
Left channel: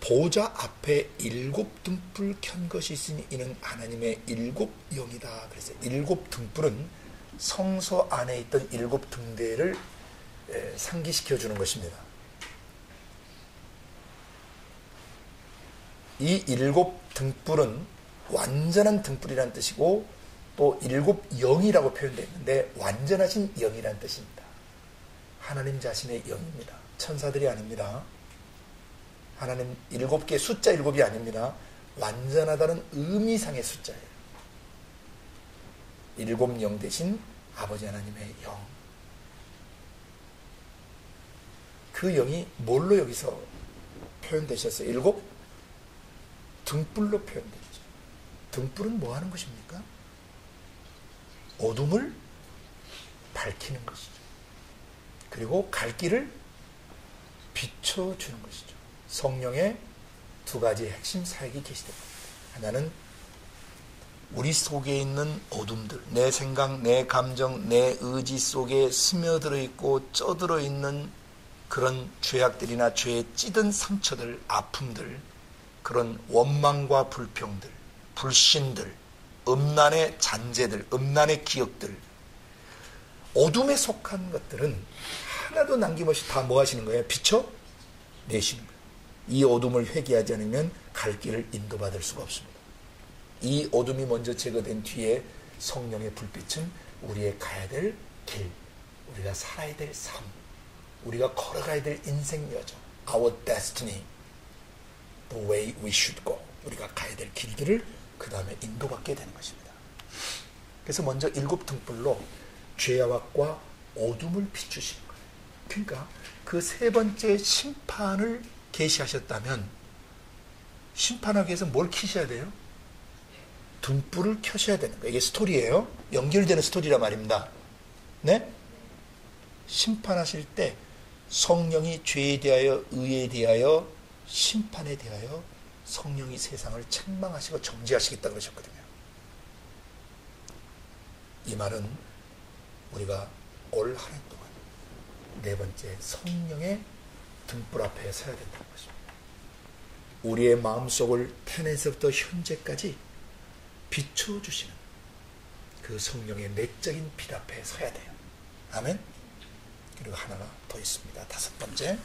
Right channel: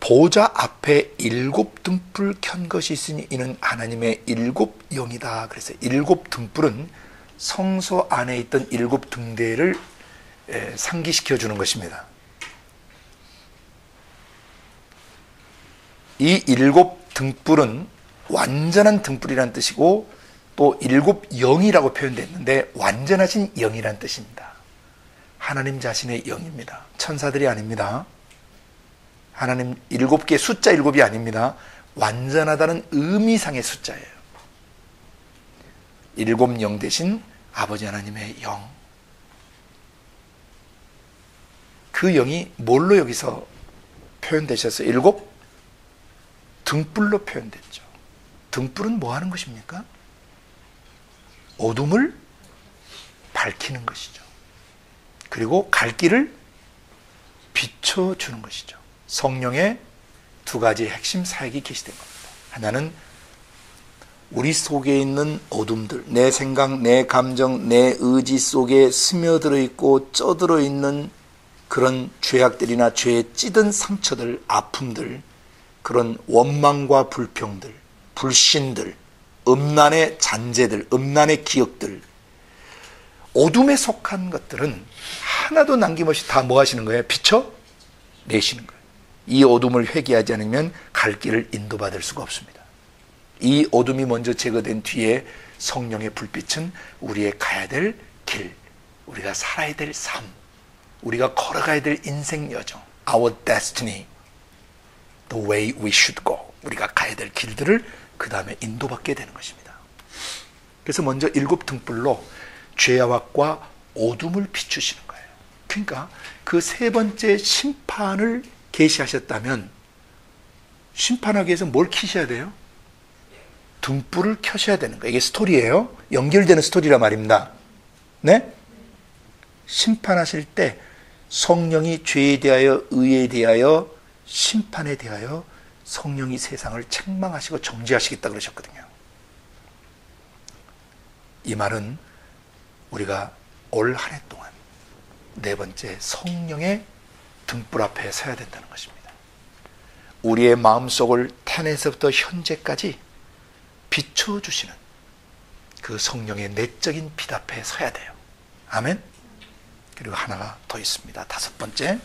보좌 앞에 7 등불 켠 것이 있으니 이는 하나님의 7 영이다. 그래서 7 등불은 성소 안에 있던 7 등대를 상기시켜 주는 것입니다. 이 7 등불은 완전한 등불이라는 뜻이고 또 7 영이라고 표현되어 있는데 완전하신 영이라는 뜻입니다. 하나님 자신의 영입니다. 천사들이 아닙니다. 하나님 7개 숫자 7이 아닙니다. 완전하다는 의미상의 숫자예요. 7 영 대신 아버지 하나님의 영. 그 영이 뭘로 여기서 표현되셔서 7 등불로 표현됐죠. 등불은 뭐 하는 것입니까? 어둠을 밝히는 것이죠. 그리고 갈 길을 비춰주는 것이죠. 성령의 2가지 핵심 사역이 계시된 겁니다. 하나는 우리 속에 있는 어둠들, 내 생각, 내 감정, 내 의지 속에 스며들어 있고 쪄들어 있는 그런 죄악들이나 죄에 찌든 상처들, 아픔들, 그런 원망과 불평들, 불신들, 음란의 잔재들, 음란의 기억들, 어둠에 속한 것들은 하나도 남김없이 다 뭐 하시는 거예요? 비춰내시는 거예요. 이 어둠을 회개하지 않으면 갈 길을 인도받을 수가 없습니다. 이 어둠이 먼저 제거된 뒤에 성령의 불빛은 우리의 가야 될 길, 우리가 살아야 될 삶, 우리가 걸어가야 될 인생 여정, our destiny, the way we should go, 우리가 가야 될 길들을 그 다음에 인도받게 되는 것입니다. 그래서 먼저 7 등불로 죄악과 어둠을 비추시는 거예요. 그러니까 그 세 번째 심판을 계시하셨다면 심판하기 위해서 뭘 켜셔야 돼요? 등불을 켜셔야 되는 거예요. 이게 스토리예요. 연결되는 스토리란 말입니다. 네? 심판하실 때 성령이 죄에 대하여, 의에 대하여, 심판에 대하여 성령이 세상을 책망하시고 정죄하시겠다 그러셨거든요. 이 말은 우리가 올 한 해 동안 네 번째 성령의 등불 앞에 서야 된다는 것입니다. 우리의 마음속을 태어나서부터 현재까지 비춰주시는 그 성령의 내적인 빛 앞에 서야 돼요. 아멘. 그리고 하나가 더 있습니다. 5번째,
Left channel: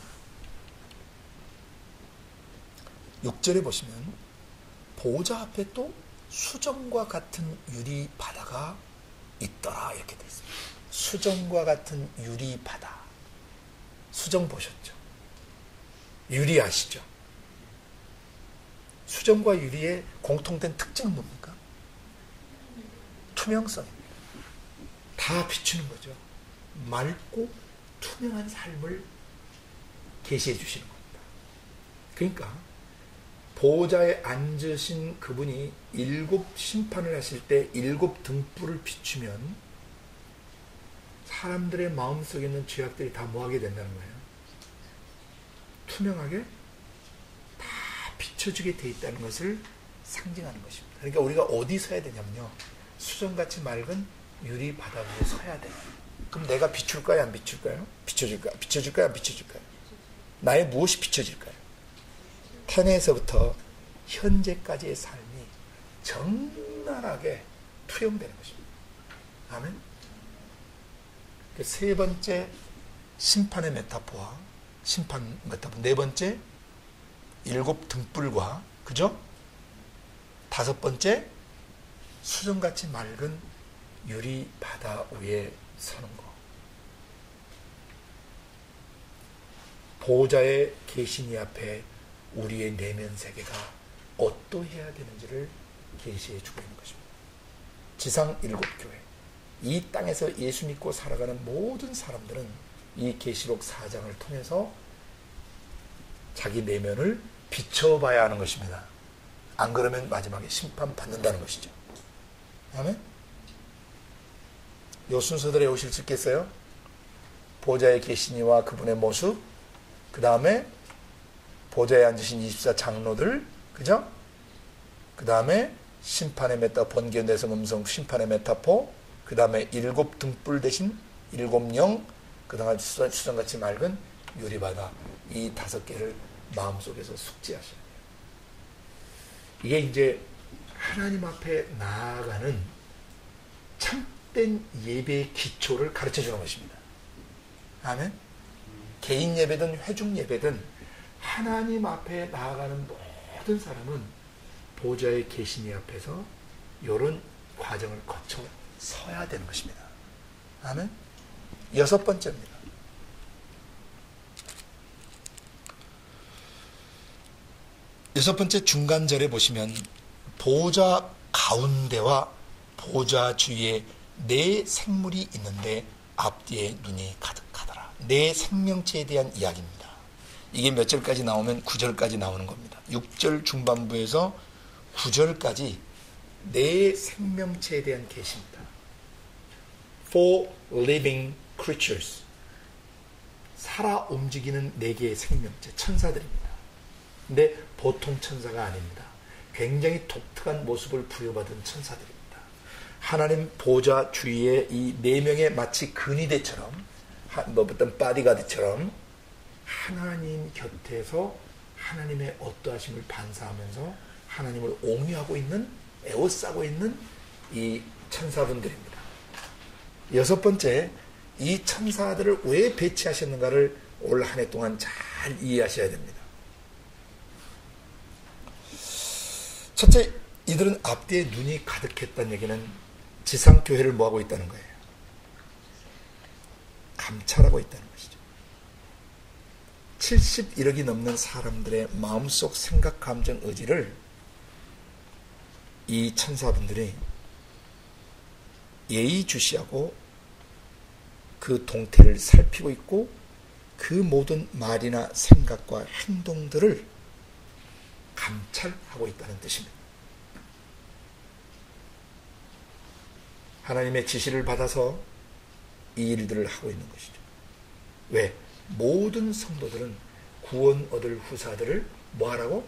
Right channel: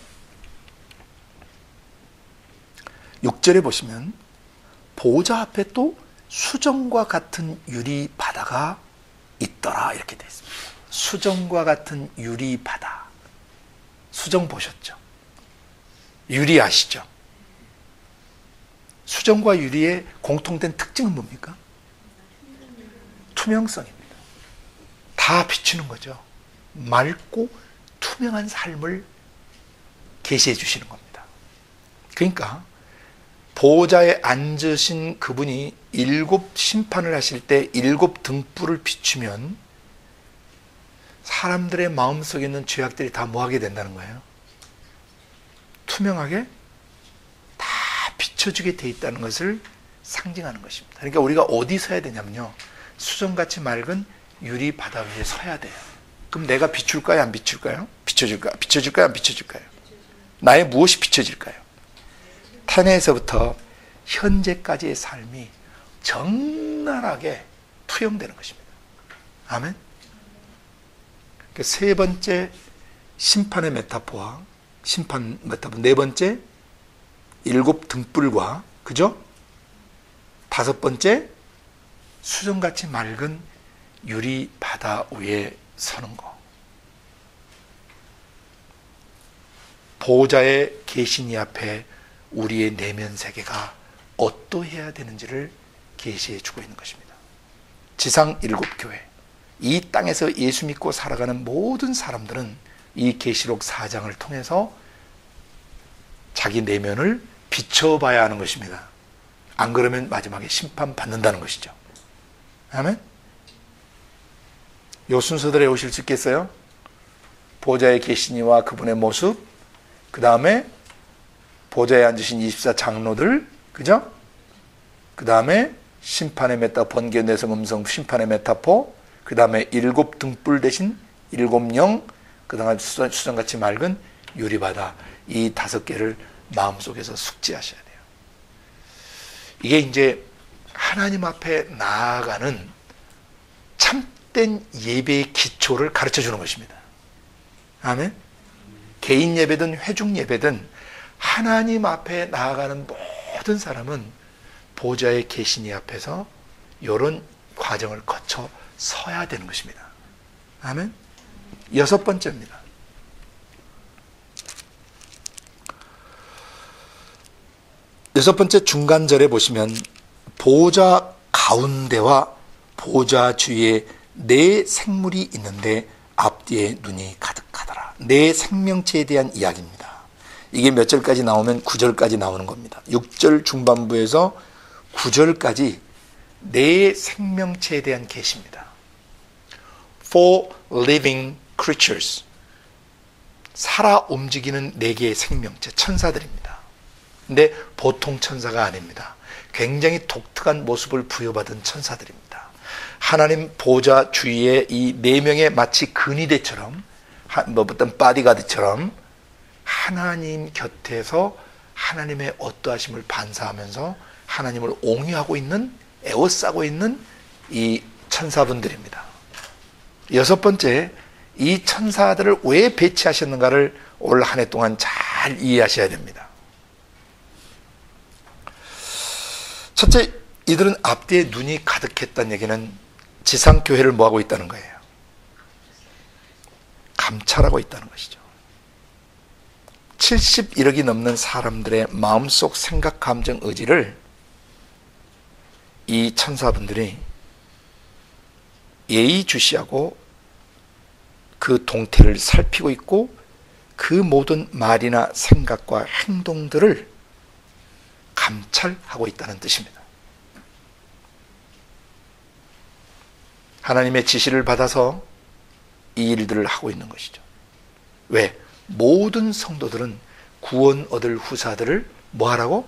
6절에 보시면 보호자 앞에 또 수정과 같은 유리 바다가 있더라 이렇게 되어 있습니다. 수정과 같은 유리 바다. 수정 보셨죠? 유리 아시죠? 수정과 유리의 공통된 특징은 뭡니까? 투명성입니다. 다 비추는 거죠. 맑고 투명한 삶을 계시해 주시는 겁니다. 그러니까 보호자에 앉으신 그분이 7 심판을 하실 때 7 등불을 비추면 사람들의 마음속에 있는 죄악들이 다 뭐하게 된다는 거예요? 투명하게 다 비춰주게 돼 있다는 것을 상징하는 것입니다. 그러니까 우리가 어디 서야 되냐면요, 수정같이 맑은 유리 바다 위에 서야 돼요. 그럼 내가 비출까요, 안 비출까요? 비춰줄까요, 안 비춰줄까요? 나의 무엇이 비춰질까요? 태내에서부터 현재까지의 삶이 적나라하게 투영되는 것입니다. 아멘. 세 번째 심판의 메타포와 심판 메타포, 네 번째 일곱 등불과, 그죠? 다섯 번째 수정같이 맑은 유리 바다 위에 서는 거. 보호자의 계신 이 앞에 우리의 내면 세계가 어떠해야 되는지를 계시해 주고 있는 것입니다. 지상 일곱 교회, 이 땅에서 예수 믿고 살아가는 모든 사람들은 이 계시록 4장을 통해서 자기 내면을 비춰봐야 하는 것입니다. 안 그러면 마지막에 심판받는다는 것이죠. 아멘? 요 순서대로 오실 수 있겠어요? 보좌에 계신 이와 그분의 모습, 그 다음에 보좌에 앉으신 24 장로들, 그죠? 그 다음에 심판의 메타, 번개, 내성, 음성, 심판의 메타포, 그 다음에 일곱 등불 대신 일곱 영, 그 다음에 수정같이 맑은 유리바다, 이 다섯 개를 마음속에서 숙지하셔야 돼요. 이게 이제 하나님 앞에 나아가는 참된 예배의 기초를 가르쳐 주는 것입니다. 아멘. 개인 예배든 회중 예배든 하나님 앞에 나아가는 모든 사람은 보좌에 계신 이 앞에서 이런 과정을 거쳐 서야 되는 것입니다. 아멘. 여섯 번째입니다. 여섯 번째 중간절에 보시면 보좌 가운데와 보좌 주위에 네 생물이 있는데 앞뒤에 눈이 가득하더라. 네 생명체에 대한 이야기입니다. 이게 몇 절까지 나오면 9절까지 나오는 겁니다. 6절 중반부에서 9절까지 네 생명체에 대한 계시입니다. For living creatures, 살아 움직이는 네 개의 생명체, 천사들입니다. 근데 보통 천사가 아닙니다. 굉장히 독특한 모습을 부여받은 천사들입니다. 하나님 보좌 주위에 이 네 명의 마치 근위대처럼, 어떤 바디가드처럼 하나님 곁에서 하나님의 어떠하심을 반사하면서 하나님을 옹유하고 있는, 에워싸고 있는 이 천사분들입니다. 여섯 번째, 이 천사들을 왜 배치하셨는가를 올 한 해 동안 잘 이해하셔야 됩니다. 첫째, 이들은 앞뒤에 눈이 가득했다는 얘기는 지상교회를 뭐하고 있다는 거예요? 감찰하고 있다는 것이죠. 71억이 넘는 사람들의 마음속 생각, 감정, 의지를 이 천사분들이 예의주시하고 그 동태를 살피고 있고 그 모든 말이나 생각과 행동들을 감찰하고 있다는 뜻입니다. 하나님의 지시를 받아서 이 일들을 하고 있는 것이죠. 왜? 모든 성도들은 구원 얻을 후사들을 뭐하라고?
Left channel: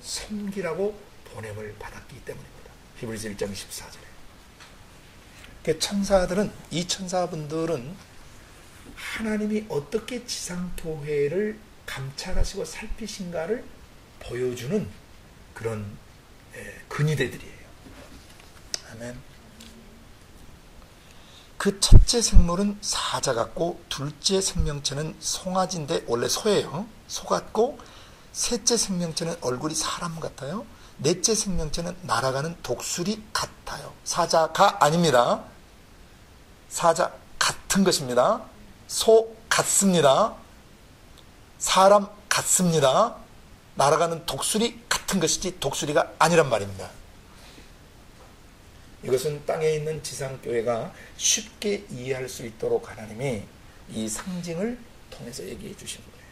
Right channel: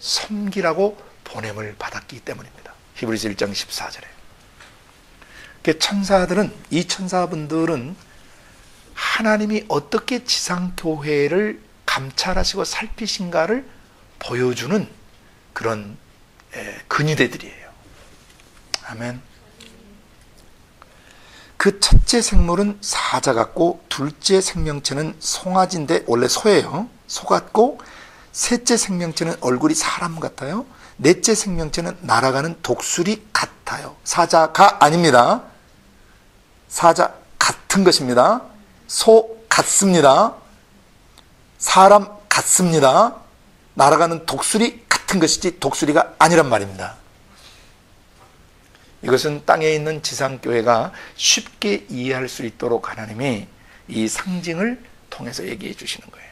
섬기라고 보냄을 받았기 때문입니다. 히브리서 1장 14절에. 천사들은, 이 천사분들은 하나님이 어떻게 지상교회를 감찰하시고 살피신가를 보여주는 그런 근위대들이에요. 아멘. 그 첫째 생물은 사자 같고, 둘째 생명체는 송아지인데 원래 소예요. 소 같고, 셋째 생명체는 얼굴이 사람 같아요. 넷째 생명체는 날아가는 독수리 같아요. 사자가 아닙니다. 사자 같은 것입니다. 소 같습니다. 사람 같습니다. 날아가는 독수리 같은 것이지 독수리가 아니란 말입니다. 이것은 땅에 있는 지상교회가 쉽게 이해할 수 있도록 하나님이 이 상징을 통해서 얘기해 주시는 거예요.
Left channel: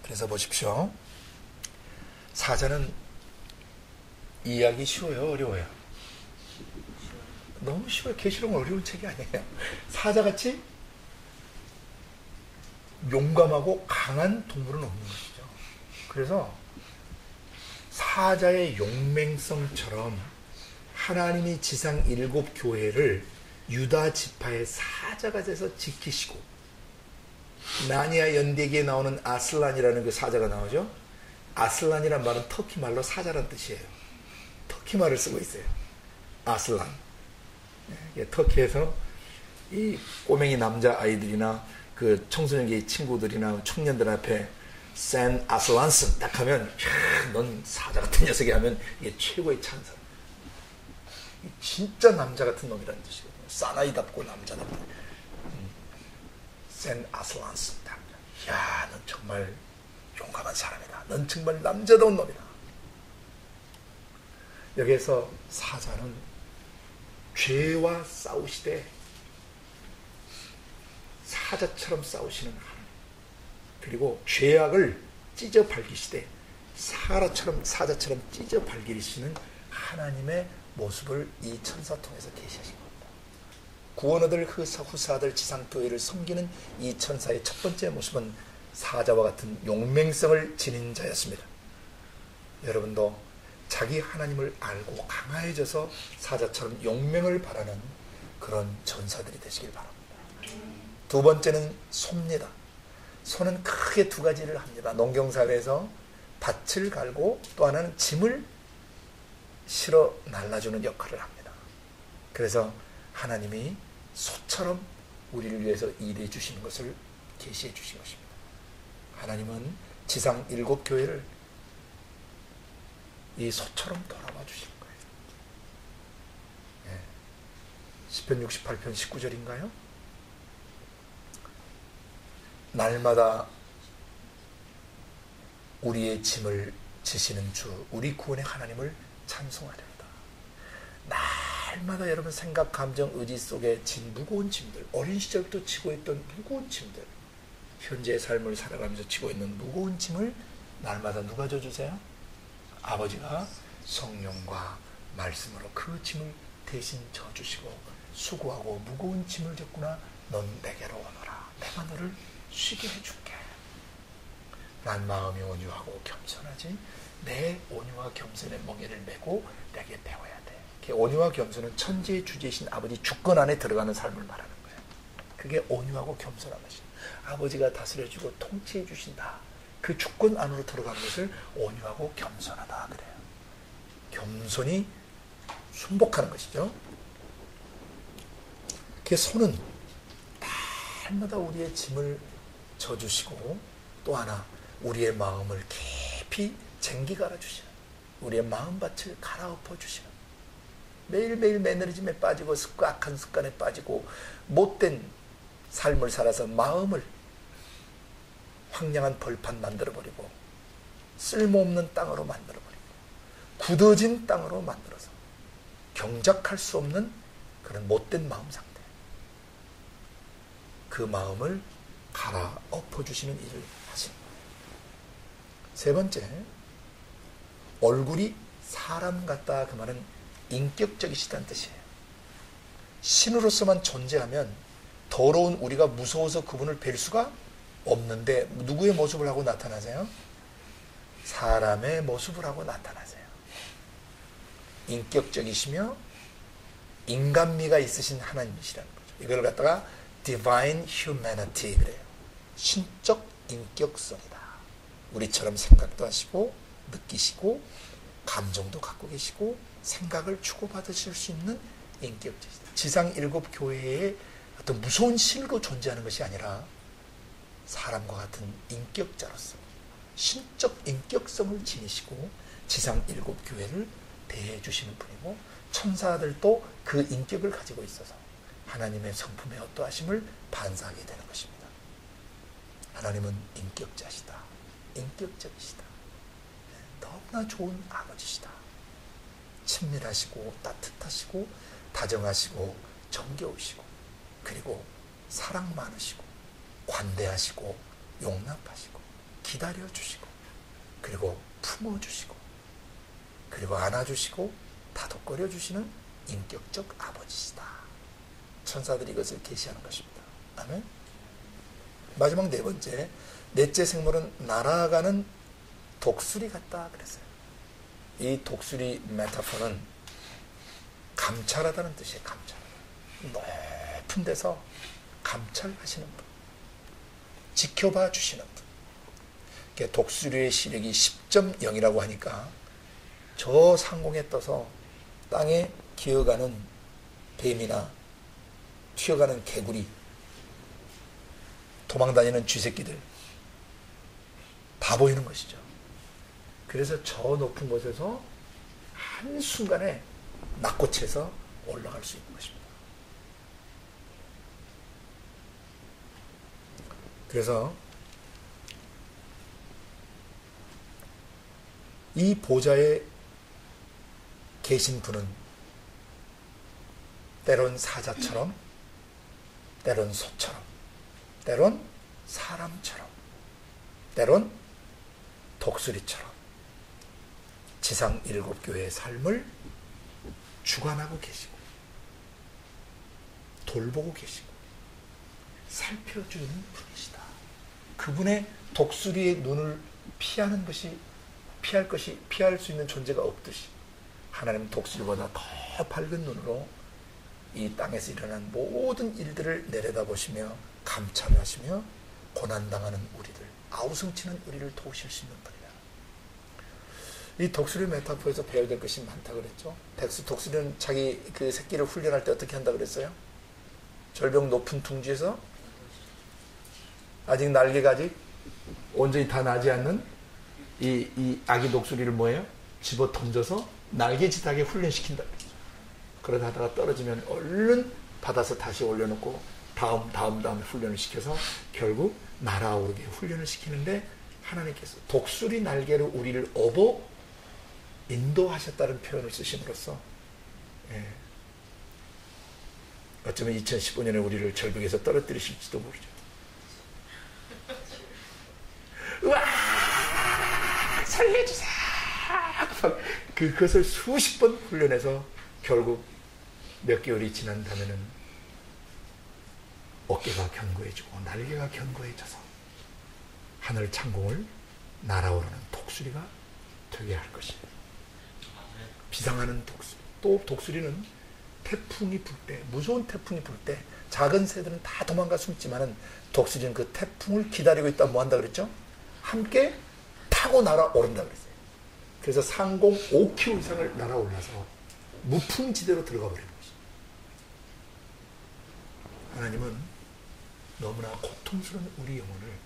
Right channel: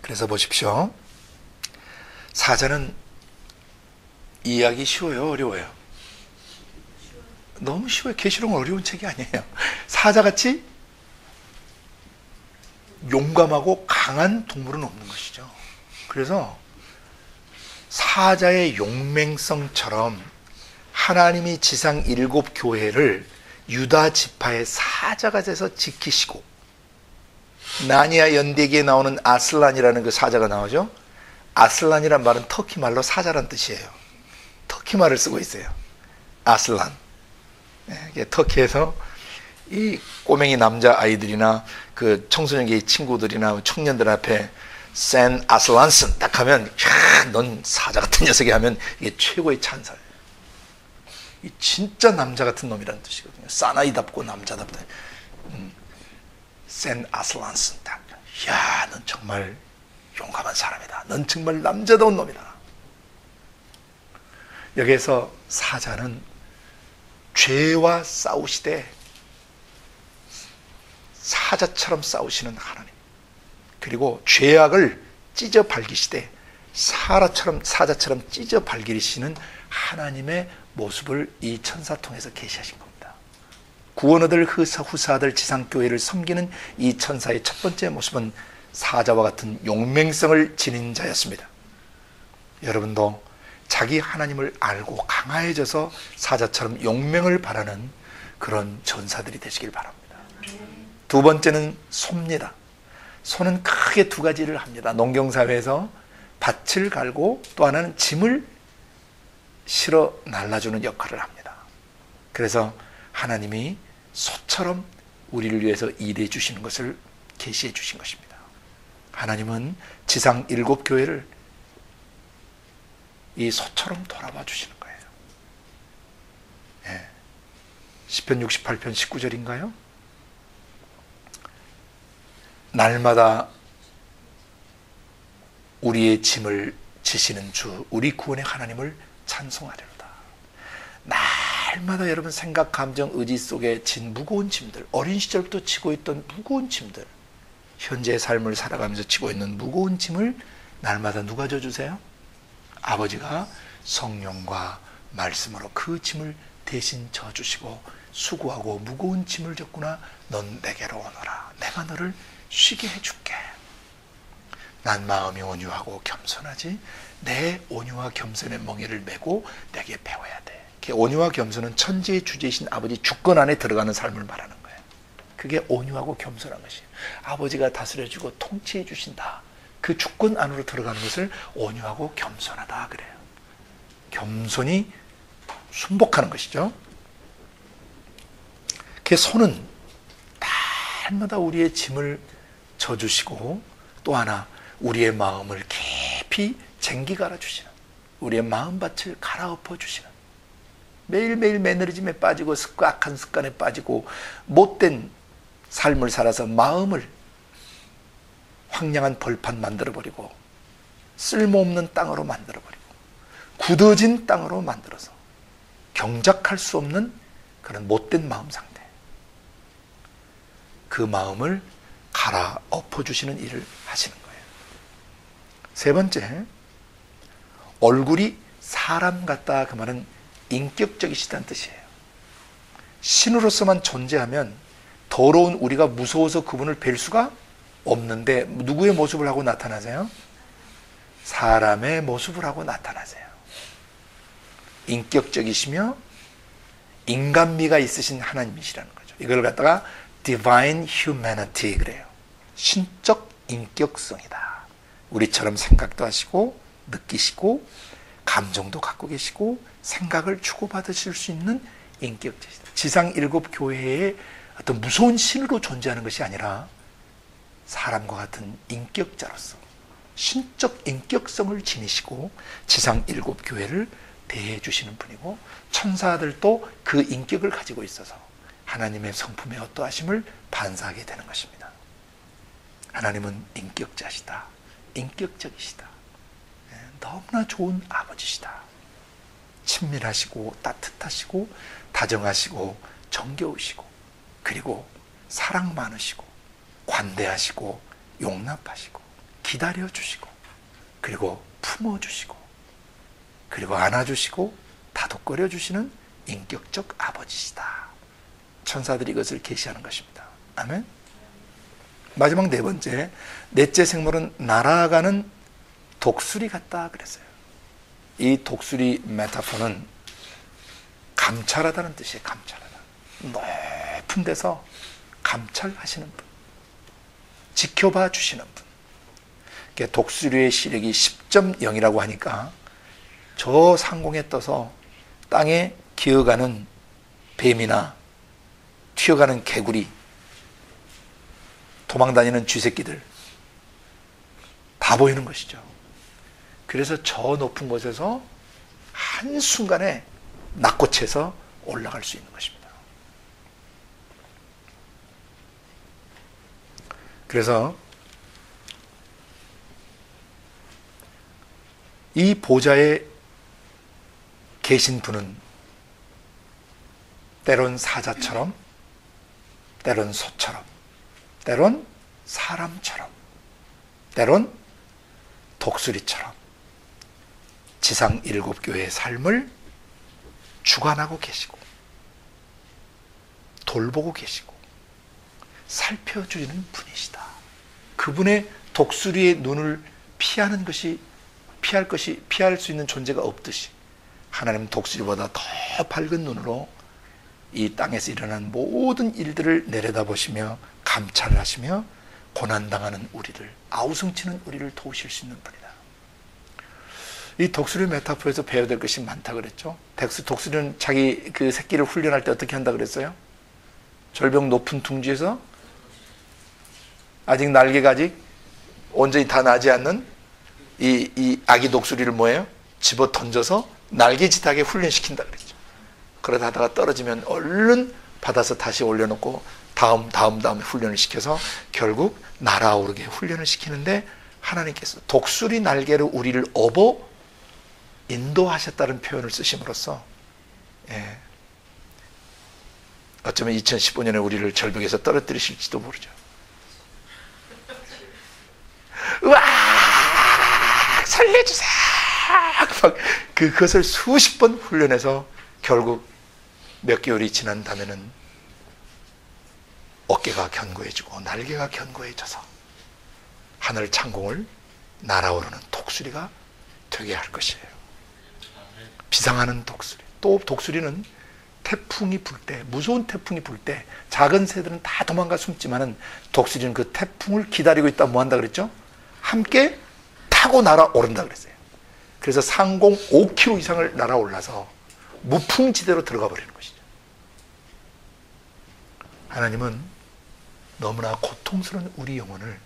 그래서 보십시오. 사자는 이해하기 쉬워요, 어려워요? 너무 쉬워요. 계시록은 어려운 책이 아니에요. 사자같이 용감하고 강한 동물은 없는 것이죠. 그래서 사자의 용맹성처럼 하나님이 지상 7교회를 유다 지파의 사자가 돼서 지키시고, 나니아 연대기에 나오는 아슬란이라는 그 사자가 나오죠. 아슬란이란 말은 터키 말로 사자란 뜻이에요. 터키 말을 쓰고 있어요. 아슬란. 터키에서 이 꼬맹이 남자 아이들이나 그 청소년기 친구들이나 청년들 앞에 센 아슬란슨 딱 하면, 야, 넌 사자 같은 녀석이 하면 이게 최고의 찬사예요. 이 진짜 남자 같은 놈이라는 뜻이거든요. 사나이답고 남자답다. 센 아슬란슨 딱. 야, 넌 정말 용감한 사람이다. 넌 정말 남자다운 놈이다. 여기에서 사자는 죄와 싸우시되 사자처럼 싸우시는 하나님, 그리고 죄악을 찢어 발기시되 사자처럼 찢어 발기시는 하나님의 모습을 이 천사 통해서 계시하신 겁니다. 구원 얻을 후사들 지상교회를 섬기는 이 천사의 첫 번째 모습은 사자와 같은 용맹성을 지닌 자였습니다. 여러분도 자기 하나님을 알고 강화해져서 사자처럼 용맹을 바라는 그런 전사들이 되시길 바랍니다. 두 번째는 소입니다. 소는 크게 두 가지를 합니다. 농경사회에서 밭을 갈고 또 하나는 짐을 실어 날라주는 역할을 합니다. 그래서 하나님이 소처럼 우리를 위해서 일해 주시는 것을 계시해 주신 것입니다. 하나님은 지상 7교회를 이 소처럼 돌아봐 주시는 거예요. 예. 시편 68편 19절인가요? 날마다 우리의 짐을 지시는 주, 우리 구원의 하나님을 찬송하려다. 날마다 여러분 생각, 감정, 의지 속에 진 무거운 짐들, 어린 시절부터 지고 있던 무거운 짐들, 현재의 삶을 살아가면서 지고 있는 무거운 짐을 날마다 누가 져주세요? 아버지가 성령과 말씀으로 그 짐을 대신 져주시고, 수고하고 무거운 짐을 졌구나, 넌 내게로 오너라, 내가 너를 쉬게 해줄게. 난 마음이 온유하고 겸손하지, 내 온유와 겸손의 멍에를 메고 내게 배워야 돼. 온유와 겸손은 천지의 주제이신 아버지 주권 안에 들어가는 삶을 말하는 거예요. 그게 온유하고 겸손한 것이에요. 아버지가 다스려주고 통치해 주신다, 그 주권 안으로 들어가는 것을 온유하고 겸손하다 그래요. 겸손히 순복하는 것이죠. 그 손은 날마다 우리의 짐을 져주시고, 또 하나 우리의 마음을 깊이 쟁기 갈아주시는, 우리의 마음밭을 갈아엎어 주시는, 매일매일 매너리즘에 빠지고 악한 습관에 빠지고 못된 삶을 살아서 마음을 황량한 벌판 만들어버리고 쓸모없는 땅으로 만들어버리고 굳어진 땅으로 만들어서 경작할 수 없는 그런 못된 마음 상태, 그 마음을 갈아엎어 주시는 일을 하시는 거예요. 세 번째, 얼굴이 사람 같다, 그 말은 인격적이시다는 뜻이에요. 신으로서만 존재하면 더러운 우리가 무서워서 그분을 뵐 수가 없는데, 누구의 모습을 하고 나타나세요? 사람의 모습을 하고 나타나세요. 인격적이시며 인간미가 있으신 하나님이시라는 거죠. 이걸 갖다가 divine humanity 그래요. 신적 인격성이다. 우리처럼 생각도 하시고 느끼시고 감정도 갖고 계시고 생각을 주고받으실 수 있는 인격체이다. 지상 7교회의 어떤 무서운 신으로 존재하는 것이 아니라 사람과 같은 인격자로서 신적 인격성을 지니시고 지상 7교회를 대해 주시는 분이고, 천사들도 그 인격을 가지고 있어서 하나님의 성품의 어떠하심을 반사하게 되는 것입니다. 하나님은 인격자시다, 인격적이시다, 너무나 좋은 아버지시다. 친밀하시고 따뜻하시고 다정하시고 정겨우시고, 그리고 사랑 많으시고 관대하시고 용납하시고 기다려주시고, 그리고 품어주시고, 그리고 안아주시고 다독거려 주시는 인격적 아버지시다. 천사들이 이것을 계시하는 것입니다. 아멘. 마지막 네 번째, 넷째 생물은 날아가는 독수리 같다 그랬어요. 이 독수리 메타포는 감찰하다는 뜻이에요. 감찰하다. 높은 데서 감찰하시는 분, 지켜봐 주시는 분. 독수리의 시력이 10.0이라고 하니까 저 상공에 떠서 땅에 기어가는 뱀이나 튀어가는 개구리, 도망다니는 쥐새끼들 다 보이는 것이죠. 그래서 저 높은 곳에서 한순간에 낚고채서 올라갈 수 있는 것입니다. 그래서 이 보좌에 계신 분은 때론 사자처럼, 때론 소처럼, 때론 사람처럼, 때론 독수리처럼 지상 7교회의 삶을 주관하고 계시고 돌보고 계시고 살펴주는 분이시다. 그분의 독수리의 눈을 피할 수 있는 존재가 없듯이 하나님은 독수리보다 더 밝은 눈으로 이 땅에서 일어난 모든 일들을 내려다보시며 감찰을 하시며 고난당하는 우리를, 아우성치는 우리를 도우실 수 있는 분이다. 이 독수리 메타포에서 배워야 될 것이 많다 그랬죠. 독수리는 자기 그 새끼를 훈련할 때 어떻게 한다 그랬어요? 절벽 높은 둥지에서 아직 날개가 온전히 다 나지 않는 이 아기 독수리를 뭐예요? 집어 던져서 날개짓하게 훈련시킨다 그랬죠. 그러다 하다가 떨어지면 얼른 받아서 다시 올려놓고 다음에 훈련을 시켜서 결국 날아오르게 훈련을 시키는데, 하나님께서 독수리 날개로 우리를 업어 인도하셨다는 표현을 쓰심으로써 어쩌면 2015년에 우리를 절벽에서 떨어뜨리실지도 모르죠. 우와 살려주세요. 그것을 수십 번 훈련해서 결국 몇 개월이 지난 다음에는 어깨가 견고해지고 날개가 견고해져서 하늘 창공을 날아오르는 독수리가 되게 할 것이에요. 비상하는 독수리. 또 독수리는 태풍이 불 때, 무서운 태풍이 불 때 작은 새들은 다 도망가 숨지만은 독수리는 그 태풍을 기다리고 있다 뭐 한다 그랬죠? 함께 타고 날아오른다 그랬어요. 그래서 상공 5km 이상을 날아올라서 무풍지대로 들어가 버리는 것이죠. 하나님은 너무나 고통스러운 우리 영혼을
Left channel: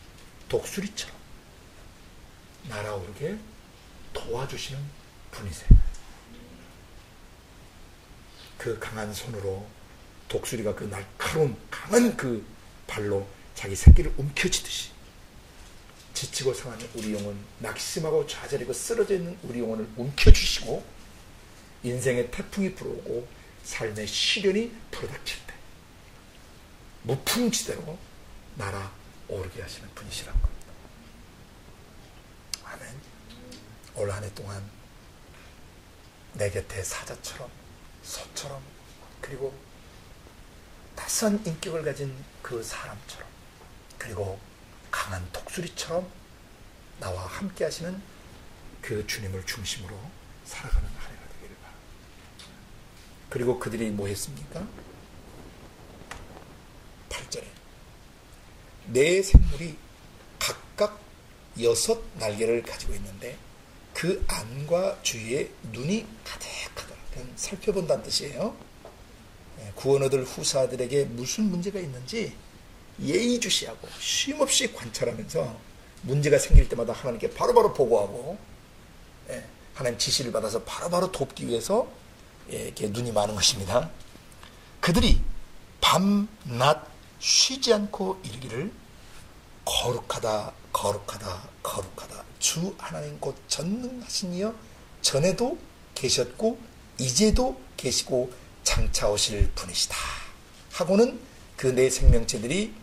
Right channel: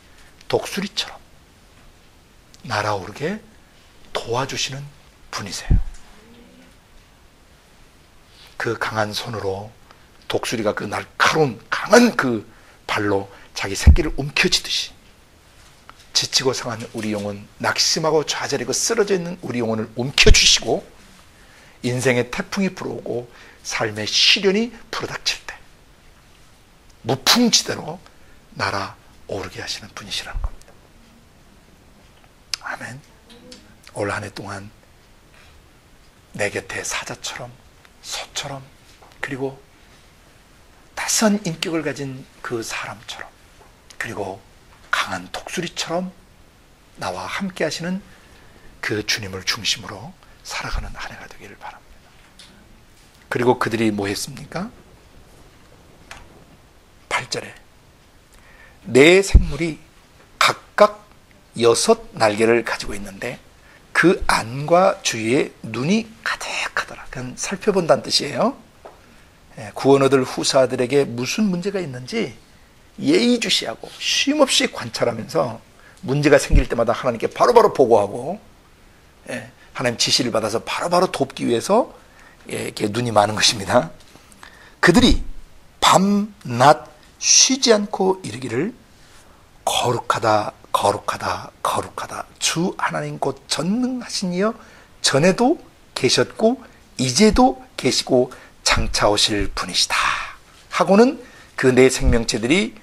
독수리처럼 날아오르게 도와주시는 분이세요. 그 강한 손으로 독수리가 그 날카로운 강한 그 발로 자기 새끼를 움켜쥐듯이 지치고 상한 우리 영혼, 낙심하고 좌절하고 쓰러져 있는 우리 영혼을 움켜쥐시고 인생의 태풍이 불어오고 삶의 시련이 불어닥칠 때 무풍지대로 날아오르게 하시는 분이시라는 겁니다. 아멘. 올 한 해 동안 내 곁에 사자처럼, 소처럼, 그리고 낯선 인격을 가진 그 사람처럼, 그리고 강한 독수리처럼 나와 함께 하시는 그 주님을 중심으로 살아가는 한 해가 되기를 바랍니다. 그리고 그들이 뭐 했습니까? 8절에 네 생물이 각각 6 날개를 가지고 있는데 그 안과 주위에 눈이 가득하더라. 그건 살펴본다는 뜻이에요. 구원 얻을 후사들에게 무슨 문제가 있는지 예의주시하고 쉼없이 관찰하면서 문제가 생길 때마다 하나님께 바로바로 보고하고 하나님 지시를 받아서 바로바로 돕기 위해서 이렇게 눈이 많은 것입니다. 그들이 밤, 낮 쉬지 않고 이르기를 거룩하다, 거룩하다, 거룩하다. 주 하나님 곧 전능하신 이여 전에도 계셨고 이제도 계시고 장차 오실 분이시다 하고는 그 네 생명체들이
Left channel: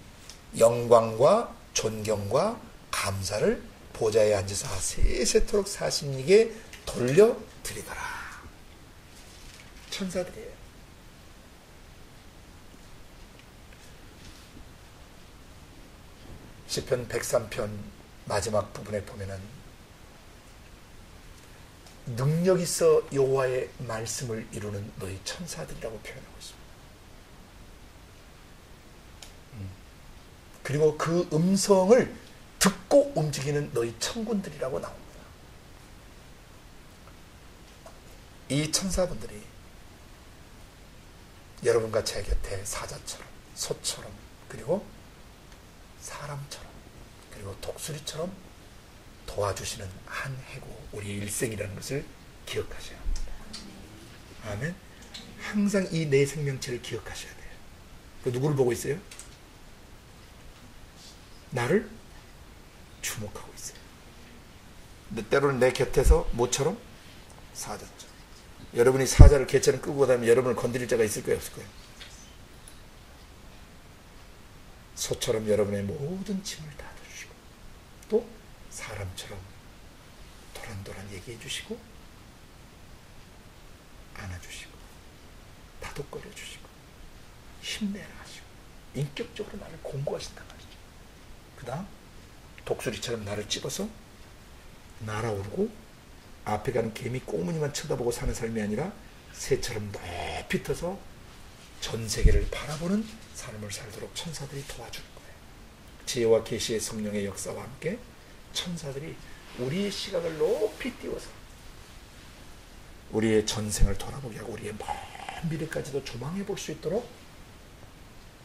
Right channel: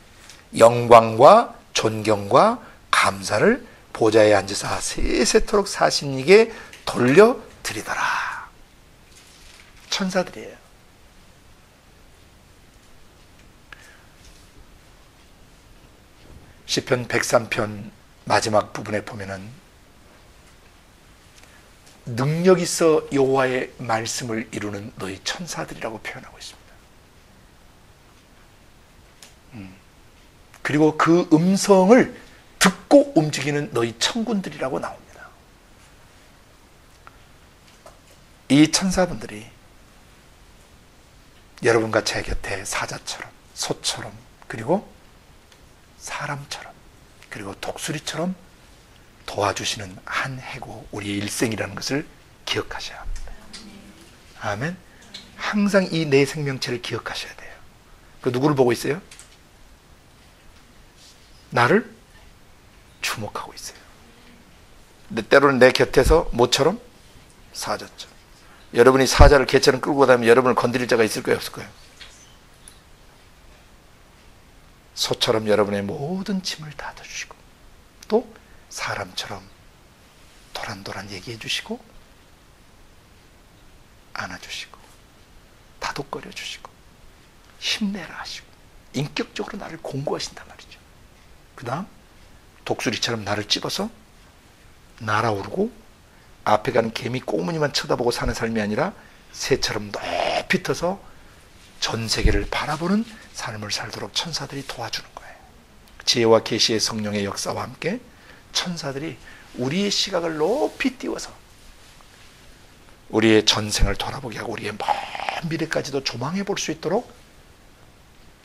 영광과 존경과 감사를 보좌에 앉으사 세세토록 사신 이에게 돌려 드리더라. 천사들이에요. 시편 103편 마지막 부분에 보면은 능력 있어 여호와의 말씀을 이루는 너희 천사들이라고 표현하고 있습니다. 그리고 그 음성을 듣고 움직이는 너희 천군들이라고 나옵니다. 이 천사분들이 여러분과 제 곁에 사자처럼, 소처럼, 그리고 사람처럼, 그리고 독수리처럼 도와주시는 한 해고 우리의 일생이라는 것을 기억하셔야 합니다. 아멘. 항상 이 내 생명체를 기억하셔야 돼요. 그 누구를 보고 있어요? 나를 주목하고 있어요. 근데 때로는 내 곁에서 모처럼 사자처럼. 여러분이 사자를 개처럼 끌고 다니면 여러분을 건드릴 자가 있을 거예요, 없을 거예요? 소처럼 여러분의 모든 짐을 닫아주시고, 또 사람처럼 도란도란 얘기해 주시고, 안아주시고, 다독거려 주시고, 힘내라 하시고, 인격적으로 나를 공고하신단 말이죠. 그 다음 독수리처럼 나를 찝어서 날아오르고, 앞에 가는 개미 꼬무니만 쳐다보고 사는 삶이 아니라 새처럼 높이 떠서 전 세계를 바라보는 삶을 살도록 천사들이 도와주는 거예요. 지혜와 계시의 성령의 역사와 함께 천사들이 우리의 시각을 높이 띄워서 우리의 전생을 돌아보게 하고 우리의 먼 미래까지도 조망해 볼 수 있도록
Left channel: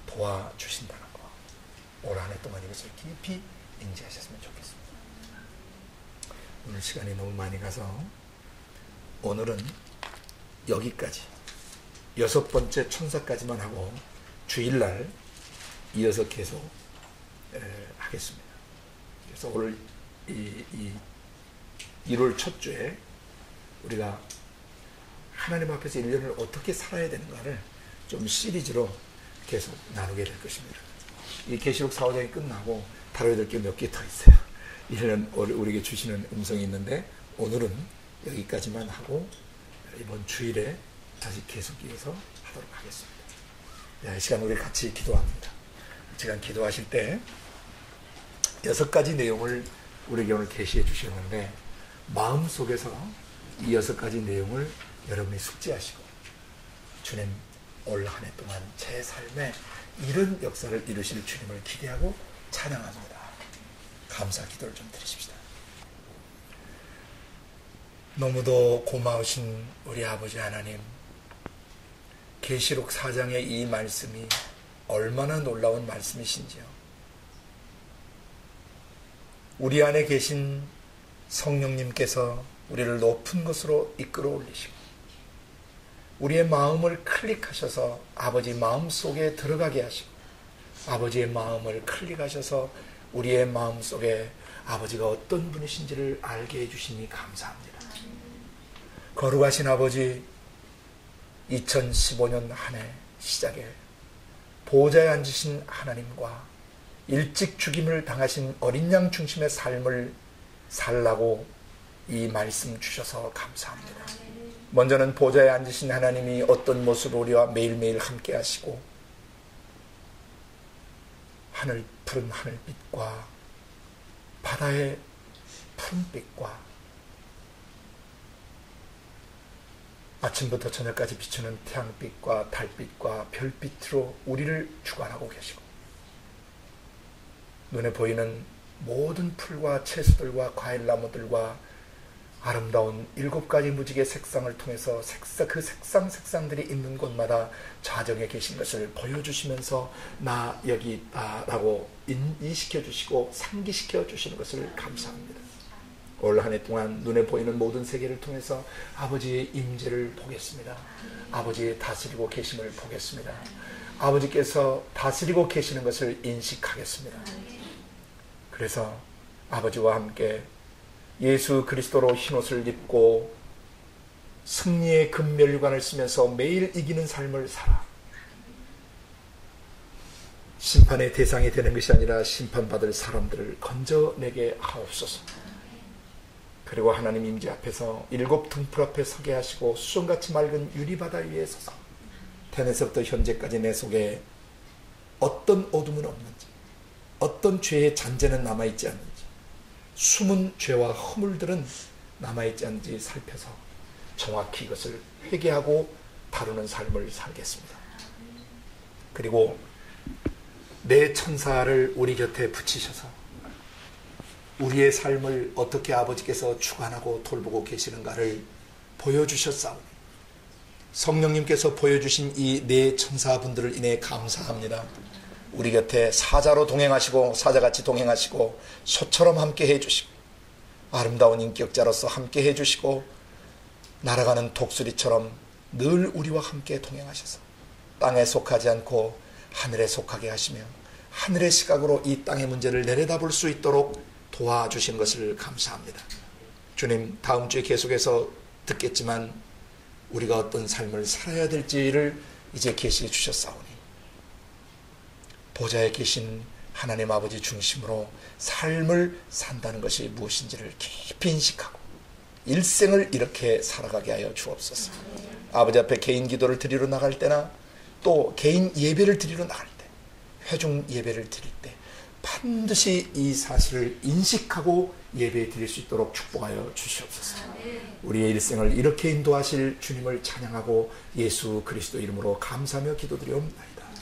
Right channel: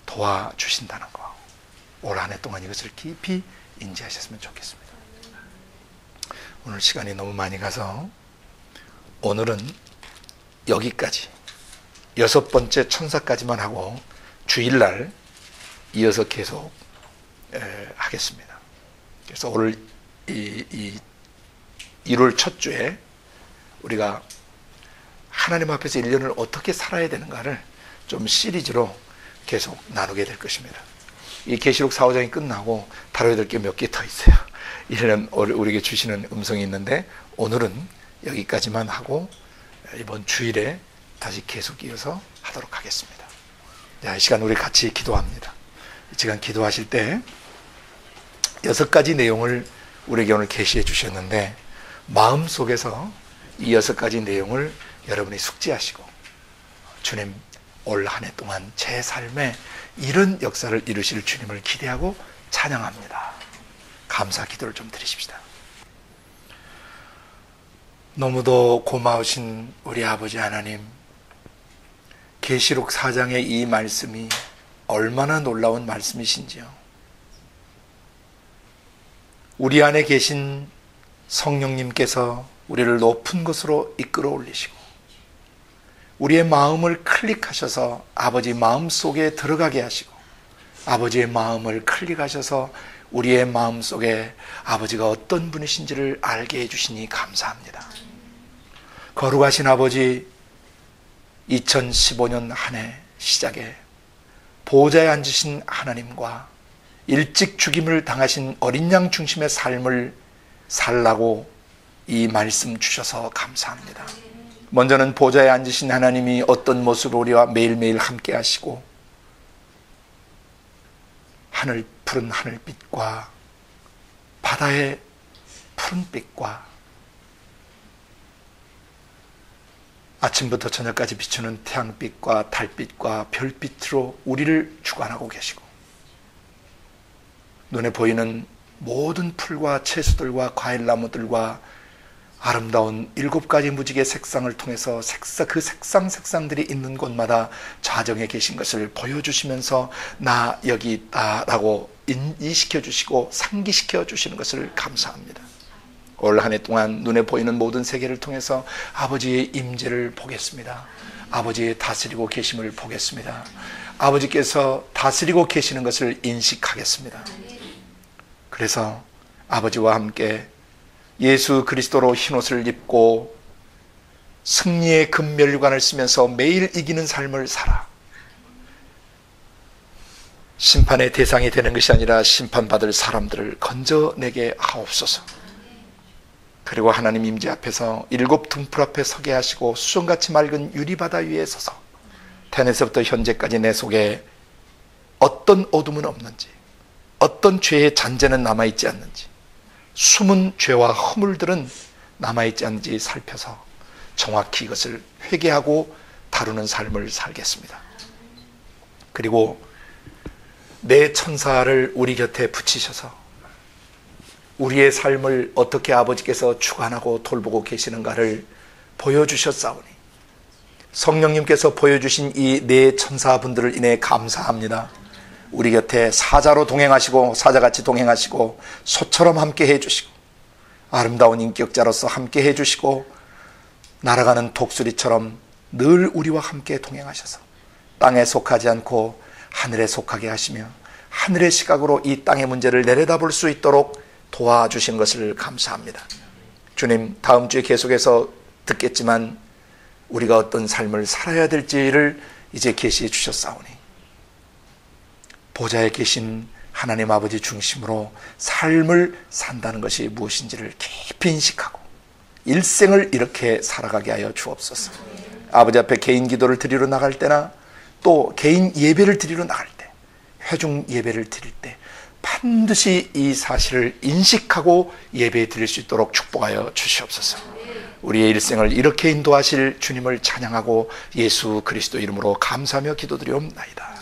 도와주신다는 거, 올 한 해 동안 이것을 깊이 인지하셨으면 좋겠습니다. 오늘 시간이 너무 많이 가서 오늘은 여기까지 6번째 천사까지만 하고 주일날 이어서 계속 하겠습니다. 그래서 오늘 이 1월 첫 주에 우리가 하나님 앞에서 1년을 어떻게 살아야 되는가를 좀 시리즈로 계속 나누게 될 것입니다. 이 계시록 4호장이 끝나고 다뤄야 될 게 몇 개 더 있어요. 1년 우리에게 주시는 음성이 있는데 오늘은 여기까지만 하고 이번 주일에 다시 계속 이어서 하도록 하겠습니다. 자, 이 시간 우리 같이 기도합니다. 이 시간 기도하실 때 6가지 내용을 우리에게 오늘 계시해 주셨는데 마음속에서 이 6가지 내용을 여러분이 숙지하시고 주님 올 한 해 동안 제 삶에 이런 역사를 이루실 주님을 기대하고 찬양합니다. 감사 기도를 좀 드리십시다. 너무도 고마우신 우리 아버지 하나님, 계시록 4장의 이 말씀이 얼마나 놀라운 말씀이신지요. 우리 안에 계신 성령님께서 우리를 높은 곳으로 이끌어 올리시고 우리의 마음을 클릭하셔서 아버지 마음속에 들어가게 하시고 아버지의 마음을 클릭하셔서 우리의 마음속에 아버지가 어떤 분이신지를 알게 해주시니 감사합니다. 거룩하신 아버지, 2015년 한 해 시작에 보호자에 앉으신 하나님과 일찍 죽임을 당하신 어린 양 중심의 삶을 살라고 이 말씀 주셔서 감사합니다. 먼저는 보좌에 앉으신 하나님이 어떤 모습으로 우리와 매일매일 함께 하시고 푸른 하늘빛과 바다의 푸른빛과 아침부터 저녁까지 비추는 태양빛과 달빛과 별빛으로 우리를 주관하고 계시고 눈에 보이는 모든 풀과 채소들과 과일나무들과 아름다운 7가지 무지개 색상을 통해서 그 색상들이 있는 곳마다 좌정에 계신 것을 보여주시면서 나 여기 있다라고 인식해 주시고 상기시켜 주시는 것을 감사합니다. 올 한 해 동안 눈에 보이는 모든 세계를 통해서 아버지의 임재를 보겠습니다. 아버지의 다스리고 계심을 보겠습니다. 아버지께서 다스리고 계시는 것을 인식하겠습니다. 그래서 아버지와 함께 예수 그리스도로 흰옷을 입고 승리의 금면류관을 쓰면서 매일 이기는 삶을 살아 심판의 대상이 되는 것이 아니라 심판받을 사람들을 건져내게 하옵소서. 그리고 하나님 임재 앞에서 7 등불 앞에 서게 하시고 수정같이 맑은 유리바다 위에 서서 태어나서부터 현재까지 내 속에 어떤 어둠은 없는지, 어떤 죄의 잔재는 남아있지 않는지, 숨은 죄와 허물들은 남아있지 않는지 살펴서 정확히 이것을 회개하고 다루는 삶을 살겠습니다. 그리고 내 천사를 우리 곁에 붙이셔서 우리의 삶을 어떻게 아버지께서 주관하고 돌보고 계시는가를 보여주셨사오니 성령님께서 보여주신 이 네 천사분들을 인해 감사합니다. 우리 곁에 사자로 동행하시고 사자같이 동행하시고 소처럼 함께 해주시고 아름다운 인격자로서 함께 해주시고 날아가는 독수리처럼 늘 우리와 함께 동행하셔서 땅에 속하지 않고 하늘에 속하게 하시며 하늘의 시각으로 이 땅의 문제를 내려다볼 수 있도록 도와주신 것을 감사합니다. 주님, 다음 주에 계속해서 듣겠지만 우리가 어떤 삶을 살아야 될지를 이제 계시해 주셨사오니 보좌에 계신 하나님 아버지 중심으로 삶을 산다는 것이 무엇인지를 깊이 인식하고 일생을 이렇게 살아가게 하여 주옵소서. 아버지 앞에 개인 기도를 드리러 나갈 때나 또 개인 예배를 드리러 나갈 때, 회중 예배를 드릴 때 반드시 이 사실을 인식하고 예배 드릴 수 있도록 축복하여 주시옵소서. 우리의 일생을 이렇게 인도하실 주님을 찬양하고 예수 그리스도 이름으로 감사하며 기도드리옵나이다.